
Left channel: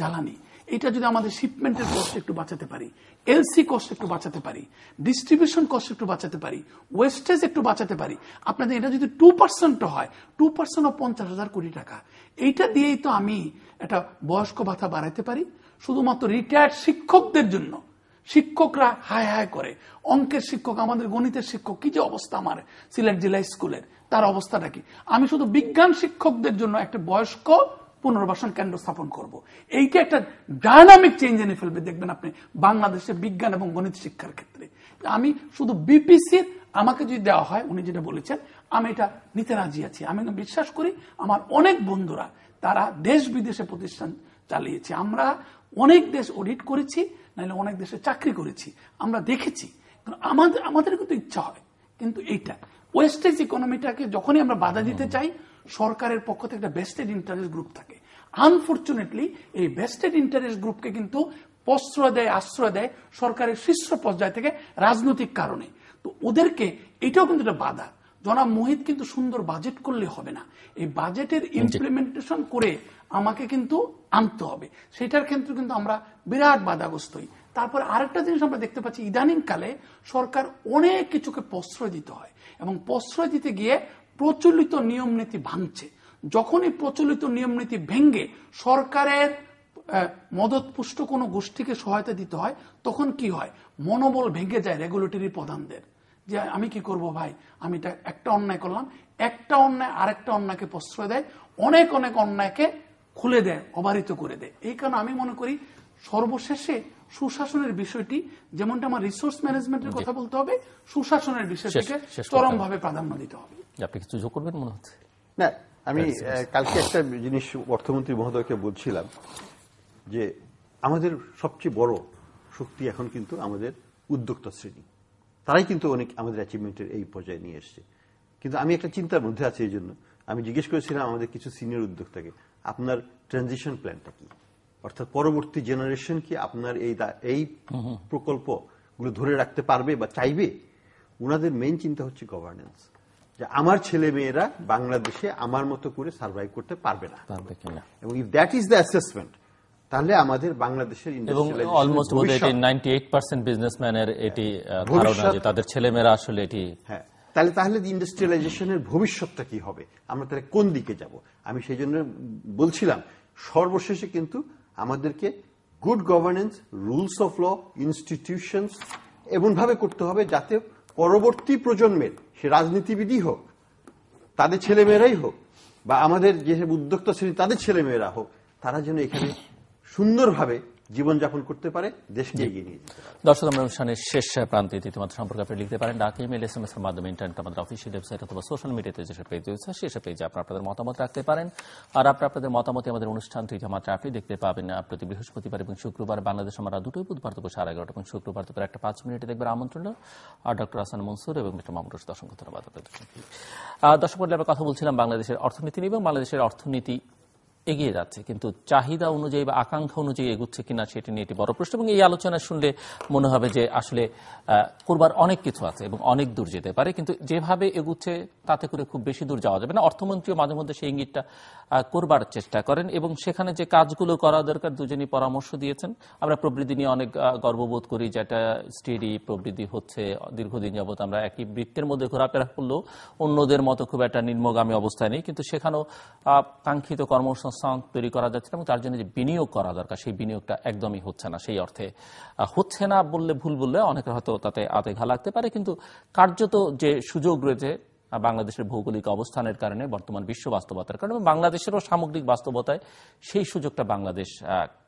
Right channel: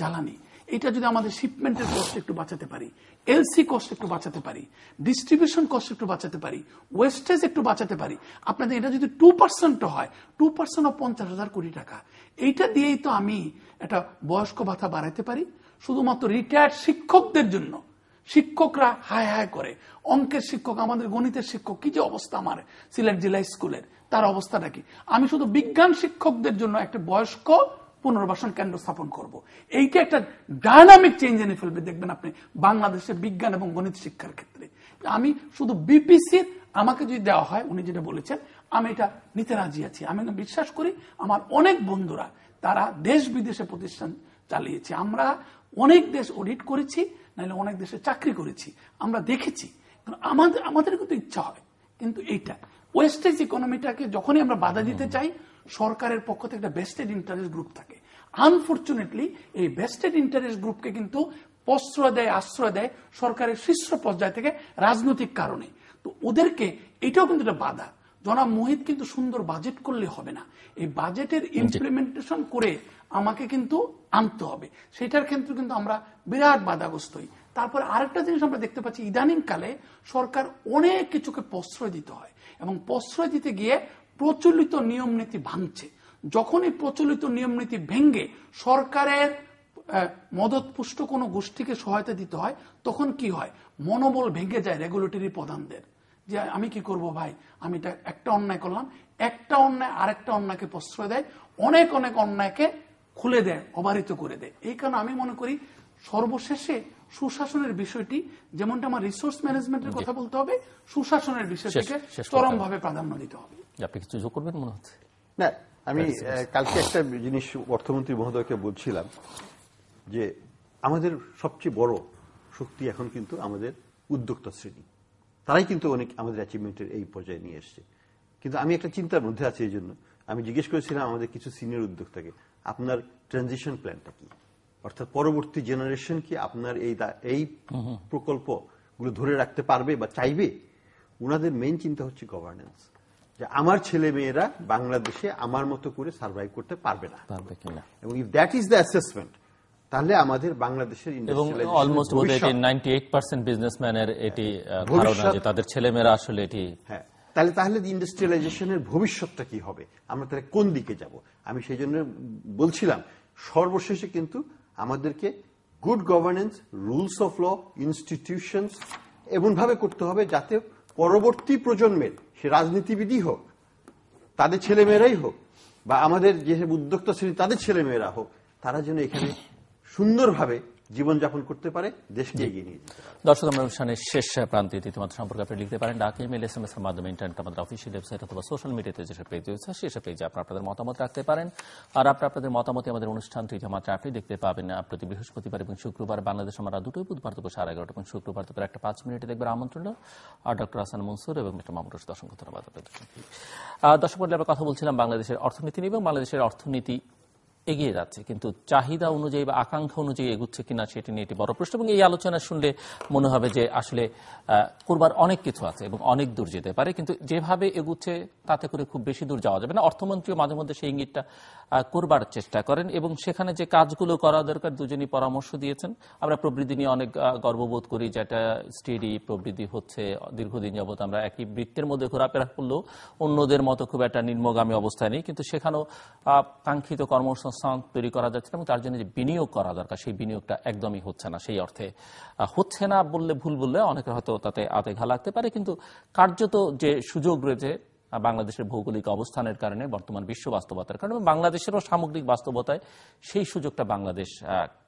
জ্বালানি। এটা যদি আমাদের শিপমেন্টের কষ্ট একটু বাঁচাতে পারি, এলসি কষ্ট একটু বাঁচাতে পারি, ডিস্ট্রিবিউশন কষ্ট একটু বাঁচাতে পারি, ওয়েস্টেজ একটু বাঁচাতে পারি, আপনাদের এটা যদি 2% হয়, 2% ও 50,000 কোটি টাকা। এইটা দিয়েই তো আমি একটা বয়স্ক ভাতা বাড়াইতে পারি। শুধুমাত্র রিটায়ার্ড শিক্ষকদের জন্য, শিক্ষকরা হায় হায় করে, অঙ্কের শিক্ষক, আমাদের গণিতের শিক্ষক, কি যে অবস্থা আমার সিলেট জেলা স্কুলের, তার অবস্থাটা কি। আমি শুধু বিজ্ঞান শিক্ষকদের জন্য একটা বয়স্ক পুনর্বাসন কেন্দ্র স্থাপন করব। এইটা একটা ডায়নামিক চেঞ্জ এনে ফেলবে, দেখবেন আপনি বাংলাদেশে বিজ্ঞান এবং গণিত শিক্ষার ক্ষেত্রে। আমি শুধু বিপিসির আমাকে যদি দেওয়া হয়, উনি যেটা বলেছেন, আমি এটা নিতে রাজি আছি। আমি বিশ্বাস করি আমার অনেক বন্ধুরা তারা দেশ বিদেশে প্রতিষ্ঠান চালিয়েছে, আমরা অনেক দেশ অডিট করেছি, নাহলে অনেক দেশে চাকরি করেছি, আমরা দেখেছি। আমাদের কিন্তু ইচ্ছা হয়, কিন্তু এইটা ওয়েস্টেজ ইকোনমিটাকে যখনই আমরা বাধা দিতে চাই, সরকারের পক্ষ থেকে একটা বেস্টেড ইন্টারেস্ট গ্রুপ থাকে। আনফরচুনেটলি এই বেস্টেড ইন্টারেস্ট গ্রুপকে কিন্তু প্রশ্রয় দেয়, আশ্রয় দেয় সরকারের শীর্ষ পর্যায় থেকে রাজনৈতিক কারণে। তো ওদেরকে এটাও কিন্তু একটা বাধা। জনাব মুহিত কিন্তু সুন্দর বাজেট করলে হবে না, এই বাজেটের ইমপ্লিমেন্টেশন করে আমাকে কিন্তু আনতে হবে। সেটার ক্ষেত্রে কিন্তু আমরা বিরাট বাধাগ্রস্ত হই। তারপর আরেকটা জিনিস আমরা দেখতে পাচ্ছি, ইদানিং কালে সরকার অনেক কিছুকে প্রশ্রয় দিতে হয় এবং প্রশ্রয় দিতে গিয়ে প্রচলিত নিয়ম নীতি ভাঙছে। যখনই প্রচলিত নিয়ম নীতি ভেঙে সরকারের মদতপুষ্ট কোনো গোষ্ঠীকে সহায়তা দিতে হয়, তখন কি হয়, মনোবল ভেঙে যায় রেগুলেটরি প্রধানদের, যে আমি কি করব ভাই, আমি একটা অন্যায় করলাম, একটা অন্যায় আরেকটা অন্যায়কে প্রশ্রয় দেয়, অনেক অনেক অন্যায়কে খুলে দেয়, অবারিত করে দেয়। এই কারণে আমি মনে করি সর্বশেষে সুশাসনের বিষয়টি, যেমনটা আমার রিসোর্স ম্যানেজমেন্টের কথা বলতে হবে, সুশাসনের বিষয়টিকে চরমভাবে প্রাধান্য দিতে হবে। আপনি কিছু যোগ করবেন মনে হচ্ছে? না, আমি কালকে একটা জিনিস অর্থমন্ত্রী মহোদয়কে বলছিলাম যে আমাদের সবচেয়ে বড় শক্তি এখন কিন্তু আমাদের উদ্যোক্তা শ্রেণী, তারাই কিন্তু অনেক আমাদের অ্যাচিভমেন্টের এই পর্যায়ে নিয়ে এসছে। কিন্তু আমি একটা চিন্তার মধ্যে আছি, এই জন্য আমি জিজ্ঞেস করেছিলাম আমাদের কিছু সিনিয়র উদ্যোক্তাকে, আপনার ট্রানজিশন প্ল্যানটা কি, অর্থাৎ পরবর্তী জেনারেশন কি আপনার এই প্রকল্পগুলো ধরে রাখতে পারবে বা চাইবে। ওনাদের মেইন চিন্তা হচ্ছে গভর্নেন্স, যে আমার ছেলে মেয়েরা বাংলাদেশে আমার মতো করে সার্ভাইভ করতে পারবে না, এবং if that is the assessment, তাহলে আমাদের বাংলাদেশের অলমোস্ট 98% বিজনেসম্যানের এটি ধারণা যে তাদের ছেলেমেয়েরা আসলে এটি। হ্যাঁ, তাহলে ইন্ডাস্ট্রিয়ালাইজেশনের ভবিষ্যৎটা কি হবে, আমরা তাহলে কোন দিকে যাব। আমি সেই জন্য বলছিলাম সর্বশেষে কিন্তু আমাদেরকে good governance, rules of law, institutions এমন ভাবে করতে হবে যাতে পরবর্তী প্রজন্মের, সে রাজনীতিবিদই হোক, তাদের ছেলেমেয়েরাই হোক, বা আমাদের যে উদ্যোক্তা শ্রেণী তাদের ছেলেমেয়েরা হোক, তারা যেন এখানে সুন্দরভাবে জীবনযাপন করতে পারে, দেশকে এগিয়ে নিয়ে যেতে পারে। দর্শক, আমরা অনুষ্ঠানের শেষ প্রান্তে ইতিমধ্যে সম্পর্কে আপনি লিখতে পারেন ডাক, ইমেল, SMS এর মাধ্যমে, ইন্টারনেট, আমাদের অফিসিয়াল ওয়েবসাইট অথবা সোশ্যাল মিডিয়াতে যেসব পেজ রয়েছে সেসব পেজে আপনাদের মতামত রাখতে পারেন। আর আপনাদের মতামতে আমাদের অনুষ্ঠানটি মাত্র আপনি দেখতে পাবেন প্রতি বৃহস্পতিবার এবং শুক্রবার। বাংলাদেশ আমরা দুটোই, বুধবার দুপুর 11:30 এবং শুক্রবার দুপুর 1:05 দেখবেন আমন্ত্রণ। আর ডক্টর হাসান মনসুর এবং ডক্টর মাহমুদ রশিদ, অসংখ্য ধন্যবাদ আপনাদের। দর্শক মণ্ডলী, আমরা কথা বলছিলাম বাংলাদেশের অর্থনীতি নিয়ে এবং বাংলাদেশের অর্থনীতি এগিয়ে যাচ্ছে, কিন্তু চাহিদা অনুযায়ী বা আকাঙ্ক্ষা অনুযায়ী এগুচ্ছে কিনা সেটি নিয়ে একটি বড় প্রশ্ন। এবং এই আলোচনা শুনলে মনে হবে যে আসলে করবার অনেক কিছু আছে এবং অনেক দূর যেতে পারে, কিন্তু যেভাবে এগুচ্ছে তাতে করে খুব বেশি দূর যাওয়া যাবে না। অর্থমন্ত্রীও মাঝে মধ্যে সেই ইঙ্গিতটা করবার চেষ্টা করেন এবং সেখানে যে কাজগুলো করা দরকার দুজনই পরামর্শ দিয়েছেন। আমরা প্রবৃদ্ধি নিয়ে অনেক গর্ববোধ করি, যেটা স্টেডি প্রবৃদ্ধি হচ্ছে দীর্ঘদিন যাবত। আমরা একই বৃত্তের মধ্যে ঘোরাফেরা করলেও অন্যদের মতো খুব একটা নিম্নগামী অবস্থায় নেই, কিন্তু সেখানেও কাঙ্ক্ষিত কর্মসংস্থান তৈরি করা যাচ্ছে না এবং তার জন্য যে বিনিয়োগ করা দরকার সেই বিনিয়োগটা একদমই হচ্ছে না। সেই অর্থে হচ্ছে না বললে ভুল বললে অনেকের হয়তো তাতে আতে ঘা লাগতে পারে, কিন্তু কার্যত যে সুযোগ রয়েছে বাংলাদেশের ভৌগোলিক অবস্থানের কারণে, বর্তমান বিশ্ব বাস্তবতার কারণে এবং বাংলাদেশেরও সামগ্রিক বাস্তবতায় সেই সুযোগটা বাংলাদেশ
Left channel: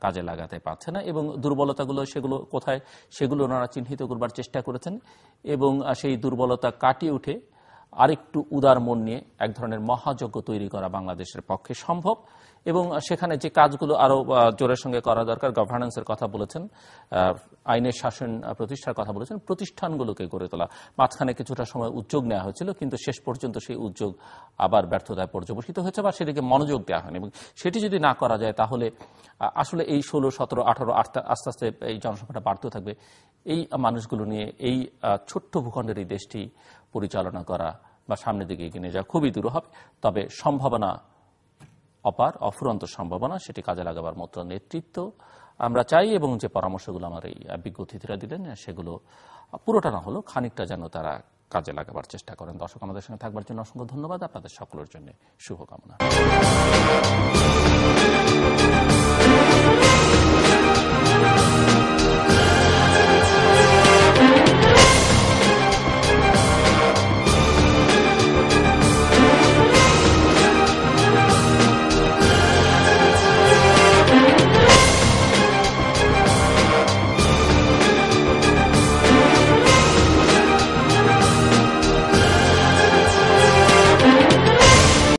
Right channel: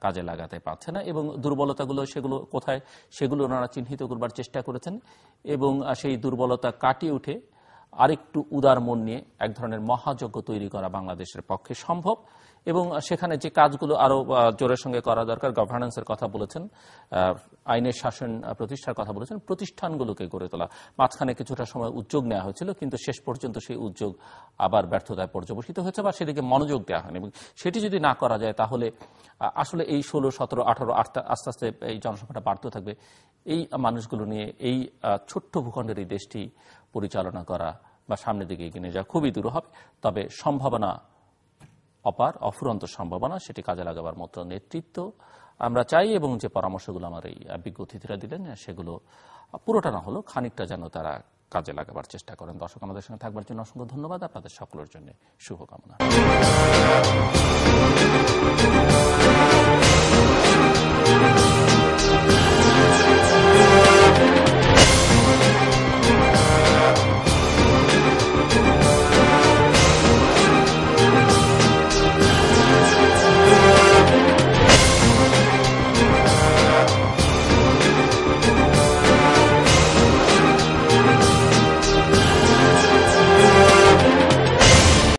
কাজে লাগাতে পারছে না। এবং দুর্বলতাগুলো সেগুলো কোথায় সেগুলো ওনারা চিহ্নিত করবার চেষ্টা করেছেন এবং সেই দুর্বলতা কাটিয়ে উঠে আরেকটু উদার মন নিয়ে এক ধরনের মহাযজ্ঞ তৈরি করা বাংলাদেশের পক্ষে সম্ভব। এবং সেখানে যে কাজগুলো আরো জোরের সঙ্গে করা দরকার, গভর্নেন্সের কথা বলেছেন, আইনের শাসন প্রতিষ্ঠার কথা বলেছেন, প্রতিষ্ঠানগুলোকে গড়ে তোলা। মাঝখানে কিছুটা সময় উদ্যোগ নেওয়া হয়েছিল, কিন্তু শেষ পর্যন্ত সেই উদ্যোগ আবার ব্যর্থতায় পর্যবসিত হয়েছে বা সেদিকে মনোযোগ দেওয়া হয়নি। এবং সেটি যদি না করা যায় তাহলে আসলে এই 16, 17, 18 আস্তে আস্তে এই জনসংখ্যাটা বাড়তে থাকবে। এই মানুষগুলো নিয়ে এই ছোট্ট ভূখণ্ডের এই দেশটি পরিচালনা করা বা সামনের দিকে এগিয়ে নিয়ে যাওয়া খুবই দূর হবে। তবে সম্ভাবনা অপার, অফুরন্ত সম্ভাবনা, সেটি কাজে লাগাবার মতো নেতৃত্ব আমরা চাই এবং যে পরামর্শগুলো আমার এই বিজ্ঞ অতিথিরা দিলেন সেগুলো পুরোটা না হলেও খানিকটা যেন তারা কাজে লাগাবার চেষ্টা করেন। দর্শক আমাদের সঙ্গে থাকবার জন্য অসংখ্য ধন্যবাদ। আপনাদের সকলের জন্য শুভকামনা।